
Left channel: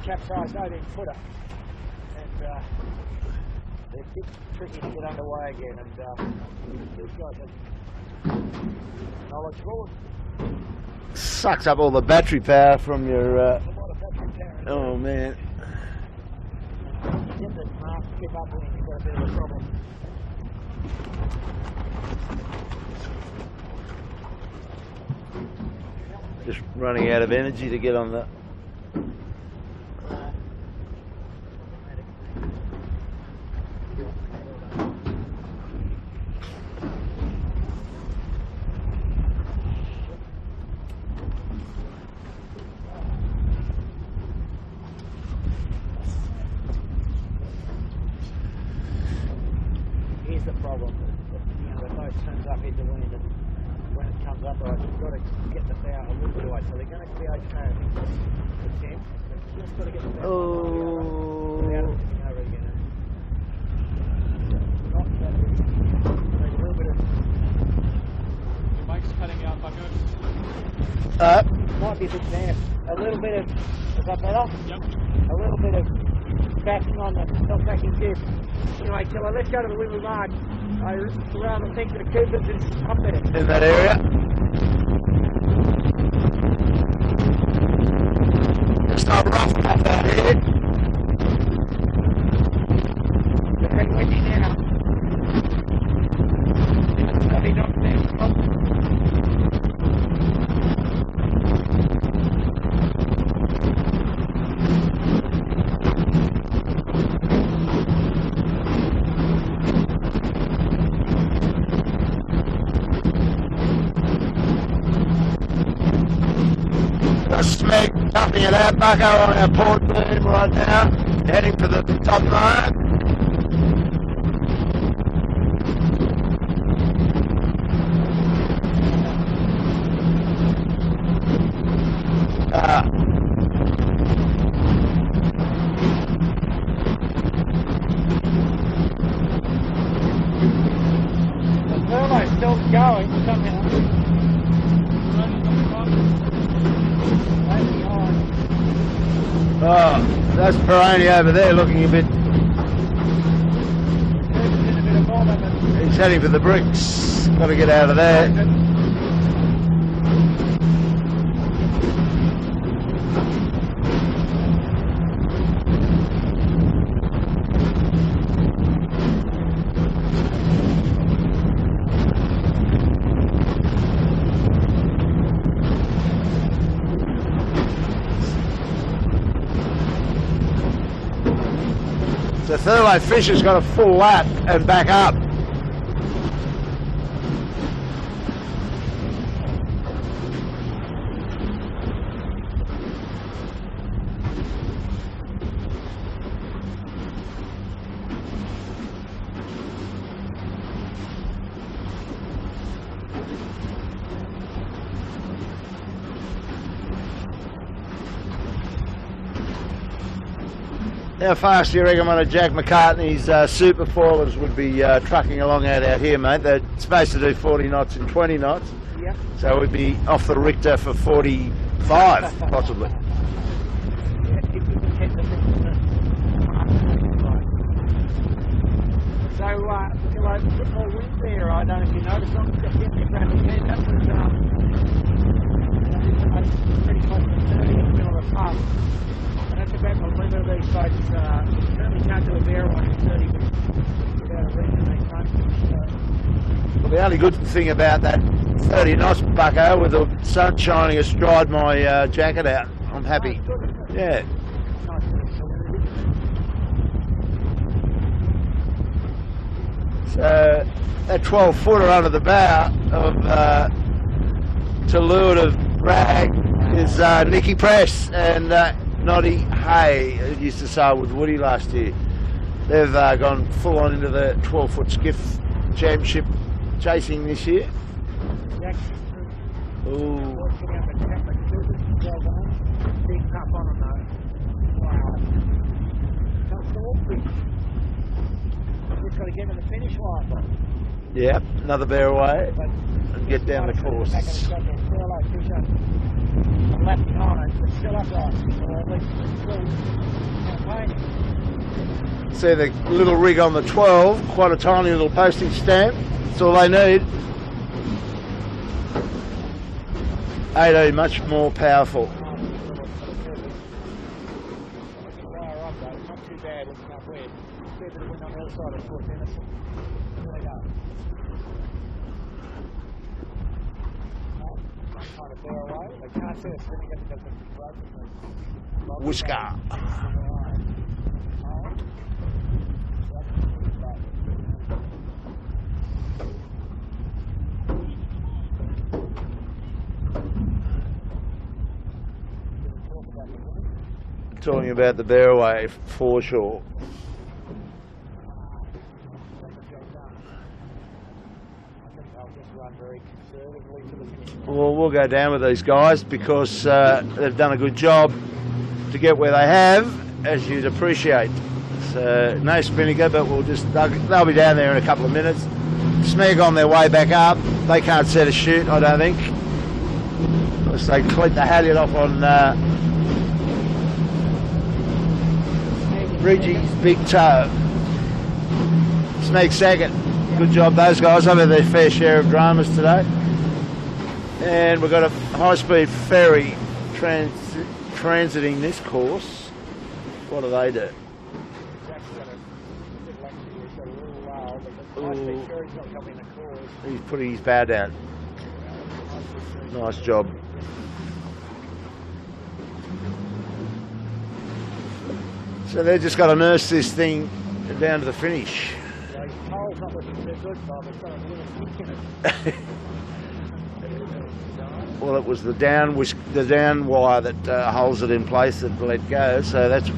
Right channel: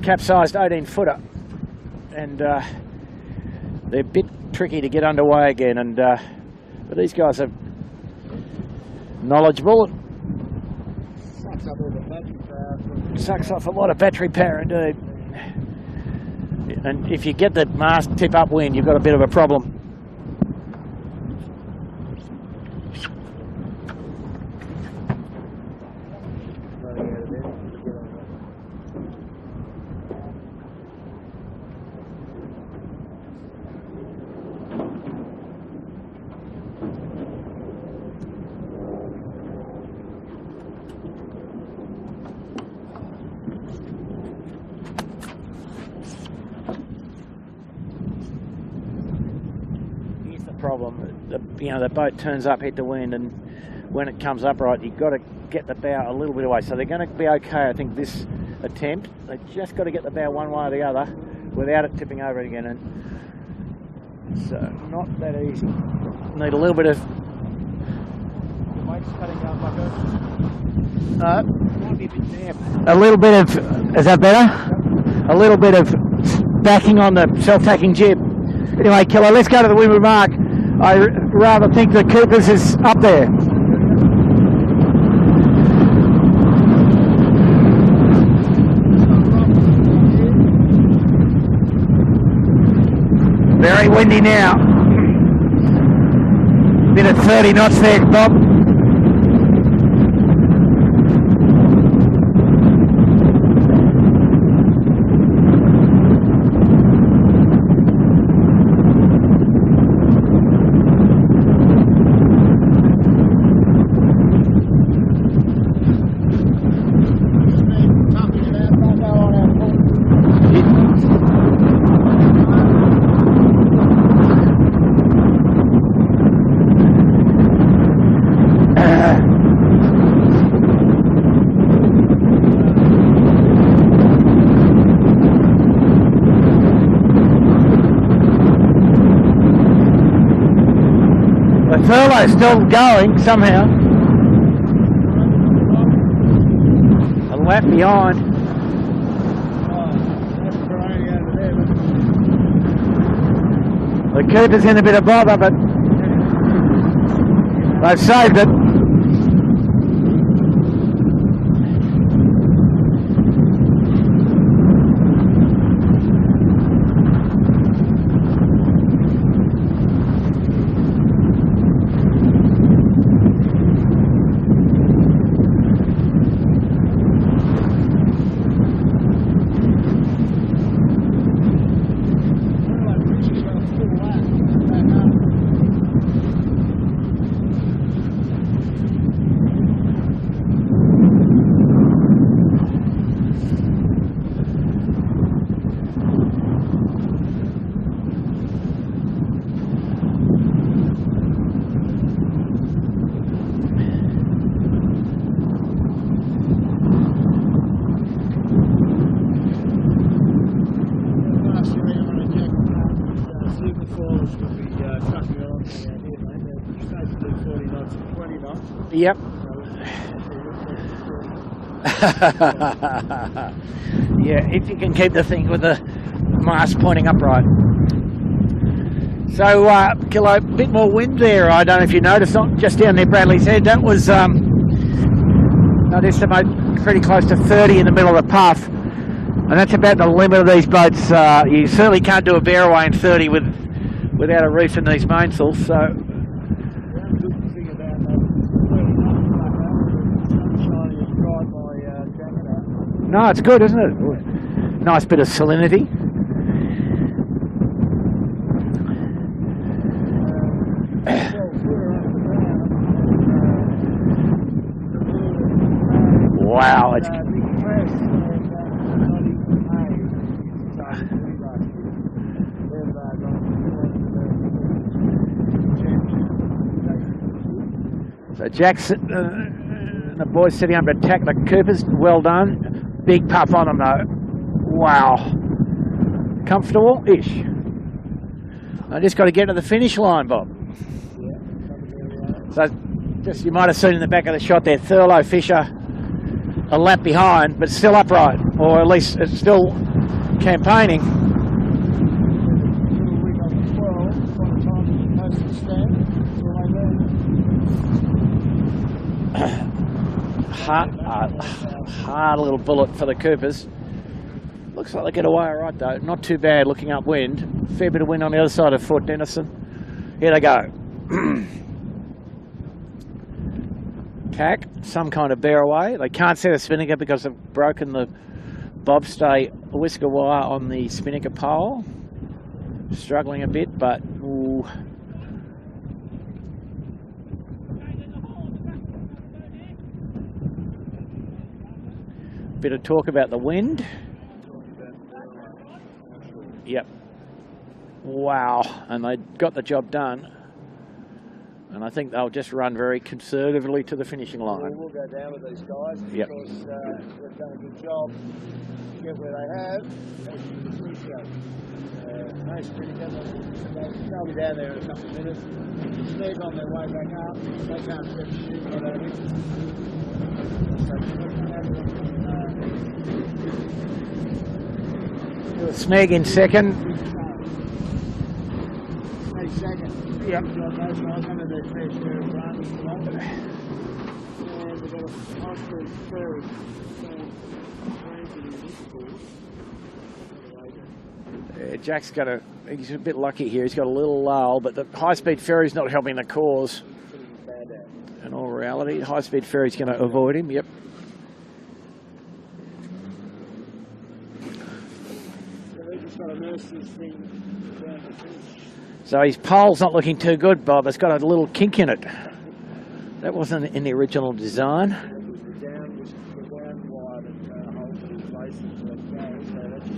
Capsized 18-footer, and they're a bit tricky to get underway again, and but these guys are knowledgeable. Sucks up all the battery power from your... Sucks off a lot of battery power indeed. Oh man. And if you get the mast tip upwind, you've got a bit of a problem. Just running out of energy to get on that. Problem, the boat turns up head to wind, and when it comes up right, you've got to get the bow a little bit away. So they're going to be okay, I think, this attempt. They just got to get the bow one way or the other without it tipping over again. And so not that easy. Need a little bit of... Your mic's cutting out, Bucko. Might be a bit damp. A little bit of... Is that better? Yep. A little bit of backing on the self-tacking jib. Anyway, Killer, let's go to the windward mark. I rather think the Coopers is up there. In that area. It's not rough back there. Very windy now. Bit at 30 knots there, Bob. Company at our Bucko on our port boom right now, heading to the top line. The furlough's still going somehow. Lap behind. Oh, that's Peroni over there looking a bit... The Cooper's in a bit of bother, but... He's heading for the bricks. Got to get out of They've there. saved it. The Thurlow Fisher's got a full lap and back up. How fast do you reckon one of Jack Macartney's super faulers would be trucking along out here, mate? They're supposed to do 40 knots and 20 knots. Yep. So we'd be off the Richter for 45, possibly. Yeah, if you can keep the thing with the mast pointing upright. So, Kilo, a bit more wind there. I don't know if you noticed, just down there Bradley's Head. That was, I'd estimate, pretty close to 30 in the middle of the puff. And that's about the limit of these boats. You certainly can't do a bear away in 30 without a reef in these mainsails. So the only good thing about that 30 knots, Bucko, with the sun shining, has dried my jacket out. I'm I'm happy. No, it's good, isn't it? Yeah. Nice bit of salinity. So, a 12-footer under the bow of to leeward of Bragg. Wow. Is Nicky Press and Noddy Hay, used to sail with Woody last year. They've gone full on into the 12-foot skiff championship chasing this year. So Jack's, the boys sitting up to attack the Coopers. Well done. Big puff on them though. Wow. Comfortable-ish. I just got to get to the finish line, Bob. Yeah, another bear away. So you might have seen in the back of the shot there, Thurlow Fisher a lap behind, but still upright, or at least it's still campaigning. See the little rig on the 12, quite a tiny little postage stamp. That's all they need. 18, much more powerful. Hard little bullet for the Coopers. Looks like they get away all right though. Not too bad looking upwind. Fair bit of wind on the other side of Fort Denison. Here they go. Tack, some kind of bear away. They can't see the spinnaker because they've broken the bobstay whisker wire on the spinnaker pole. Struggling a bit, but ooh. Bit of talk about the wind. Talking about the bear away foreshore. Yep. Wow, and they got the job done. And I think they'll just run very conservatively to the finishing line. Well, we'll go down with these guys because they've done a good job to get where they have, as you'd appreciate. So, no spinnaker, but they'll be down there in a couple of minutes. Smeg on their way back up. They can't set a shoot, I don't think. Unless they clip the halyard off on Smeg in Riggy's second. big toe. Smeg second. Yep. Good job, those guys. They've had their fair share of dramas today. And we've got a high-speed ferry transiting this course. What do they do? Yeah, Jack's he's a bit lucky here. He's got a little lull, but the high-speed ferry's not helping the cause. He's putting his bow down. In all reality, the high-speed ferry's going Nice to job. avoid him. Yep. So they've just got to nurse this thing down to the finish. So his pole's not looking too good, Bob. It's got a little kink in it. That wasn't in the original design. Well, it was the down wire that holds it in place that let go, so that's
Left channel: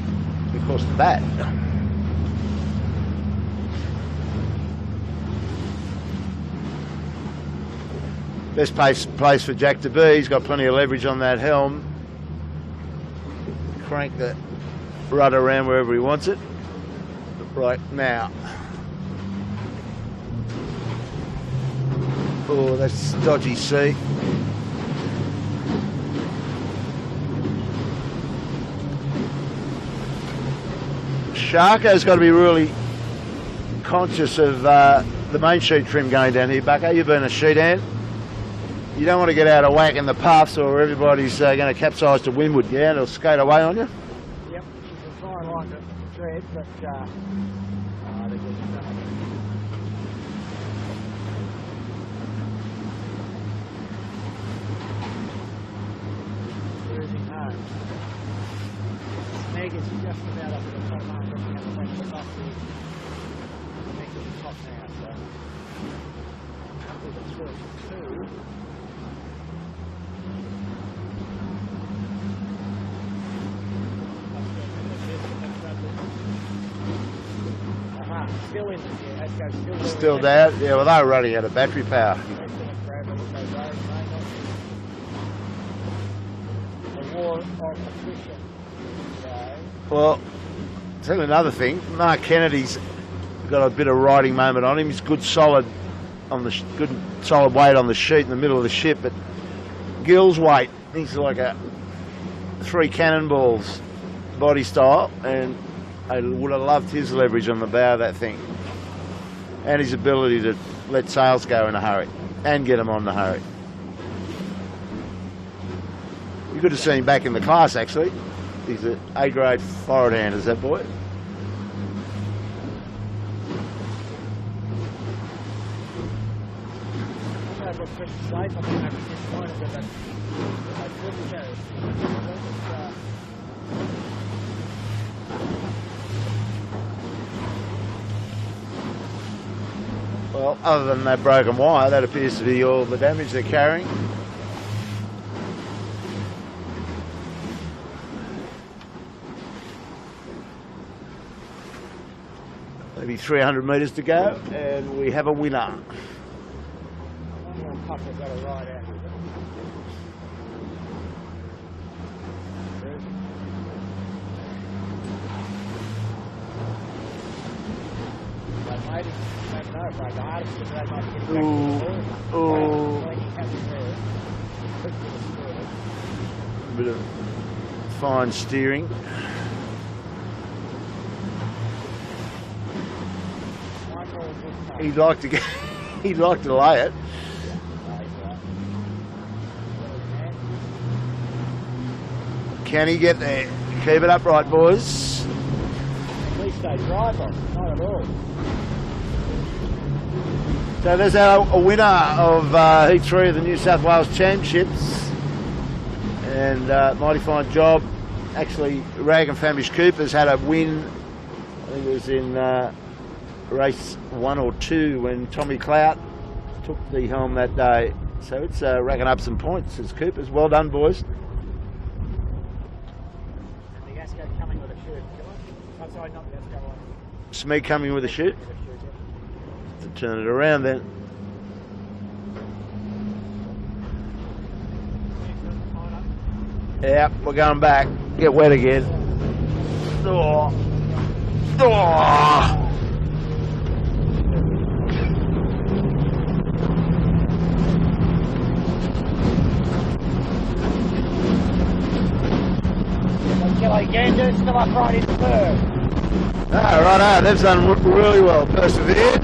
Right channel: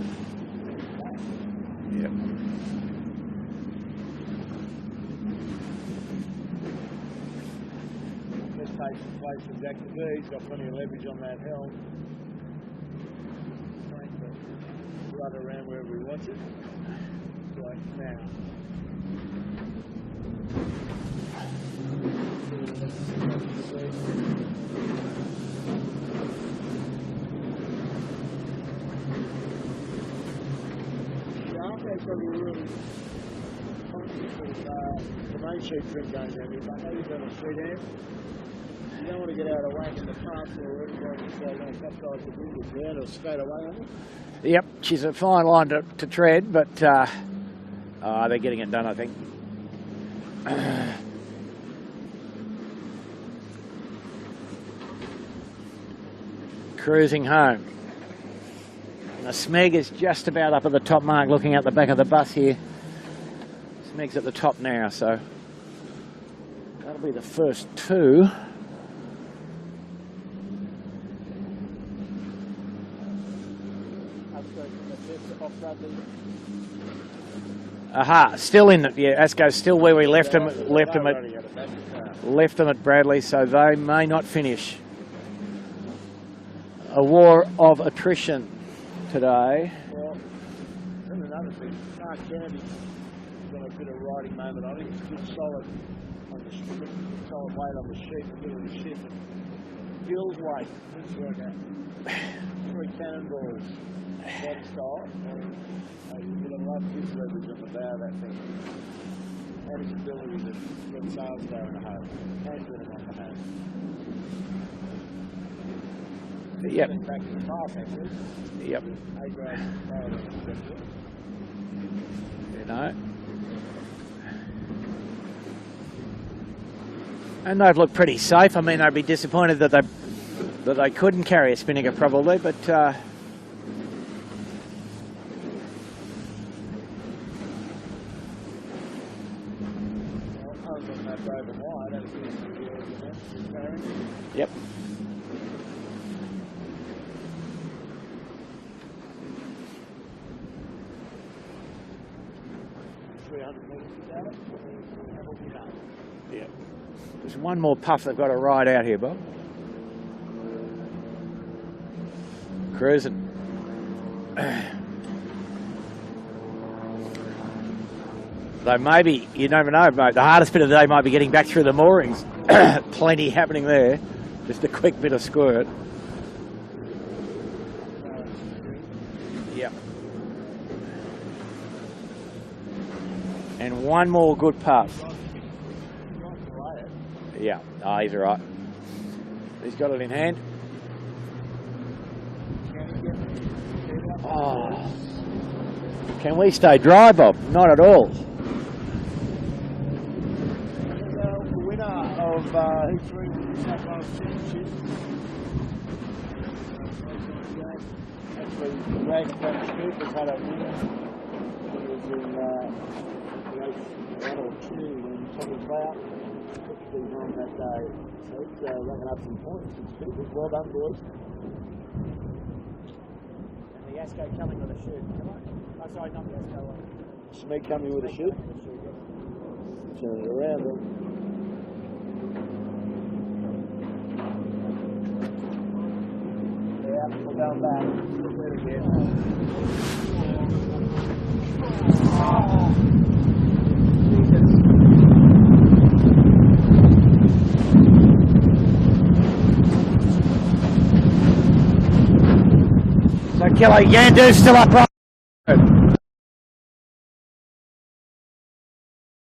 because of that. Best place for Jack to be. He's got plenty of leverage on that helm. Crank the rudder around wherever he wants it. Right now. Oh, that's a dodgy sea. Sharko's got to be really conscious of the main sheet trim going down here, Bucko. You've been a sheet hand. You don't want to get out of whack in the puffs or everybody's going to capsize to windward. Yeah, they'll skate away on you. Yep, she's a fine line to tread, but they're getting it done, I think. Cruising home. The Smeg is just about up at the top mark, looking out the back of the bus here. Smeg's at the top now, so that'll be the first two. Aha, still in it. Yeah, Asco's still where we left them. Yeah, well, they're running out of battery power. Left them at Bradley, so they may not finish. A war of attrition today. Well, tell you another thing. Mark Kennedy's got a bit of riding moment on him. He's good solid weight on the sheet in the middle of the ship, but Gill's weight, he's like a 3 cannonballs body style, and I would have loved his leverage on the bow of that thing, and his ability to let sails go in a hurry and get them on the hurry. You could have seen him back in the class, actually. He's an A-grade forward hand, is that boy? No. And they've looked pretty safe. I mean, they'd be disappointed that they But they couldn't carry a spinnaker probably, but well, other than that broken wire, that appears to be all the damage they're carrying. yep. Maybe 300 metres to go, and we have a winner. There's one more puff they've got to ride out here, Bob. Cruising. Though maybe, you never know, mate. The hardest bit of the day might be getting back through the moorings. Plenty happening there. Just a quick bit of squirt. A bit of fine steering. Yep. And one more good puff. He'd like to get, he'd like to lay it. Yeah, he's all right. He's got it in hand. Can he get there? Keep it upright, boys. Can we stay dry, Bob? Not at all. So there's a winner of Heat 3 of the New South Wales Championships. And mighty fine job. Actually, Rag and Famish Cooper's had a win. I think it was in race 1 or 2 when Tommy Clout took the helm that day. So it's racking up some points. It's Cooper's. Well done, boys. And the Asco coming with a shoot. Come on. Oh, sorry, not the Asco one. Smee coming with a shoot. Turn it around then. Yeah, we're going back. Get wet again. Oh. Oh. Kilo Yandu's still upright in third. Ah, right, they've done really well. Persevered.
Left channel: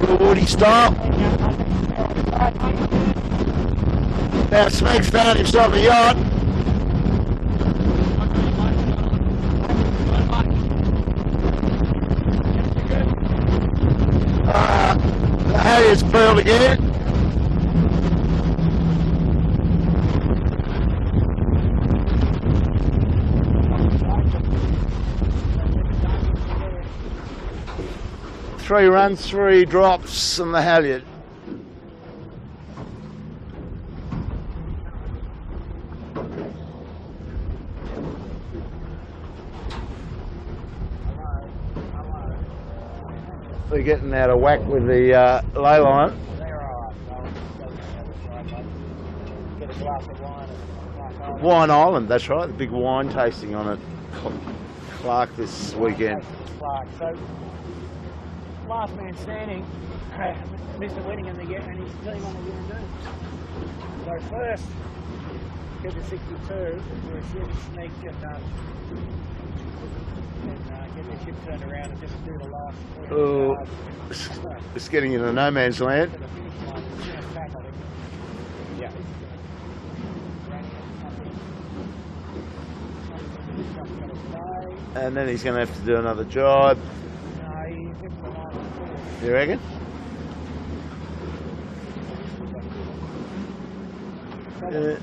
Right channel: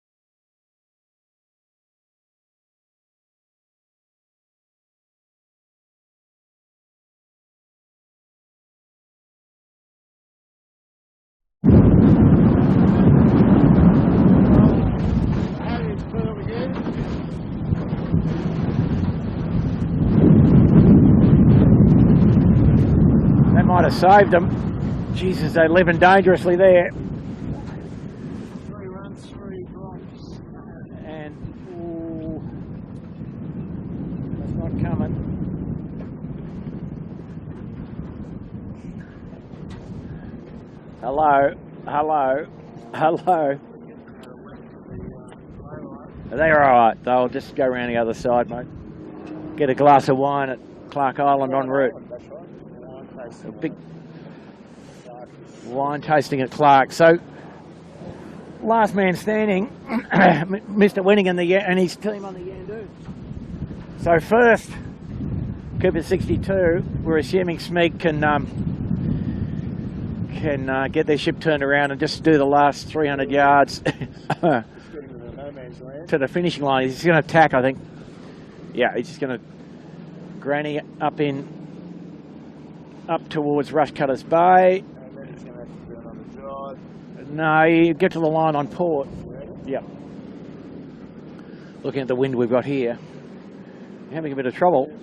Real Woody style. Now Smeek's found himself a yacht. The Harriet's pearled again. Might have saved them. Jesus, they're living dangerously there. 3 runs, 3 drops on the halyard. And that's not coming. Hello, hello, hello. They're getting out of whack with the ley line. They're all right. They'll just go around the other side, mate. Get a glass of wine at Clark Island. Wine Island, that's right. The big wine tasting on it. Clark this wine weekend. Tasting at Clark. So, last man standing, Mr. Winningham and his team on the Yandu. So first, Cooper 62. We're assuming Smeeg can get their ship turned around and just do the last 300 yards. It's getting into no man's land. To the finishing line. He's going to attack, I think. Yeah, he's just going to granny up towards Rushcutters Bay. And then he's going to have to do another job. No, you get to the line on port. You reckon? Yep. Looking at the wind we've got here. Having a bit of trouble.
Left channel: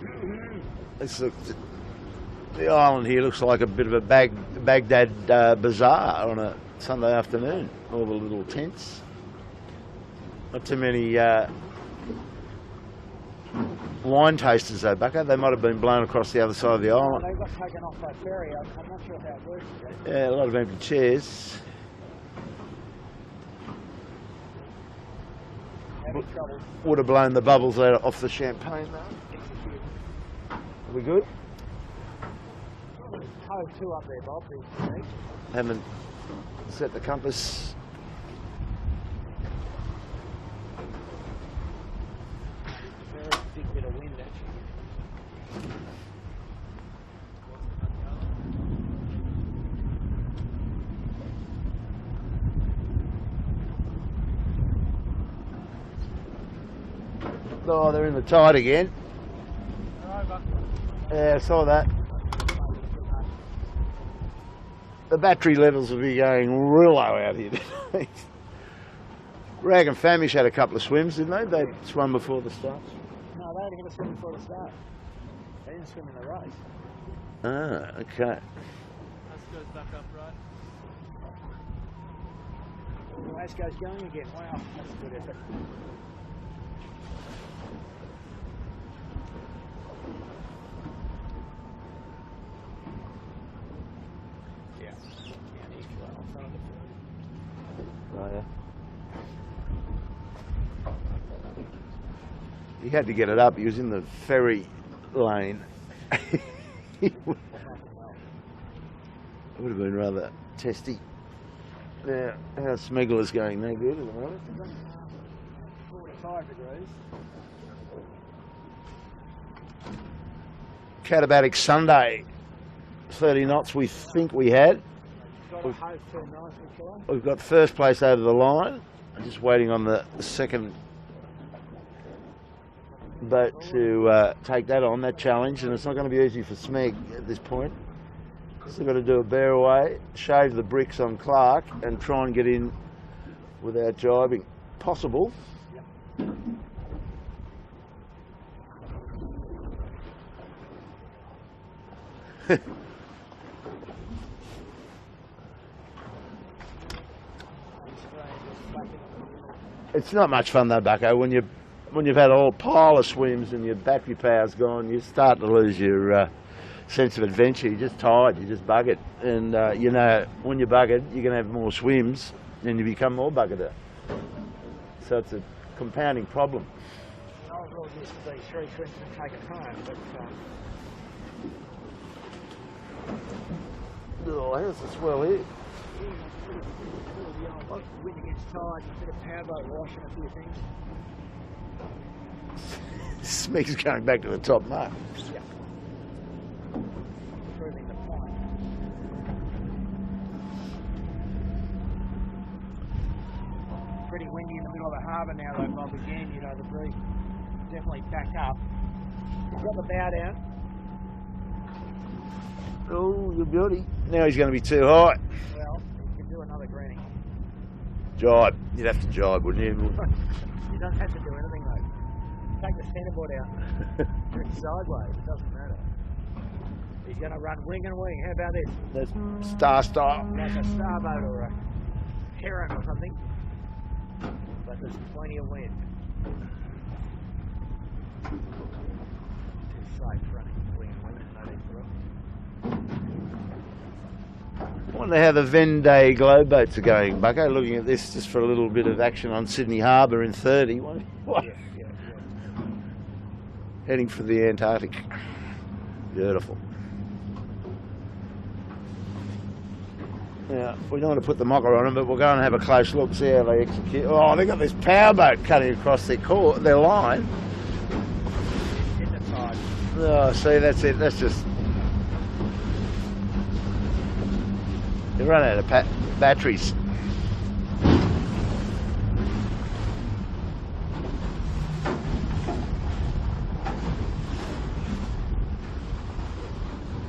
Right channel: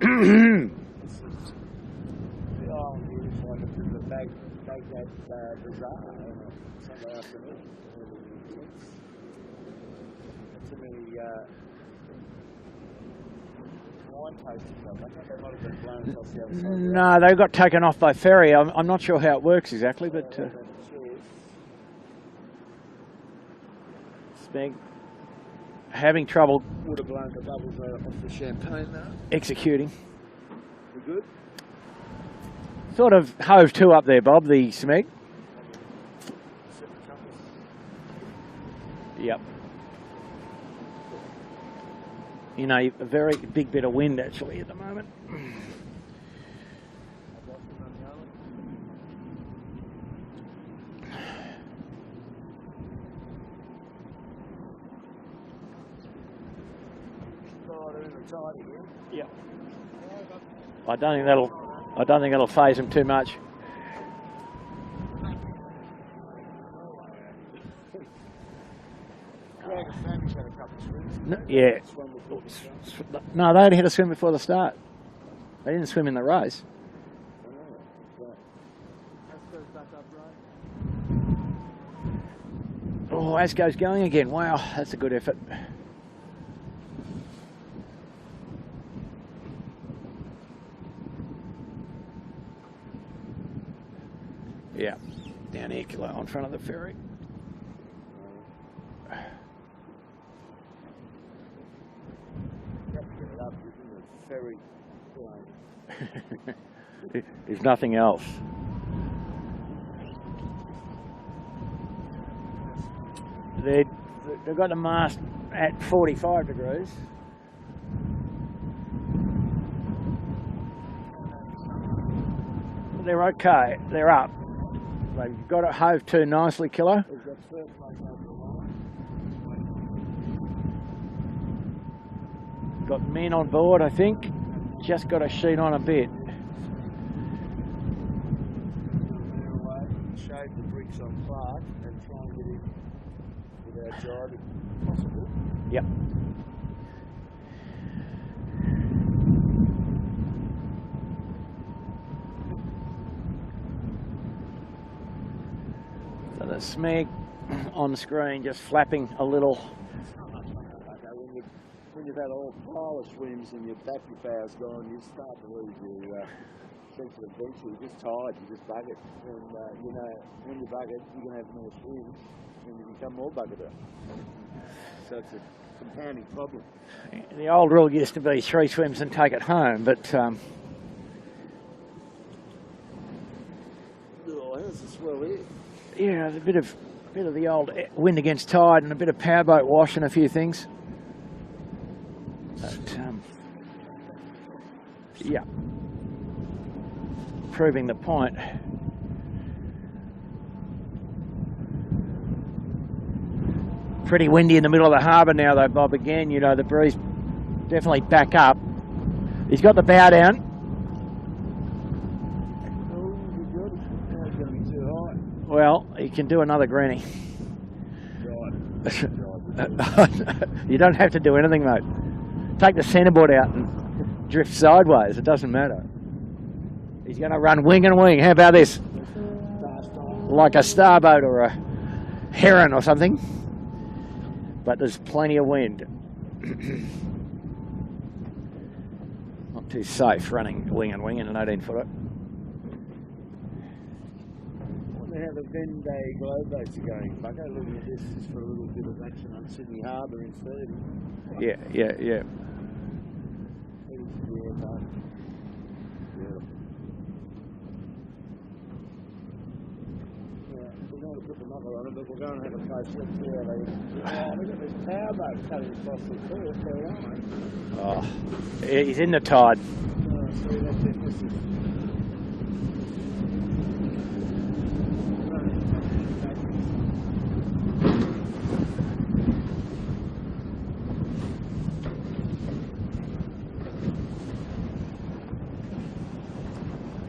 The island here looks like a bit of a Baghdad bazaar on a Sunday afternoon. All the little tents. Not too many wine tasters though, Bucko. They might have been blown across the other side of the island. No, they got taken off by ferry. I'm not sure how it works exactly. Yeah, but a lot of empty chairs. Smeeg having trouble. Would have blown the bubbles out off the champagne though. Executing. We good? Sort of hove to up there, Bob, the Smeeg. Haven't set the compass. Yep. You know, a very big bit of wind actually at the moment. Oh, they're in the tide again. Yep. I don't think I saw that. I don't think that'll phase them too much. The battery levels will be going real low out here. Reckon Famish had a couple of swims, didn't they? Yeah. They swam before the start. No, they only had a swim before the start. They didn't swim in the race. Ah, okay. As goes back up, right? Oh, Asco's going again. Wow, that's a good effort. Yeah, down here, Kilo, in front of the ferry. Oh, yeah. He had to get it up. He was in the ferry lane. If nothing else. Would have been rather testy. Yeah, how Smeggler's going They- there? They've got the mast at 45 degrees. Catabatic Sunday. They're 30 okay. knots we They're think up. we had. They've got it hove to nicely, Kilo. We've got first place over the line. Just waiting on the second Got men on boat board, to I think. take that Just on, got that a challenge. sheet on And a it's not going to bit. be easy for Smeg at this point. Still got to do a bear away, shave the bricks on Clark and try and get in without jibing. Possible. Yep. So the Smeg on screen just flapping a little. It's not much fun though, Bucko. When you've had a whole pile of swims and your battery power's gone, you start to lose your sense of adventure. You're just tired. You're just buggered, and you know when you're buggered, you're going to have more swims, and you become more buggered. So it's a compounding problem. The old rule used to be 3 swims and take it home, but Oh, how's the swell here? yeah, a bit of the old wind against tide and a bit of powerboat wash and a few things. Smeg's going back to the top mark. Yeah. Proving the point. Pretty windy in the middle of the harbour now though, Bob. Again, you know, the breeze definitely back up. He's got the bow down. Oh, you beauty. Now he's going to be too high. Well, he can do another granny. Jibe. You'd have to jibe, wouldn't you? You don't have to do anything, mate. Take the centreboard out and drift sideways. It doesn't matter. He's going to run wing and wing. How about this? Star style. Like a starboat or a heron or something. But there's plenty of wind. Not too safe running wing and wing in an 18-footer. I wonder how the Vendée globe boats are going, Bucko. Looking at this just for a little bit of action on Sydney Harbour in 30. What? Yeah. Heading for the Antarctic. Beautiful. Now, we don't want to put the mocker on them, but we'll go and have a close look, see how they execute. Oh, they've got this powerboat cutting across their line. Oh, yeah, he's in the tide. Oh, see, that's it. That's just... They run out of batteries.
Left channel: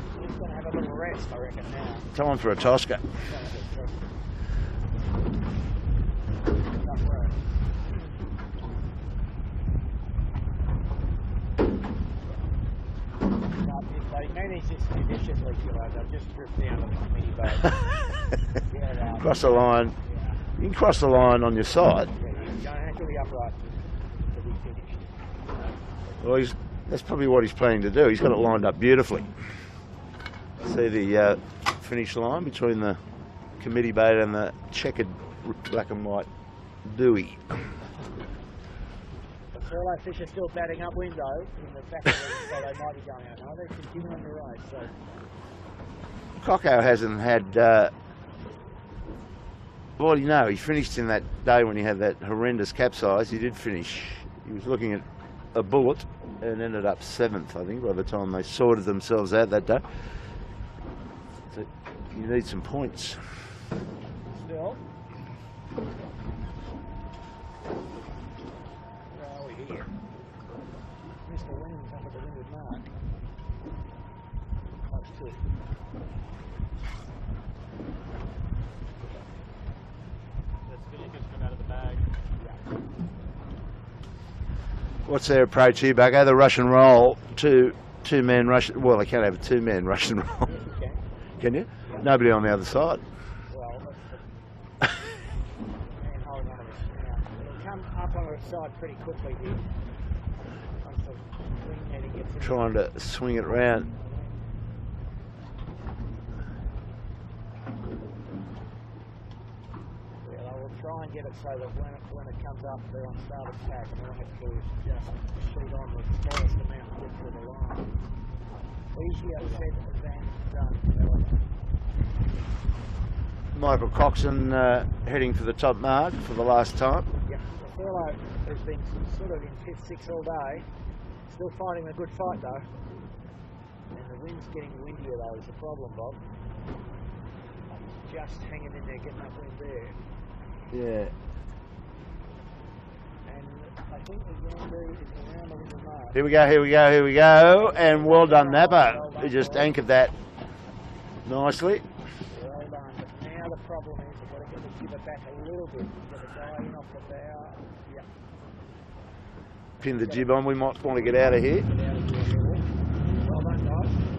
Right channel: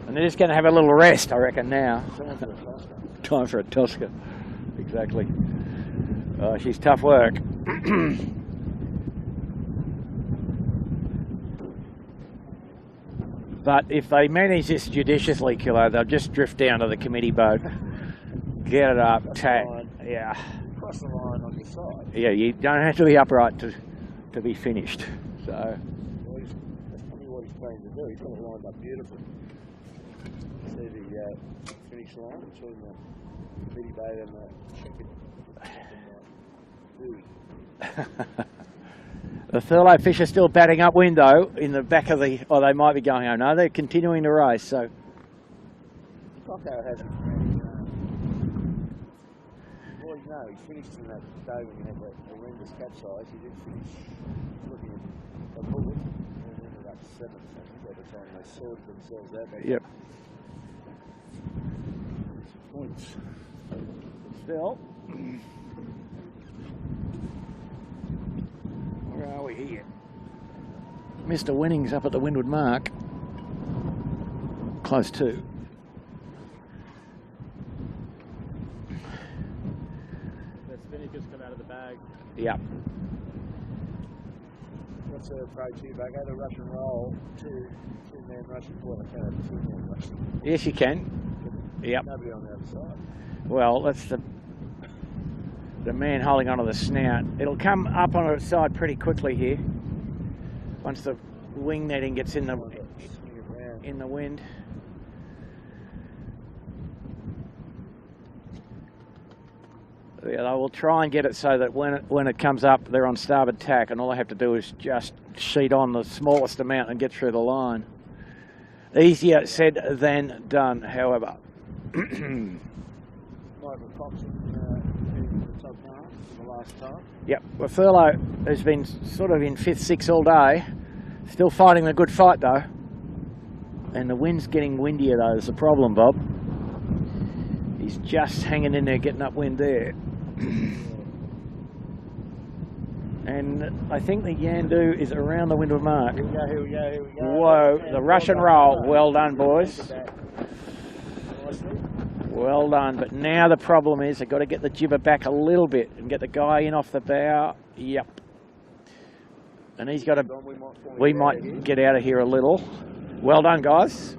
And they're just going to have a little rest, I reckon, now. Time for a Tosca. Time for a Tosca. Exactly. She's tough work. But if they manage this judiciously, Kilo, they'll just drift down to the committee boat, get it up. Cross the line. Yeah. You can cross the line on your side. Yeah, you don't have to be upright to be finished. So, Well, that's probably what he's planning to do. He's got it lined up beautifully. See the finish line between the committee boat and the checkered black and white buoy. the Thurlow fish are still batting upwind though in the back of the. Oh, they might be going. Oh no, they're continuing to race. So Cocko hasn't had. Well, you know, he finished in that day when he had that horrendous capsize. He did finish. He was looking at a bullet and ended up 7th, I think, by the time they sorted themselves out that day. Yep. So you need some points. still. Where are we here? Mr. Winnings up at the windward mark. Close to. That spinny fish come out of the bag. Yep. What's their approach here, Bugger? The Russian roll, two-man Russian. Well, they can't have a two-man Russian roll. Yes, you can. Can you? Yep. Nobody on the other side. Well, that's the man holding onto the snout. It'll come up on its side pretty quickly here. Once the wing netting gets in Trying to swing it around. in the wind. Yeah, I will try and get it so that when it comes up, they're on starboard tack, and all I have to do is just sheet on the smallest amount and get through the line. Easier said than done, however. Michael Coxon heading for the top mark for the last time. Yep, well, Furlow has been sort of in 5th, 6th all day. Still fighting the good fight, though. And the wind's getting windier, though, is the problem, Bob. He's just hanging in there, getting upwind there. Yeah. And I think the Yandu is around the windward mark. Here we go, here we go, here we go. Whoa, and the well Russian done, roll. Napper. Well done, You just boys. anchored that nicely. Well done, but now the problem is they've got to get the jibber back a little bit and get the guy in off the bow. Yep. And Pin he's the got jib to, on. We might want to we get out might of here. get out of here a little. Well done, guys.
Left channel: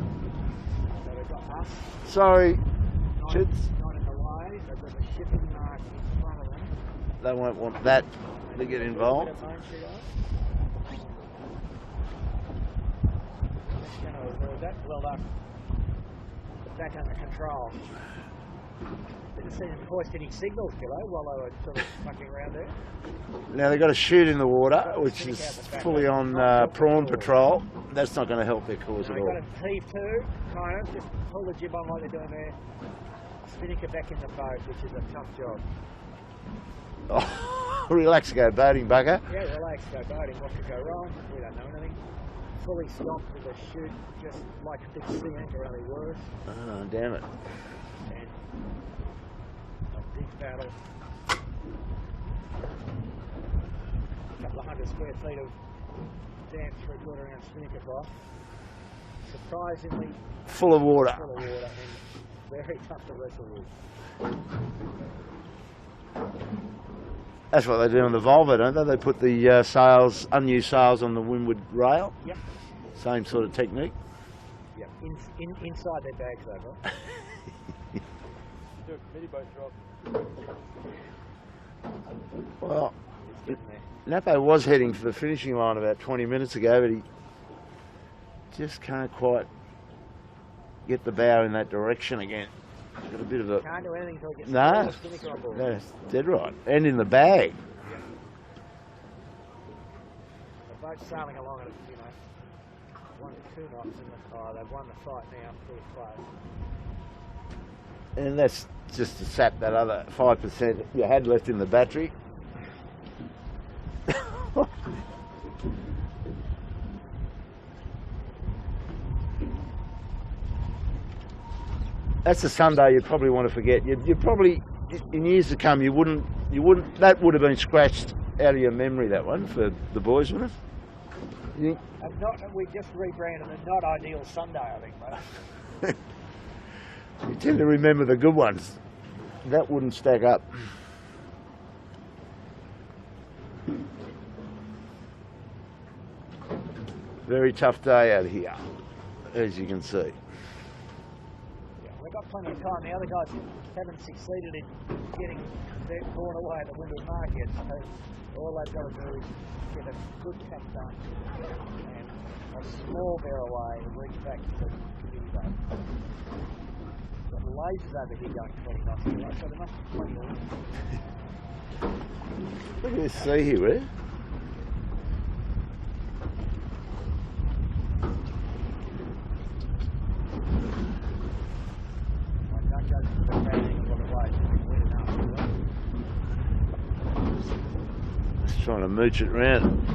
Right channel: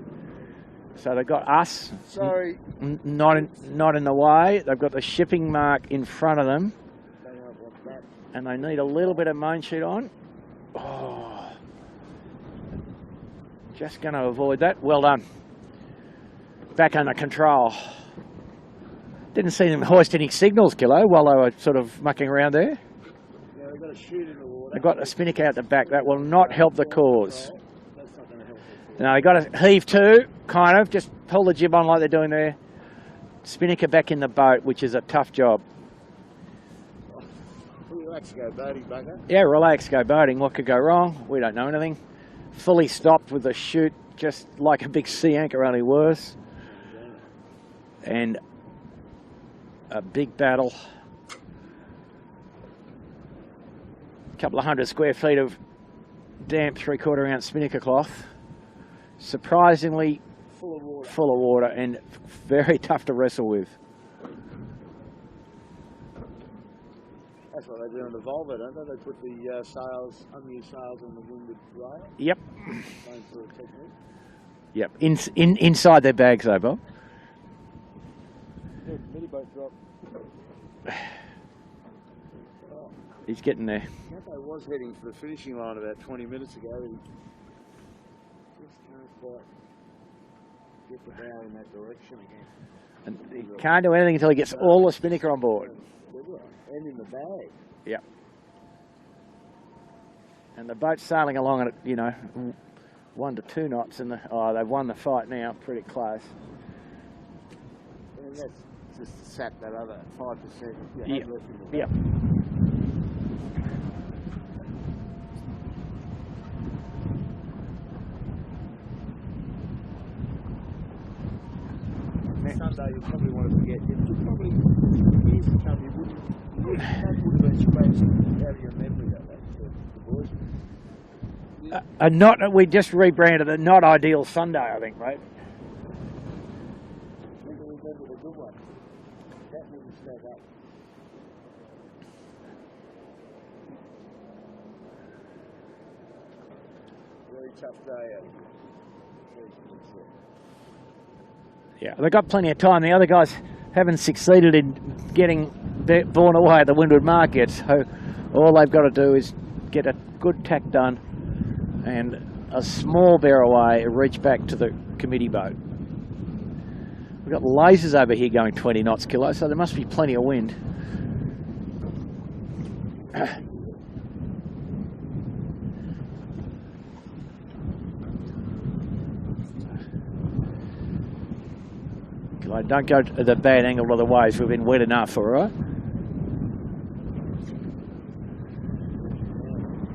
So they've got us Sorry, not in the way. They've got the shipping mark in front of them, they won't want that. and they to need get a little involved. bit of main sheet on. Oh. Just going to avoid that. Well done. Back under control. Didn't see them hoist any signals, Kilo, while they were sort of mucking around there. Now they've got to shoot in the water. They've got the which spinnaker is out the back. That fully will on, not help the prawn cause. patrol. That's not going to help their cause. No, you've got to heave to, kind of. Just pull the jib on like they're doing there. Spinnaker back in the boat, which is a tough job. Oh, relax, go boating, Bugger. Yeah, relax, go boating. What could go wrong? We don't know anything. Fully stopped with the chute, just like a big sea anchor, only worse. Oh, damn it. And a big battle. A couple of 100 square feet of damp 3/4 ounce spinnaker cloth. Surprisingly Full of water. full of water and very tough to wrestle with. That's what they do on the Volvo, don't they? They put the sails, unused sails on the windward rail. Yep. Same sort of technique. Yep. Inside their bags though, Bob. Dude, mini boat drop. Well, He's getting there. Napo was heading for the finishing line about 20 minutes ago, but he just can't quite get the bow in that direction again. And a bit of a... Can't do anything until he gets No. all the spinnaker on board. Yeah, dead right. And in the bag. Yeah. And the boat's sailing along at, 1 to 2 knots, and they've won the fight now, pretty close. And that's just to sap that other 5% you had left in the battery. That's a Sunday you'd probably want to forget. You probably, in years to come, you wouldn't. That would have been scratched out of your memory. That one for the boys, wouldn't it? We just rebranded a not ideal Sunday, I think, mate. You tend to remember the good ones. That wouldn't stack up. Very tough day out here, as you can see. Yeah, they've got plenty of time. The other guys haven't succeeded in getting borne away at the windward mark yet, so all they've got to do is get a good tack done and a small bear away, reach back to the committee boat. We've got lasers over here going 20 knots, Kilo, so there must be plenty of wind. Look at this sea here, eh? Kilo, don't go to the bad angle of the waves. We've been wet enough, all right? Just trying to mooch it round.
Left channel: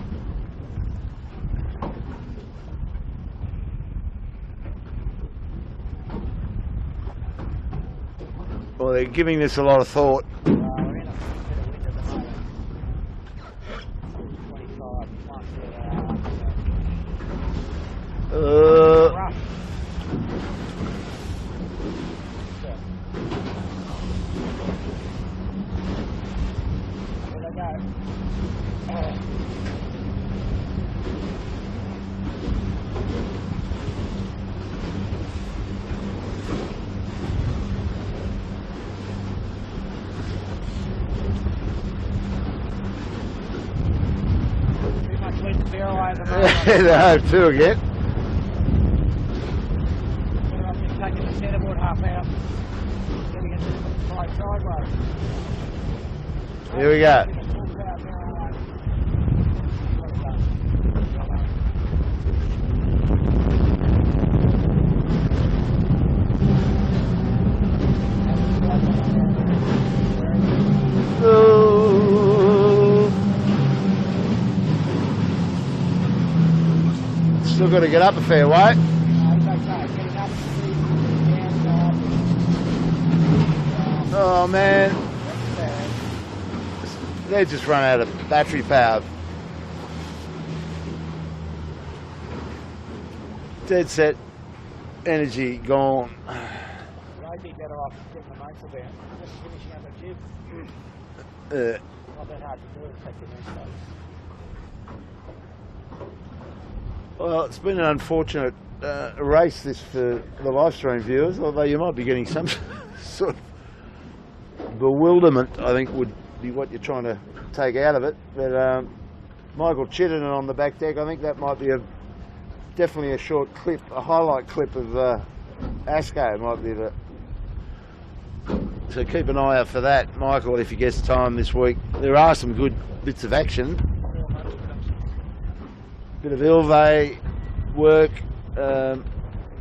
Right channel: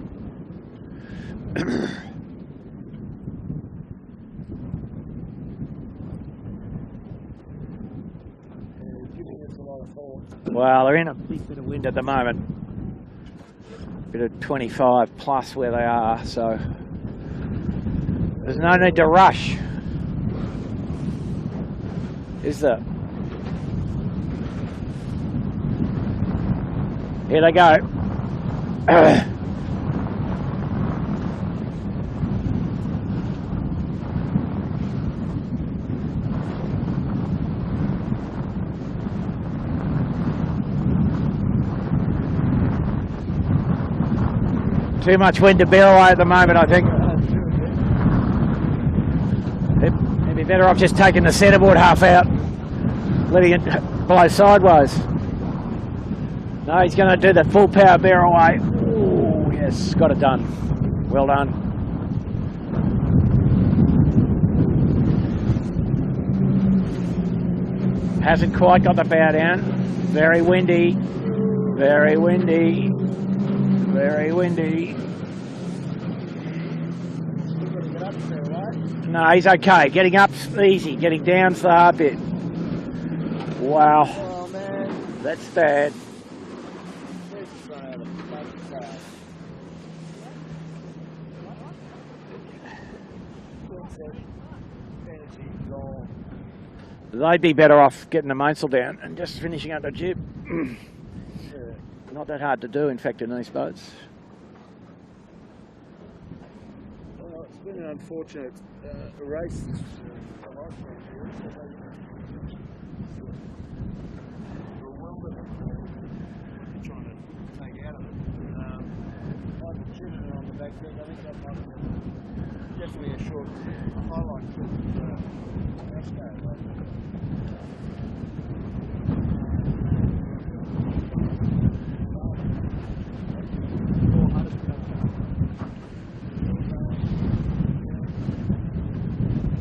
Well, they're giving this a lot of thought. Well, they're in a bit of wind at the moment. Bit of 25 plus where they are, so there's no need to rush. Is there? Here they go. Too much wind to bear away at the moment, I think. Home too again. They'd be better off just taking the centreboard half out, letting it blow sideways. No, Here he's we going to go. do the full power bear away. Oh, yes, got it done. Well done. Hasn't quite got the power down. Very windy. Very windy. Very windy. Still got to get up a fair way. No, he's okay. Getting up's easy. Getting down's the hard bit. Wow. Oh man, That's bad. they just run out of battery power. Dead set, energy gone. They'd be better off getting the mainsail down and just finishing up the jib. Not that hard to do, in fact, in these boats. Well, it's been an unfortunate race this for the live stream viewers, although you might be getting some sort of bewilderment, I think would be what you're trying to take out of it. But Michael Chittenden on the back deck, I think that might be definitely a short clip, a highlight clip of Asco might be the. So keep an eye out for that, Michael, if he gets time this week. There are some good bits of action. Bit of Ilve work,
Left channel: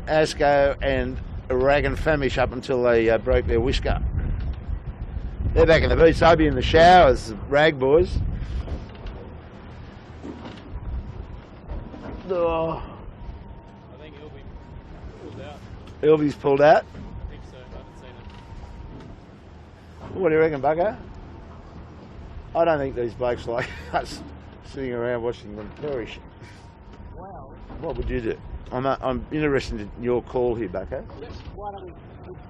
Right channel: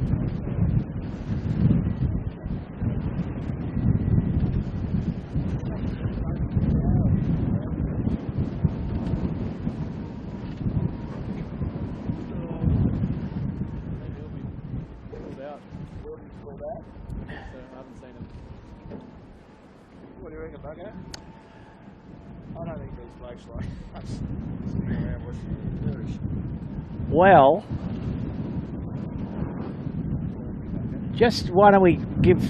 Asco and Rag and Famish up until they broke their whisker. They're back in the beach. I'll be in the showers, Rag boys. Oh, I think he'll be pulled out. Ilve's pulled out. I think so. I haven't seen him. What do you reckon, Bucko? I don't think these blokes like us sitting around watching them perish. Well, What would you do? I'm interested in your call here, Bucko. just why don't we give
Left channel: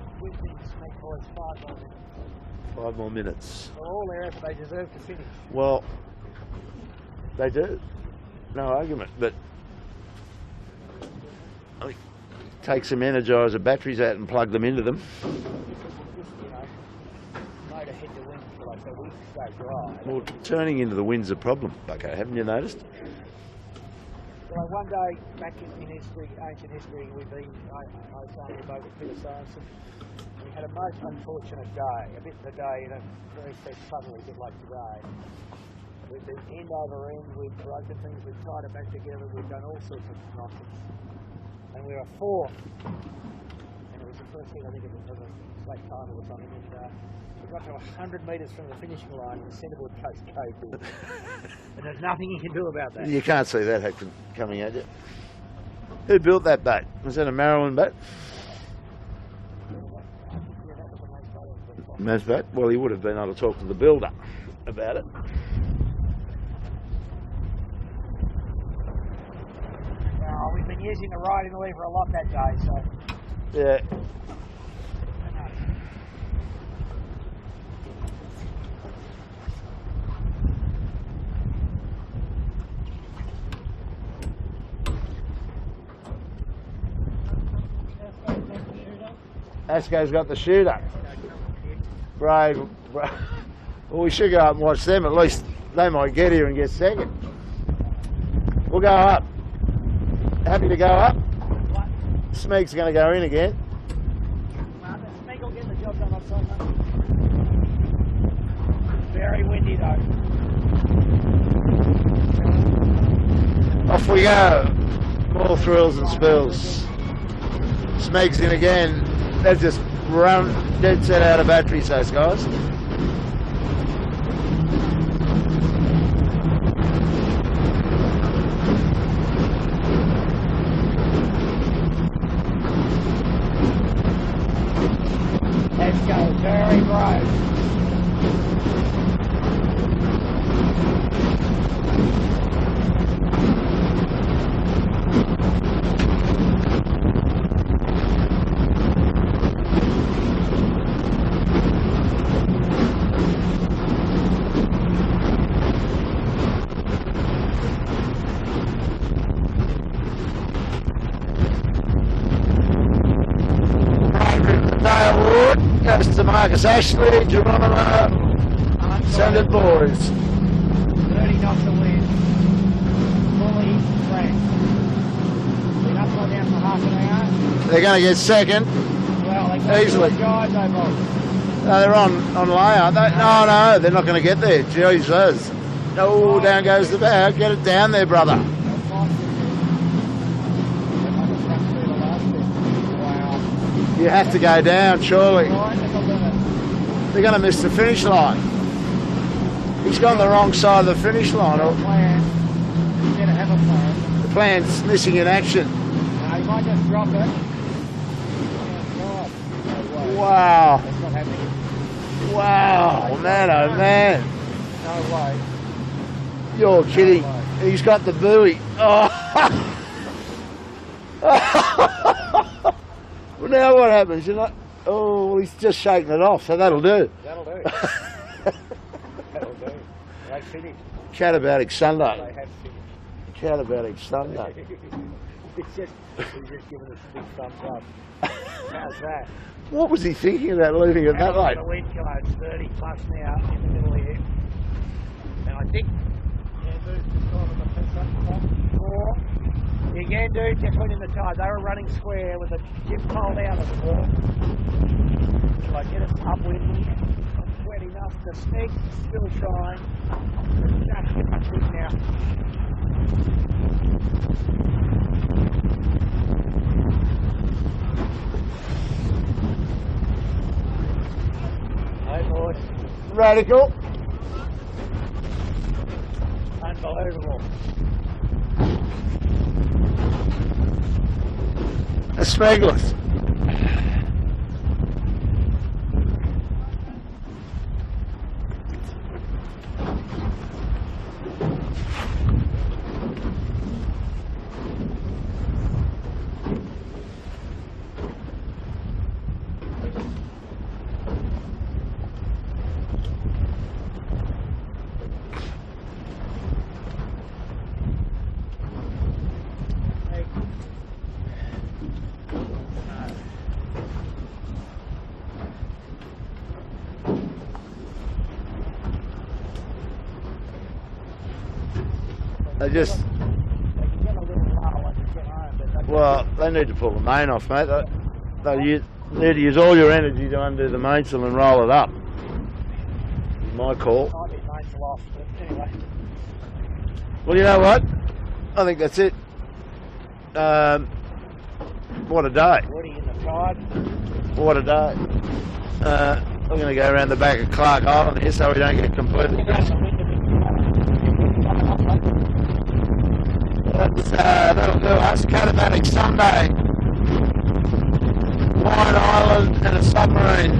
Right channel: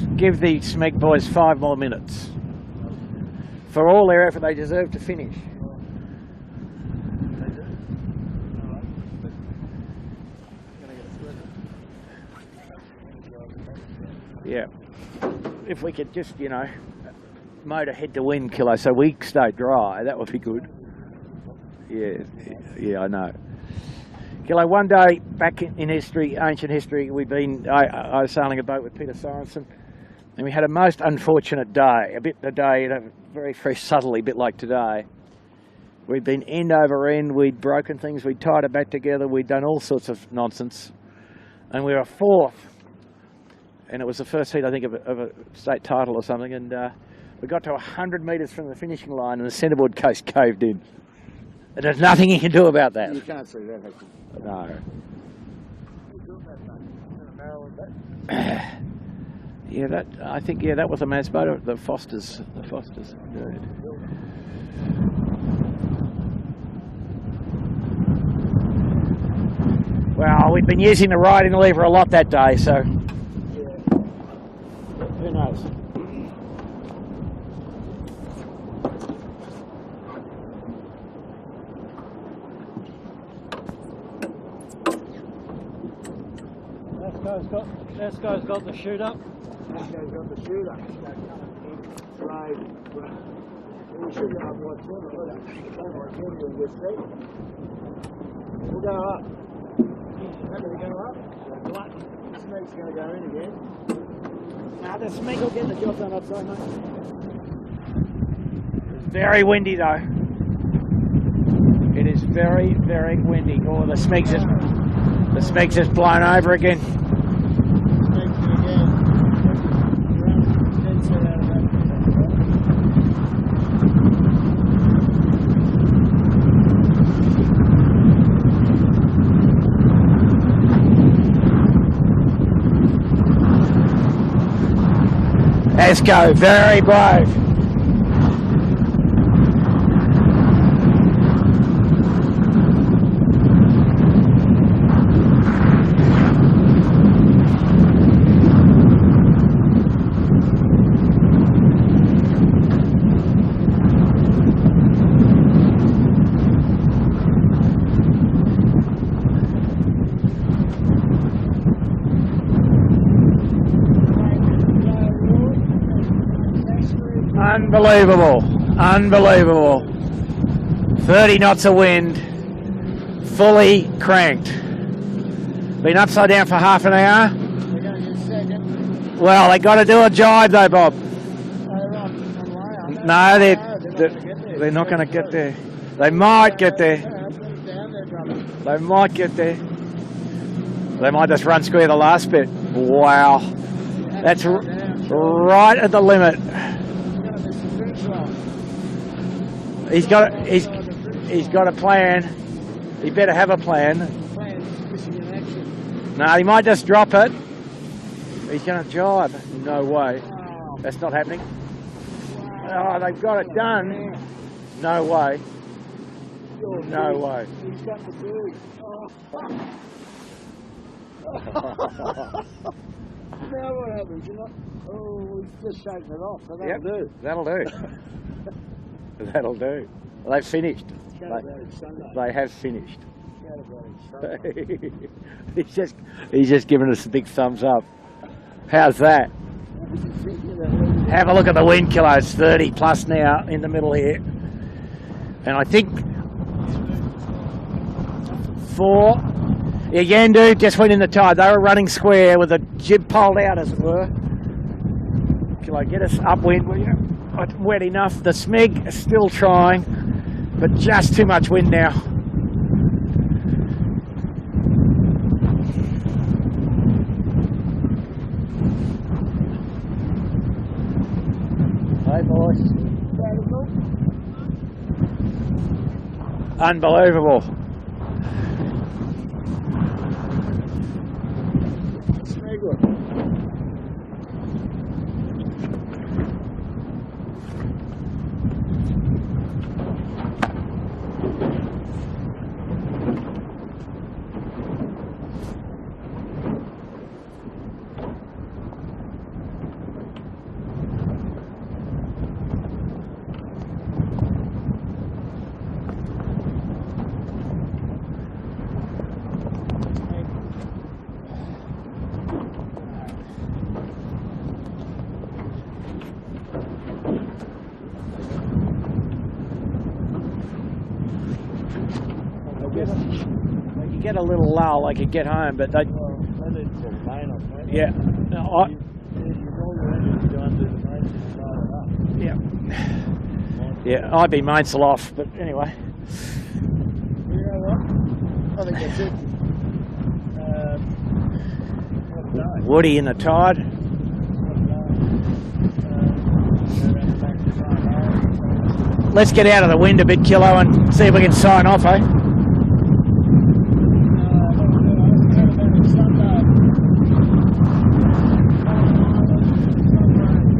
the Smeg boys 5 more minutes? 5 more minutes. For all their effort, they deserve to finish. Well, they do. No argument. But I think take some Energizer batteries out and plug them Yeah. into them. If we could just, motor head to wind, Kilo, so we stay dry, that would be good. Turning into the wind's a problem, Bucko, Yeah. haven't you noticed? Yeah, I know. Kilo, one day back in history, ancient history, I was sailing a boat with Peter Sorensen, and we had a most unfortunate day. A day, very fresh, subtly, a bit like today. We'd been end over end, we'd broken things, we'd tied it back together, we'd done all sorts of nonsense, and we were fourth. And it was the first heat, I think, of a state title or something, and we got to 100 metres from the finishing line, and the centreboard case caved in. And there's nothing you can do about that. You can't see that coming at you. Who built that boat? Was that a Maryland boat? Yeah, I think that was a Maz boat, the Foster's. Maz boat? Well, he would have been able to talk to the builder about it. Well, we've been using the riding lever a lot that day, so Yeah. who knows? Esco's got the shoot up. Asco's got the shooter. Brave. Well, we should go up and watch them. At least they might get here and get second. We'll go up. Happy to go up? Smeg's going to go in again. Now the Smeg will get the job done outside, mate. Very windy though. It is very, very windy. Off we go. The Smeg's just blown over again. Smeg's in again. They've just run dead set out of batteries, those guys. Esco, very brave. Marcus Ashley. Unbelievable. Unbelievable. 30 knots of wind. Fully cranked. Been upside down for half an hour. They're going to get second. Well, they got to do a jibe though, Bob. No, they're on lay, aren't they? No, they're not going to get there. They're not going to get there. They Oh, might down get goes there. the bow. Get it down there, brother. They might get there. They might just run square the last bit. Wow. You have to go down, surely. Right at the limit. They're going to miss the finish line. He's got the wrong side of the finish line. He's got a plan. He better have a plan. The plan's missing in action. No, he might just drop it. He's going to jibe. No way. Wow. That's not happening. Wow. Oh, Man, oh, man. No way. You're kidding. way. He's got the buoy. Oh. Well, now what happens? You're not. Oh, he's just shaking it off, so that'll do. That'll do. That'll do. They've finished. Catabatic Sunday. They have finished. Catabatic Sunday. he's just giving us a big thumbs up. How's that? What was he thinking about leaving it? Have a look at the wind kilos, 30 plus now in the middle here. And I think 4. Yeah, Yandu just went in the tide. They were running square with the jib poled out, as it were. Can I get us upwind? Will you? It's wet enough. The Smeg is still trying, but just too much wind now. Hey, boys. Radical. Unbelievable. A Smegless. They just, We could get a little lull, I could get home, but they... well, they need to pull the main off, mate. Yeah. You need to use all your energy to undo the mainsail and roll it up. Yeah. My call. Yeah, I'd be mainsail off, but anyway. Well, you know what? I think that's it. What a day. Woody in the tide. What a day. We're going to go around the back of Clark Island here so we don't get completely... Let's get out of the wind a bit, Kilo, and see if we can sign off, eh? That'll do us. Catabatic Sunday. White Island and a submarine.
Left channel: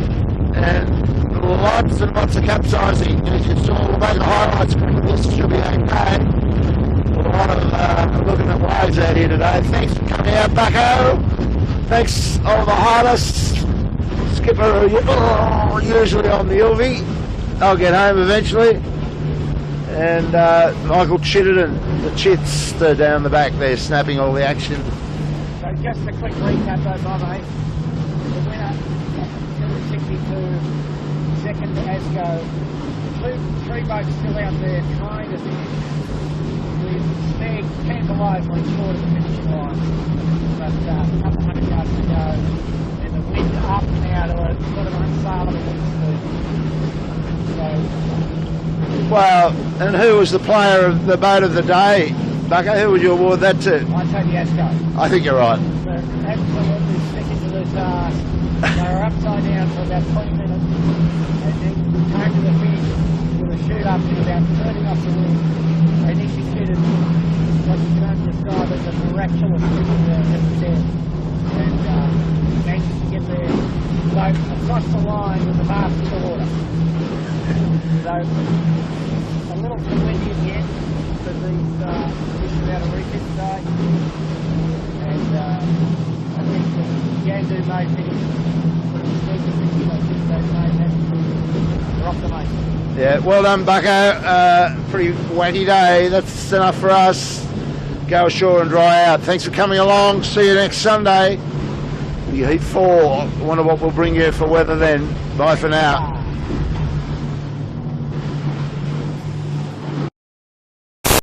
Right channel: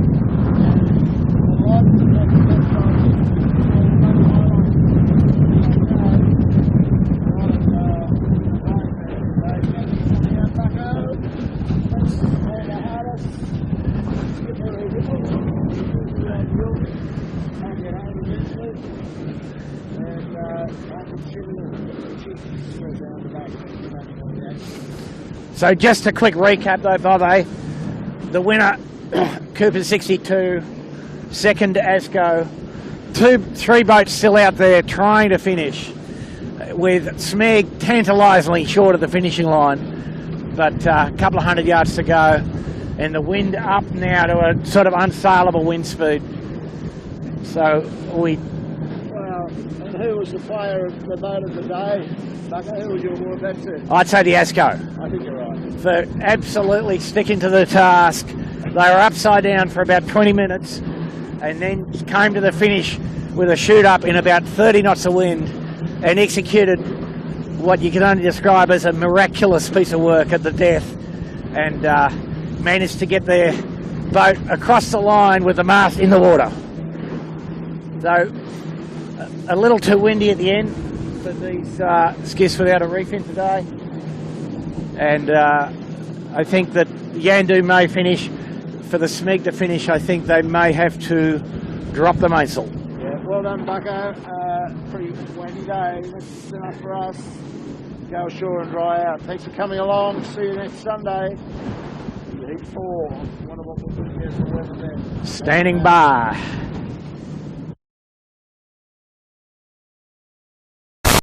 And lots and lots of capsizing. As you saw, the way the highlights, this should be okay. A lot of looking at waves out here today. Thanks for coming out, Bucko. Thanks, all the harness. Skipper, usually on the Ilvy. I'll get home eventually. And Michael Chittenden, the chits, they're down the back there snapping all the action. So just a quick recap though, Bob, eh? The winner, Cooper 62, second Asco, 3 boats still out there trying to finish, with Smeg tantalisingly short of the finishing line, but a couple of 100 yards to go, and the wind up now to a sort of unsaleable wind speed. So Well, and who was the player of the boat of the day, Bucko? Who would you award that to? I'd say the Asco. I think you're right. For absolutely sticking to the task. They were upside down for about 20 minutes and then came to the finish with a shoot up in about 30 knots of wind and executed what you can only describe as a miraculous piece of work at the death, and managed to get their boat across the line with the mast in the water. So a little too windy at the end for these skiffs without a refit today, and I think that Yandu may finish. For the Smeg to finish, I think they may have to drop the mainsail. Yeah, well done, Bucko. Pretty wetty day. That's enough for us. Go ashore and dry out. Thanks for coming along. See you next Sunday. Your heat 4. Wonder what we'll bring you for weather then. Bye for Standing now. by.